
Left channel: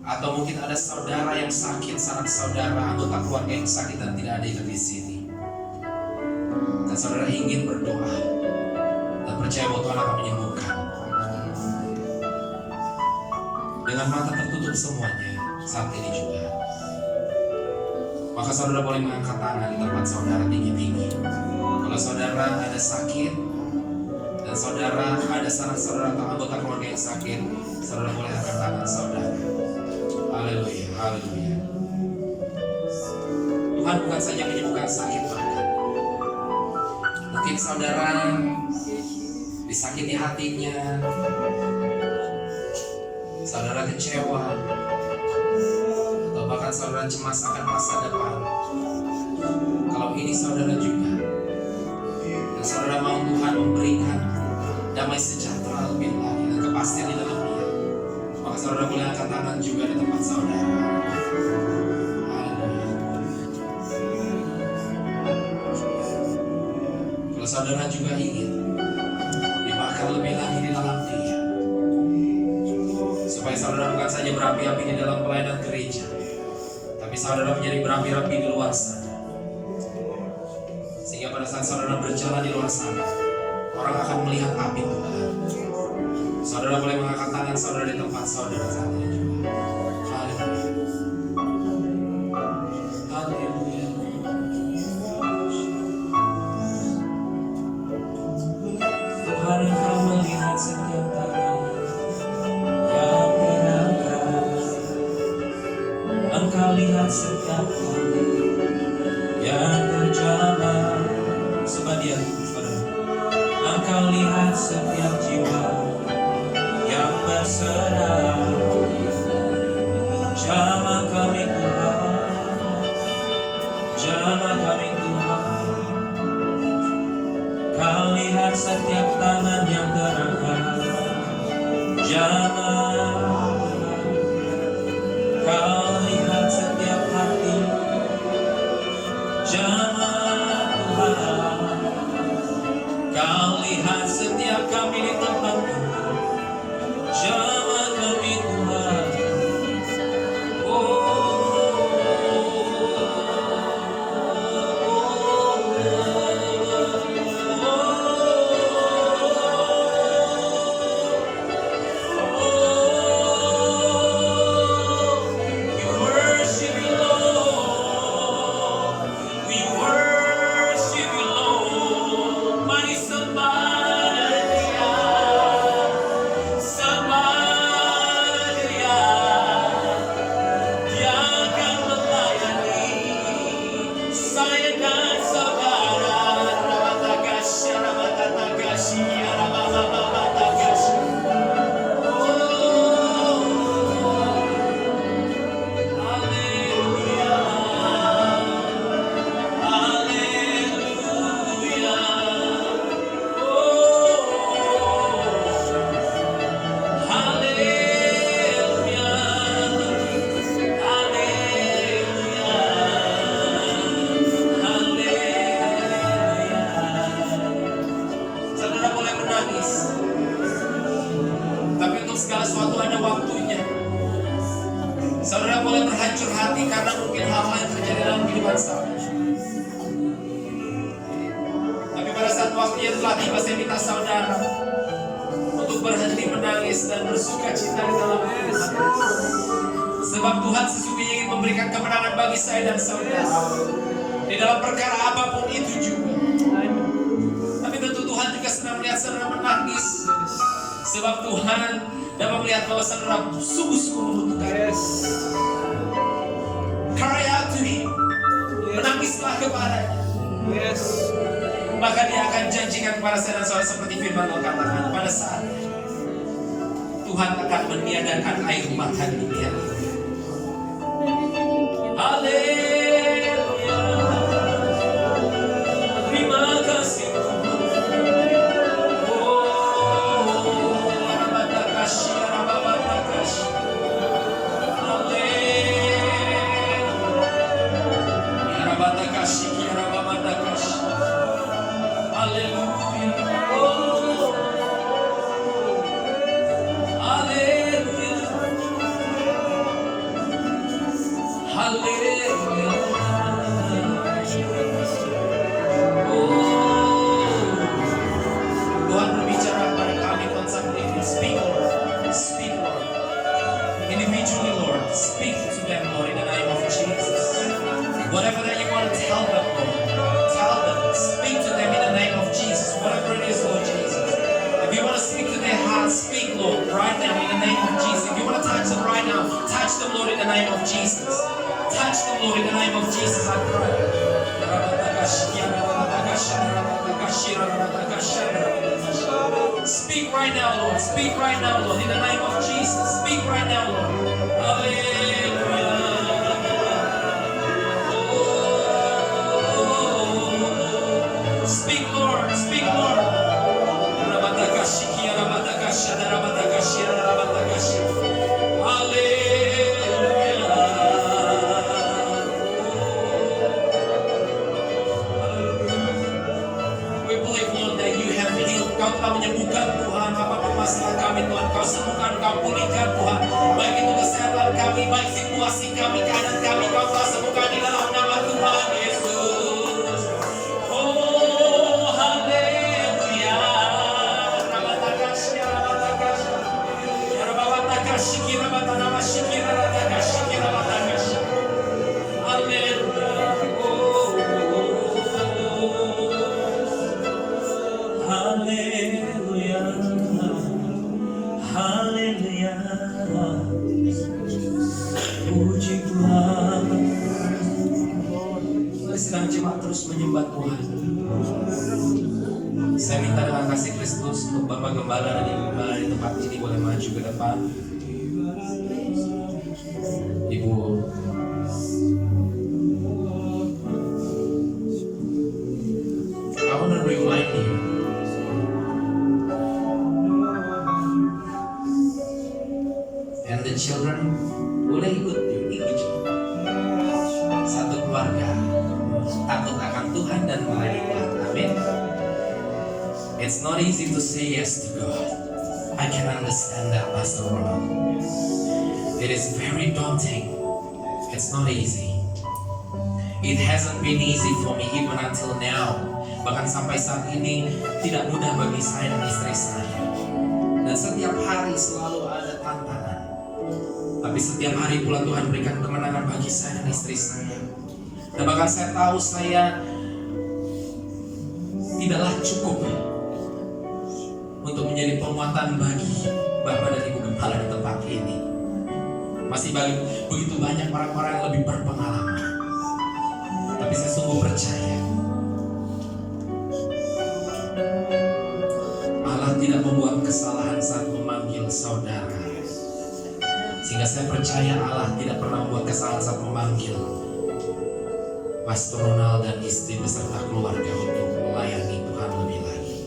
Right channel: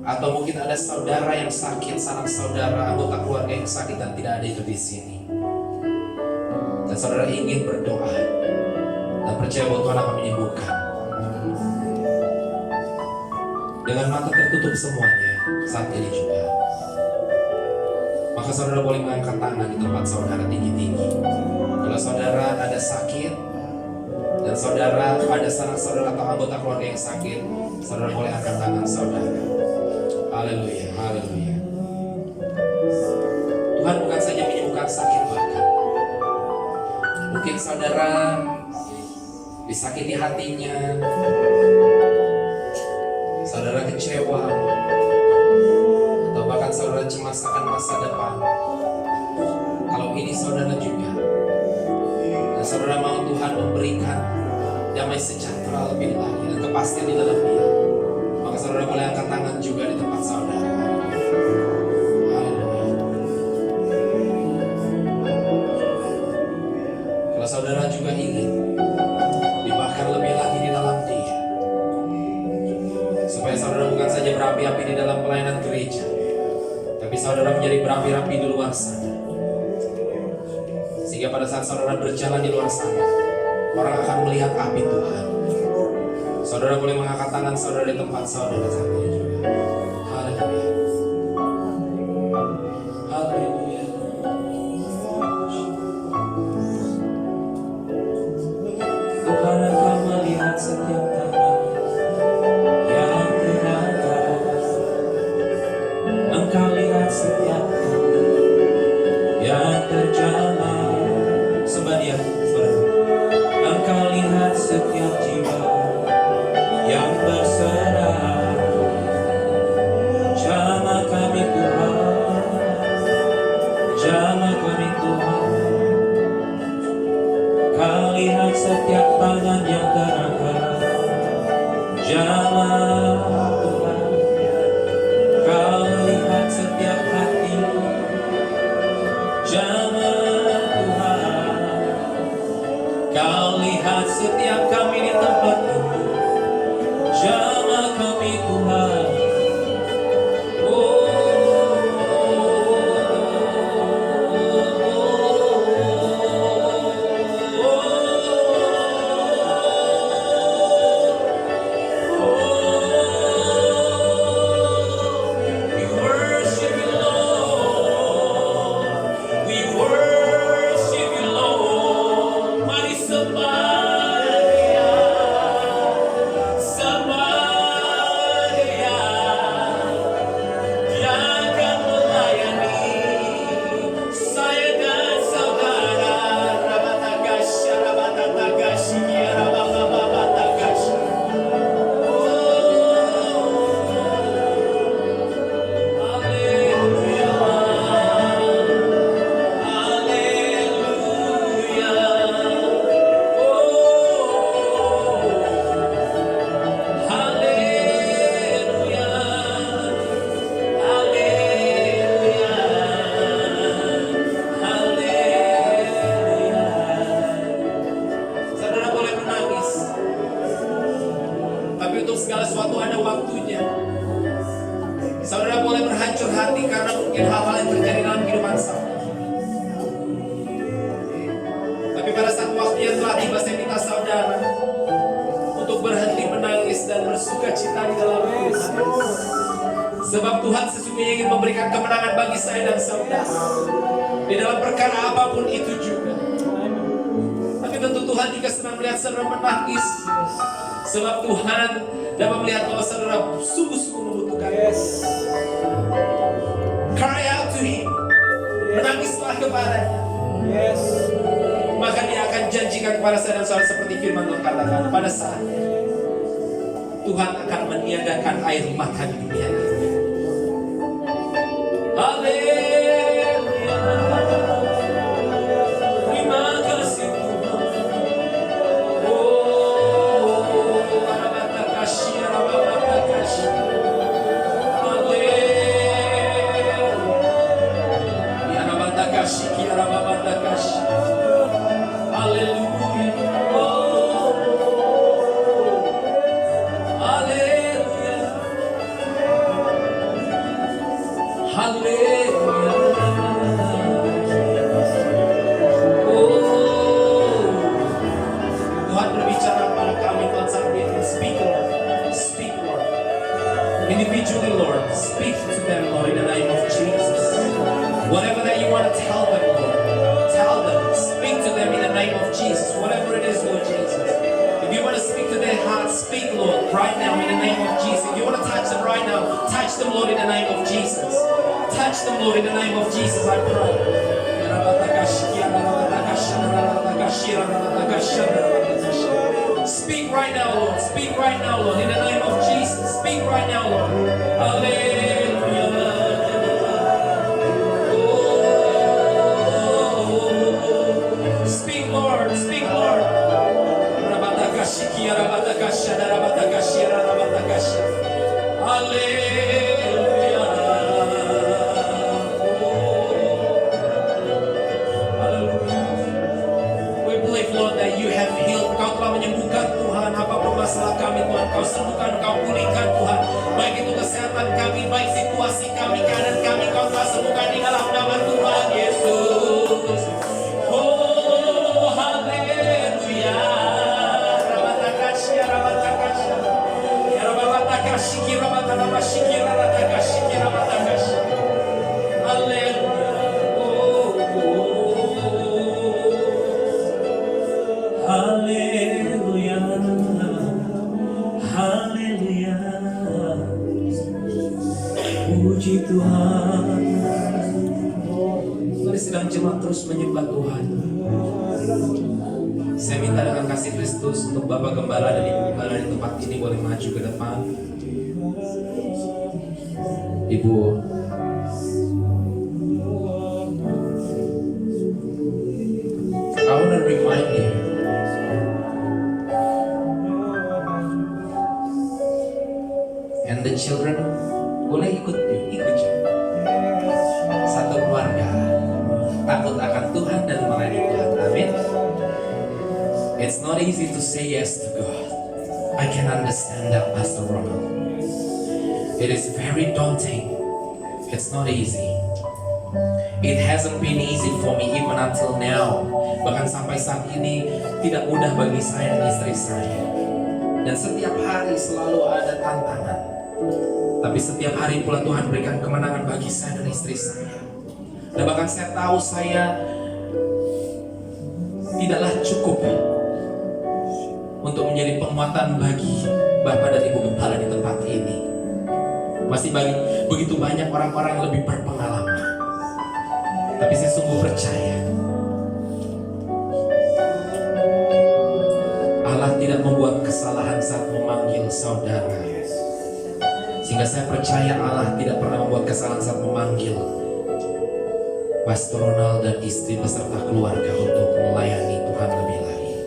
atau mungkin ada saudara yang sakit, sanak saudara, anggota keluarga yang sakit dan tidak ada itu di sini, dan saudara ingin berdoa dan percaya bahwa Tuhan akan menyembuhkan, dengan mata tertutup semuanya saat ini juga, maka saudara boleh mengangkat tangan di tempat saudara tinggi-tinggi. Kalau saudara ada sakit dan saudara ada sanak saudara atau anggota keluarga yang sakit, saudara boleh angkat tangan saudara. Haleluya, haleluya. Tuhan bukan saja menyembuhkan sakit, bahkan mungkin saudara disakiti hatinya, saudara kecewa, atau bahkan saudara cemas akan masa depan. Kalau ini saudara juga, dan saudara mau Tuhan memberikan damai sejahtera lebih lagi dan kepastian di dalam Dia, maka saudara boleh angkat tangan juga di tempat saudara. Haleluya. Kalau saudara juga ingin dibahkan lebih lagi di dalam Dia, supaya saudara bukan saja berapi-api di dalam pelayanan gereja, tapi saudara menjadi berapi-api di luar sana, sehingga pada saat saudara berjalan di luar sana, orang akan melihat api Tuhan. Saudara boleh mengangkat tangan saudara di tempat saudara saat ini juga. Haleluya. Haleluya. Tuhan, Engkau melihat setiap tangan yang berangkat. Engkau lihat setiap kaki yang berjalan. Sebagian saudara, Engkau lihat setiap jiwa yang berserah. mungkin hal-hal yang terjadi dalam kehidupan saudara. Tapi pada saat waktunya telah tiba, saya minta saudara untuk berhenti menangis dan bersuka cita di dalam Tuhan. Sebab Tuhan sesungguhnya ingin memberikan kemenangan bagi saya dan saudara di dalam perkara apapun itu juga. Tapi tentu Tuhan tidak senang melihat saudara menangis, sebab Tuhan dapat melihat bahwa saudara sungguh-sungguh membutuhkan. Cry out to Him, menangislah kepadanya. Maka Dia akan janjikan kepada saya dan saudara seperti firman Tuhan katakan, pada saat Tuhan akan meniadakan air mata di dunia ini. Haleluya. Terima kasih Tuhan. Oh, Rabatakasih, Rabatakasih. Haleluya. Rabatakasih, Rabatakasih. Haleluya. Oh. Haleluya. Haleluya. Oh, Tuhan berbicara pada kami Tuhan saat ini. Speak Lord, speak Lord. Individually Lord, speak to them Lord in the name of Jesus. Whatever that you want to tell them Lord, tell them. Speak to them in the name of Jesus. Whatever it is Lord Jesus. If you want to speak to their hearts, speak Lord right now in the name of Jesus. If you want to touch them right now, touch them Lord in the name of Jesus. Touch them, Lord, in the name of Jesus, I pray. Speak right now, Lord. Speak right now, Lord, in the name of Jesus. Speak right now, Lord. Hallelujah. Oh, speak, Lord. Speak, Lord. Kau sembuhkan, Kau pulihkan Tuhan. Baik itu kesehatan kami, baik situasi kami, keadaan kami, Kau telah sembuhkan di dalam nama Tuhan Yesus. Oh, haleluya. Rabatakasya, rabatakasya. Ya rabatakasya, kirabatanamasya, kirabatakasya, kirabatakasya. Haleluya. Oh, haleluya. Haleluya, puji Tuhan. Mari sedang jemaat terus menyembah Tuhan. Saya minta dengan kasih Kristus untuk Bapak Gembala dan Ibu Gembala di tempat ini boleh maju ke depan. Ibu, I want to remind you. And the children boleh ikut juga. Satu keluarga takut akan Tuhan dan melayani Tuhan. Amin. It's not easy to say yes to God. I can understand that, Pastor Ronald. It is very daunting. It's not easy. It hasn't been easy for me even until now. Bahkan sampai saat ini tidak mudah bagi saya dan istri saya. Dan setiap hari selalu ada tantangan. Tapi setiap hari pula Tuhan berikan kemenangan bagi saya dan istri saya. Dan bahkan saya tahu saya tidaklah cukup untuk menjadi penguatan bagi Bapak dan Ibu Gembala di tempat ini. Masih begitu banyak orang-orang yang lebih berpengalaman. Tapi saya sungguh percaya Allah tidak membuat kesalahan saat memanggil saudara. Sehingga saya percaya Allah tidak pernah membuat kesalahan saat memanggil Pastor Ronald dan istri beserta keluarga untuk melayani Tuhan lebih lagi.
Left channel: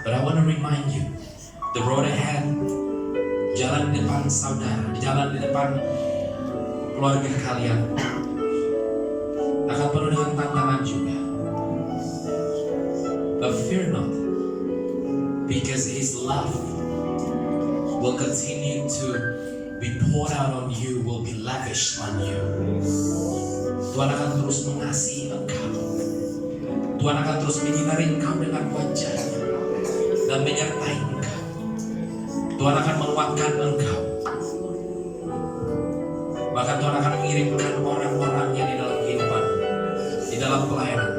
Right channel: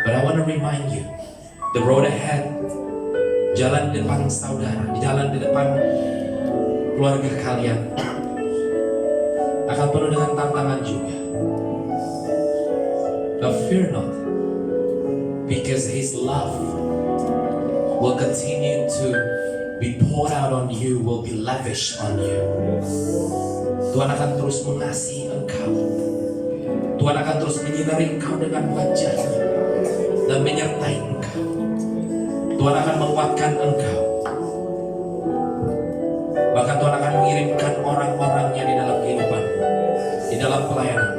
But I want to remind you, the road ahead, jalan di depan saudara, jalan di depan keluarga kalian akan penuh dengan tantangan juga. But fear not, because His love will continue to be poured out on you, will be lavished on you. Tuhan akan terus mengasihi engkau. Tuhan akan terus menyinari engkau dengan wajahnya dan menyertai engkau. Tuhan akan menguatkan engkau. Bahkan Tuhan akan mengirimkan orang-orangnya di dalam kehidupan, di dalam pelayanan.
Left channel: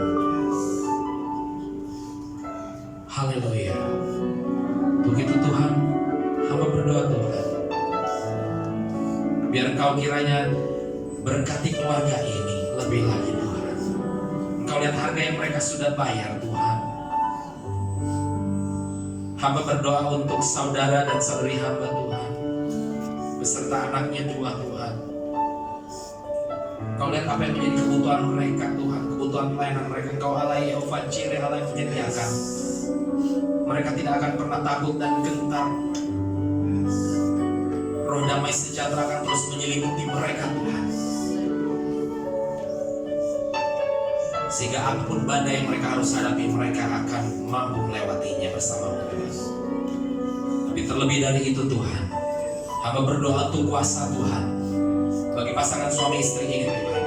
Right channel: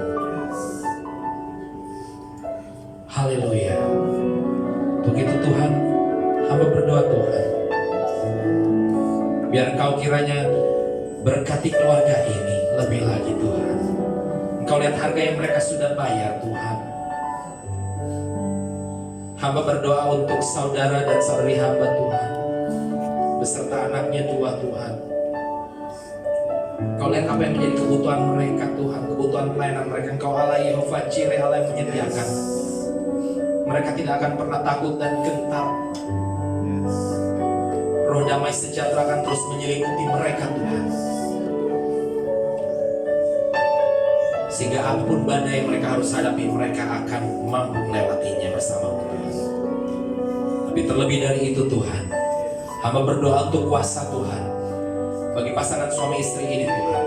Haleluya. Begitu Tuhan, hamba berdoa Tuhan, biar Engkau kiranya berkati keluarga ini lebih lagi Tuhan. Engkau lihat harga yang mereka sudah bayar Tuhan. Hamba berdoa untuk saudara dan saudari hamba Tuhan, beserta anaknya dua Tuhan. Engkau lihat apa yang menjadi kebutuhan mereka Tuhan, kebutuhan pelayanan mereka. Engkau Allah Yehova Jireh, Allah yang menyediakan. Mereka tidak akan pernah takut dan gentar. Roh damai sejahtera akan terus menyelimuti mereka Tuhan. Sehingga apapun badai yang mereka harus hadapi, mereka akan mampu melewatinya bersama Tuhan. Tapi terlebih dari itu Tuhan, hamba berdoa untuk kuasa Tuhan bagi pasangan suami istri ini Tuhan,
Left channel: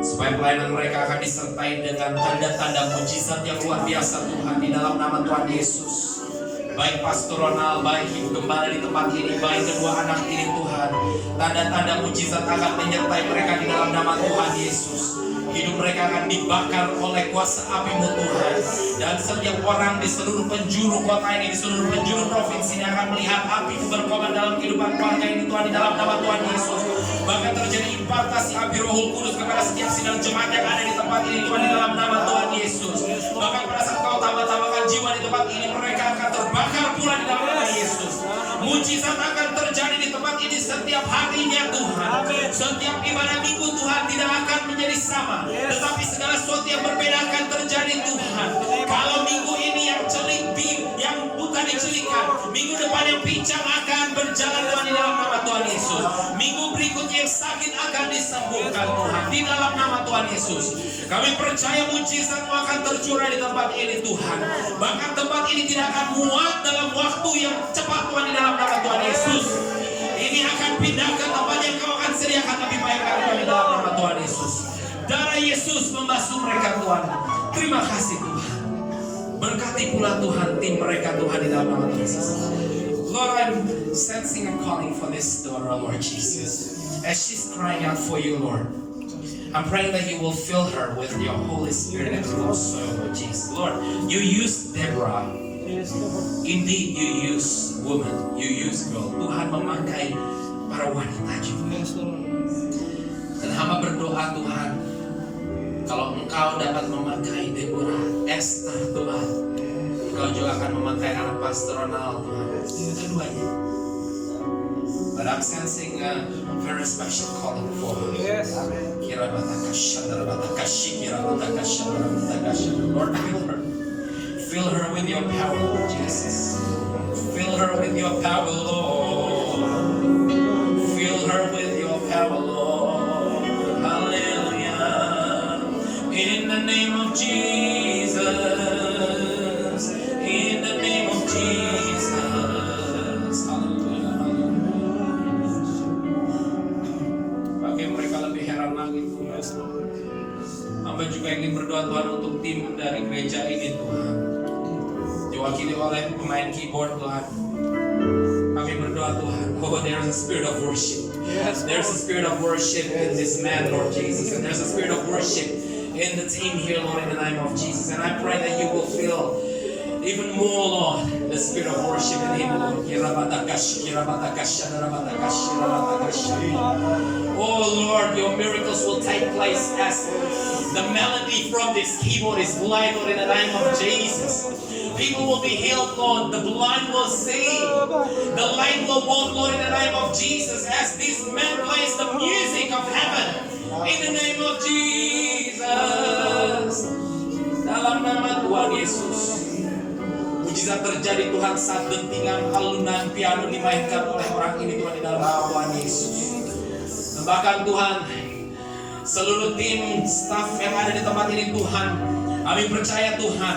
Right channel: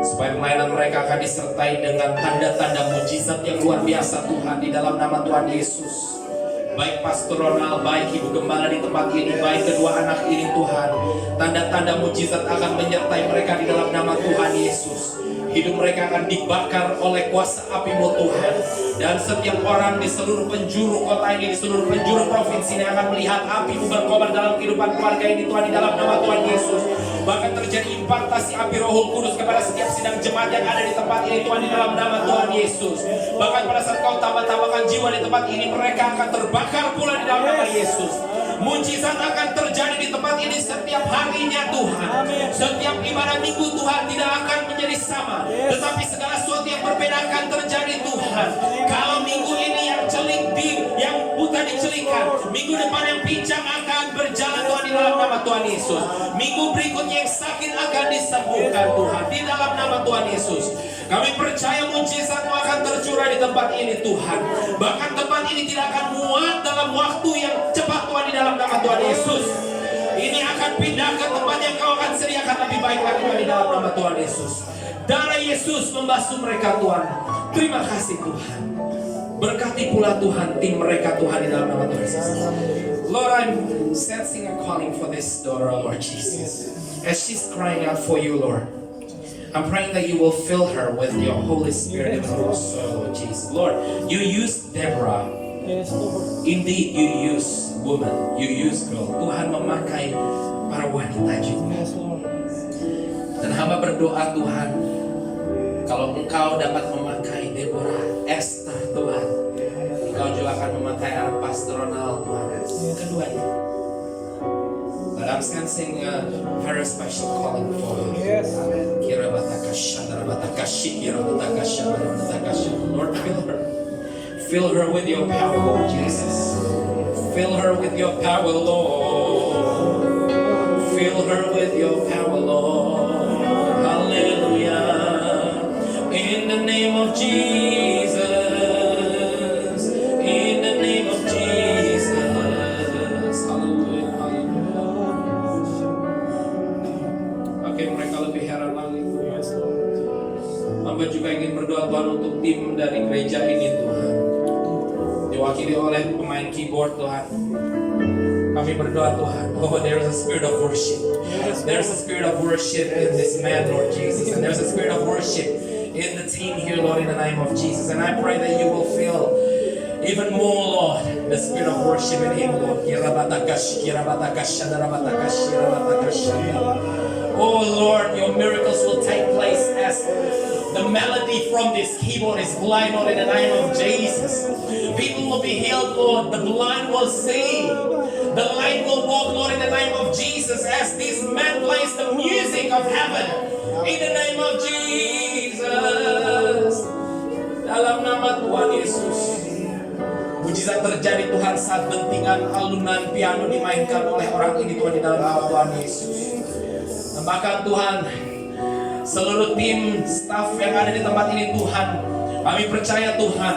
supaya pelayanan mereka akan disertai dengan tanda-tanda mujizat yang luar biasa Tuhan, di dalam nama Tuhan Yesus. Baik Pastor Ronald, baik Ibu Gembala di tempat ini, baik kedua anak ini Tuhan, tanda-tanda mujizat akan menyertai mereka di dalam nama Tuhan Yesus. Hidup mereka akan dibakar oleh kuasa api-Mu Tuhan. Dan setiap orang di seluruh penjuru kota ini, di seluruh penjuru provinsi ini akan melihat api-Mu berkobar dalam kehidupan keluarga ini Tuhan, di dalam nama Tuhan Yesus. Bahkan terjadi impartasi api Rohul Kudus kepada setiap sidang jemaat yang ada di tempat ini Tuhan, di dalam nama Tuhan Yesus. Bahkan pada saat Kau tambah-tambahkan jiwa di tempat ini, mereka akan terbakar pula di dalam nama Yesus. Mujizat akan terjadi di tempat ini setiap harinya Tuhan. Setiap ibadah minggu Tuhan tidak akan menjadi sama, tetapi segala sesuatu yang berbeda akan terjadi Tuhan. Kalau minggu ini yang celik, yang bukan dicelikan, minggu depan yang pincang akan berjalan Tuhan, di dalam nama Tuhan Yesus. Minggu berikutnya yang sakit akan disembuhkan Tuhan, di dalam nama Tuhan Yesus. Kami percaya mujizat-Mu akan tercurah di tempat ini Tuhan. Bahkan tempat ini tidak akan muat dalam waktu yang cepat Tuhan, di dalam nama Tuhan Yesus. Ini akan pindah ke tempat yang Kau akan sediakan lebih baik lagi Tuhan, di dalam nama Tuhan Yesus. Darah Yesus membasuh mereka Tuhan. Terima kasih Tuhan. Berkati pula Tuhan tim mereka Tuhan, di dalam nama Tuhan Yesus. Lord, I'm sensing a calling for this daughter, Lord Jesus. As she's crying out for You, Lord, I'm praying that You will fill her with Your Holy Spirit and also, Lord Jesus. Lord, You used Deborah. Indeed, You use woman, You use girl. Tuhan memakai para wanita juga. Dan hamba berdoa Tuhan, kalau Engkau dapat memakai Deborah, Esther Tuhan, Engkau juga akan memakai anak Pastor Ronald Tuhan, keduanya. But I'm sensing a very special calling for her. Lord, fill her with Your power, Lord Jesus. Fill her with Your power, Lord. Fill her with Your power, Lord. Hallelujah. In the name of Jesus. In the name of Jesus. Hallelujah. Pakai mereka lebih heran lagi Tuhan. Hamba juga ingin berdoa Tuhan untuk tim dari gereja ini Tuhan, diwakili oleh pemain keyboard Tuhan. Kami berdoa Tuhan, oh there is a spirit of worship. There's a spirit of worship in this man, Lord Jesus. And there's a spirit of worship in the team here, Lord, in the name of Jesus. And I pray that You will feel even more, Lord, the spirit of worship in him, Lord. Oh Lord, Your miracles will take place as the melody from this keyboard is played, Lord, in the name of Jesus. People will be healed, Lord. The blind will see. The lame will walk, Lord, in the name of Jesus, as this man plays the music of heaven. In the name of Jesus. Dalam nama Tuhan Yesus. Mujizat terjadi Tuhan saat dentingan alunan piano dimainkan oleh orang ini Tuhan, di dalam nama Tuhan Yesus. Dan bahkan Tuhan, seluruh tim staff yang ada di tempat ini Tuhan, kami percaya Tuhan,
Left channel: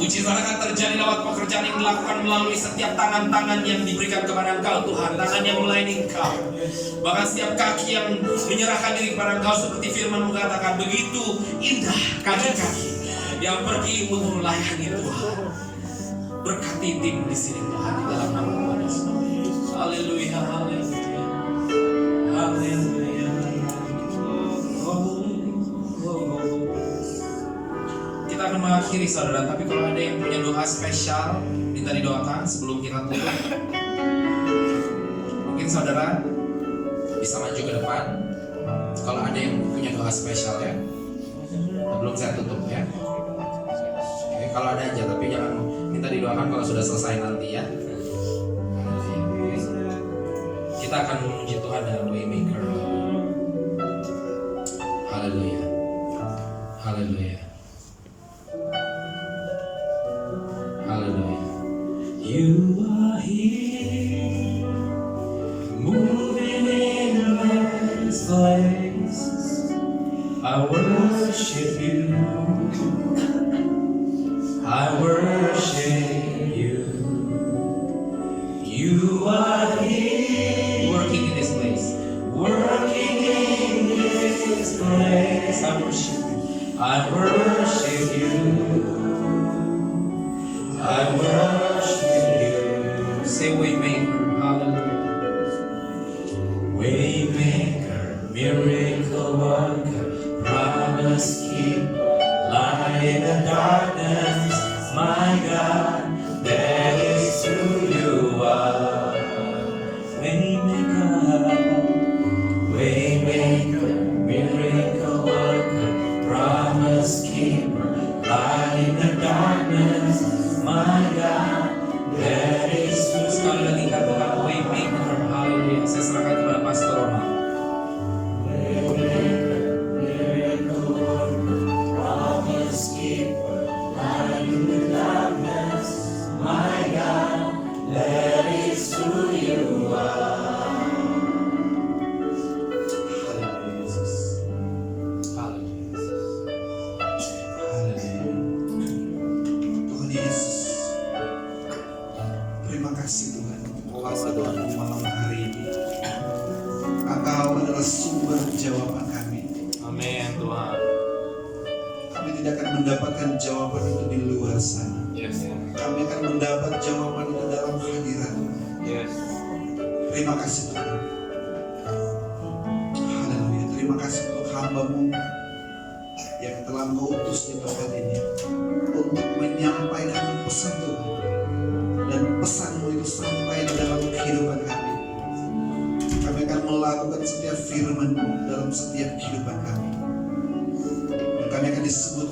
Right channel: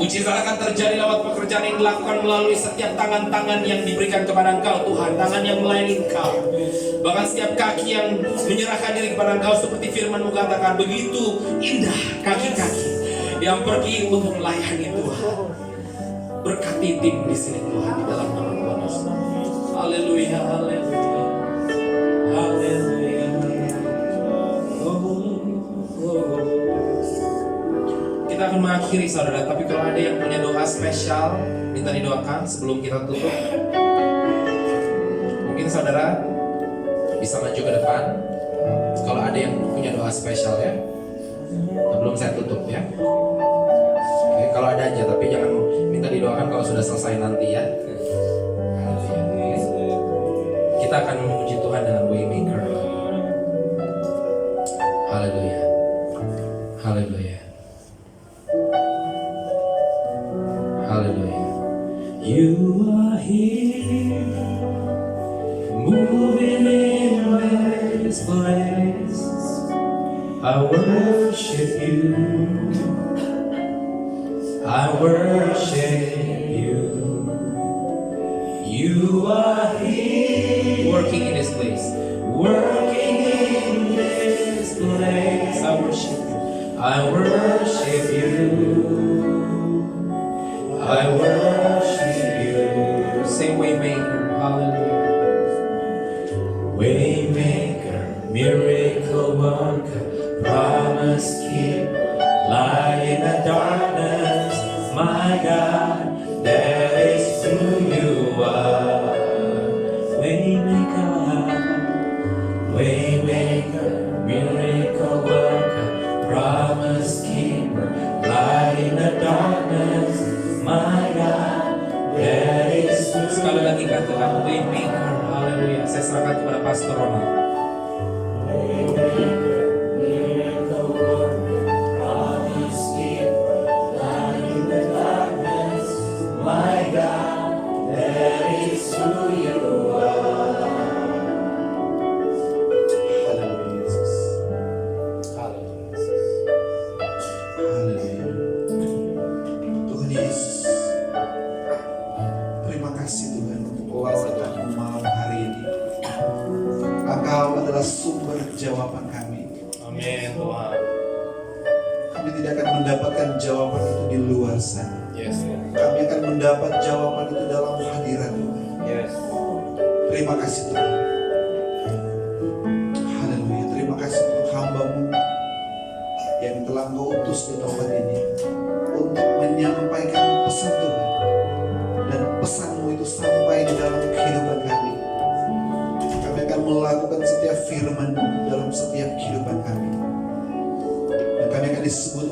Mujizat akan terjadi lewat pekerjaan yang dilakukan melalui setiap tangan-tangan yang diberikan kepada Engkau Tuhan, tangan yang melayani Engkau. Bahkan setiap kaki yang menyerahkan diri kepada Engkau, seperti firman mengatakan, begitu indah kaki-kaki yang pergi untuk melayani Tuhan. Berkati tim di sini Tuhan, di dalam nama Tuhan Yesus. Haleluya, haleluya, haleluya. Kita akan mengakhiri saudara, tapi kalau ada yang punya doa spesial minta didoakan sebelum kita tutup. Mungkin saudara bisa maju ke depan kalau ada yang punya doa spesial ya, sebelum saya tutup ya. Oke, kalau ada aja, tapi jangan minta didoakan kalau sudah selesai nanti ya. Kita akan memuji Tuhan dengan Waymaker. Haleluya, haleluya, haleluya. You are here, moving in this place. I worship you, I worship you. You are here, working in this place, working in this place. I worship you, I worship you, I worship you. Say Waymaker, hallelujah. Waymaker, miracle worker, promise keeper, light in the darkness, my God, that is who you are. Waymaker, waymaker, miracle worker, promise keeper, light in the darkness, my God, that is who you are. Sekali lagi katakan Waymaker, haleluya. Saya serahkan kepada Pastor Ronald. Mendapatkan jawaban itu di luar sana. Yes, Lord. Kami akan mendapat jawaban itu dalam hadirat Tuhan. Yes. Terima kasih Tuhan. Haleluya. Terima kasih untuk hamba-Mu yang telah Engkau utus di tempat ini untuk menyampaikan pesan Tuhan, dan pesan-Mu itu sampai di dalam kehidupan kami. Kami akan melakukan setiap firman dalam setiap kehidupan kami, dan kami akan disebut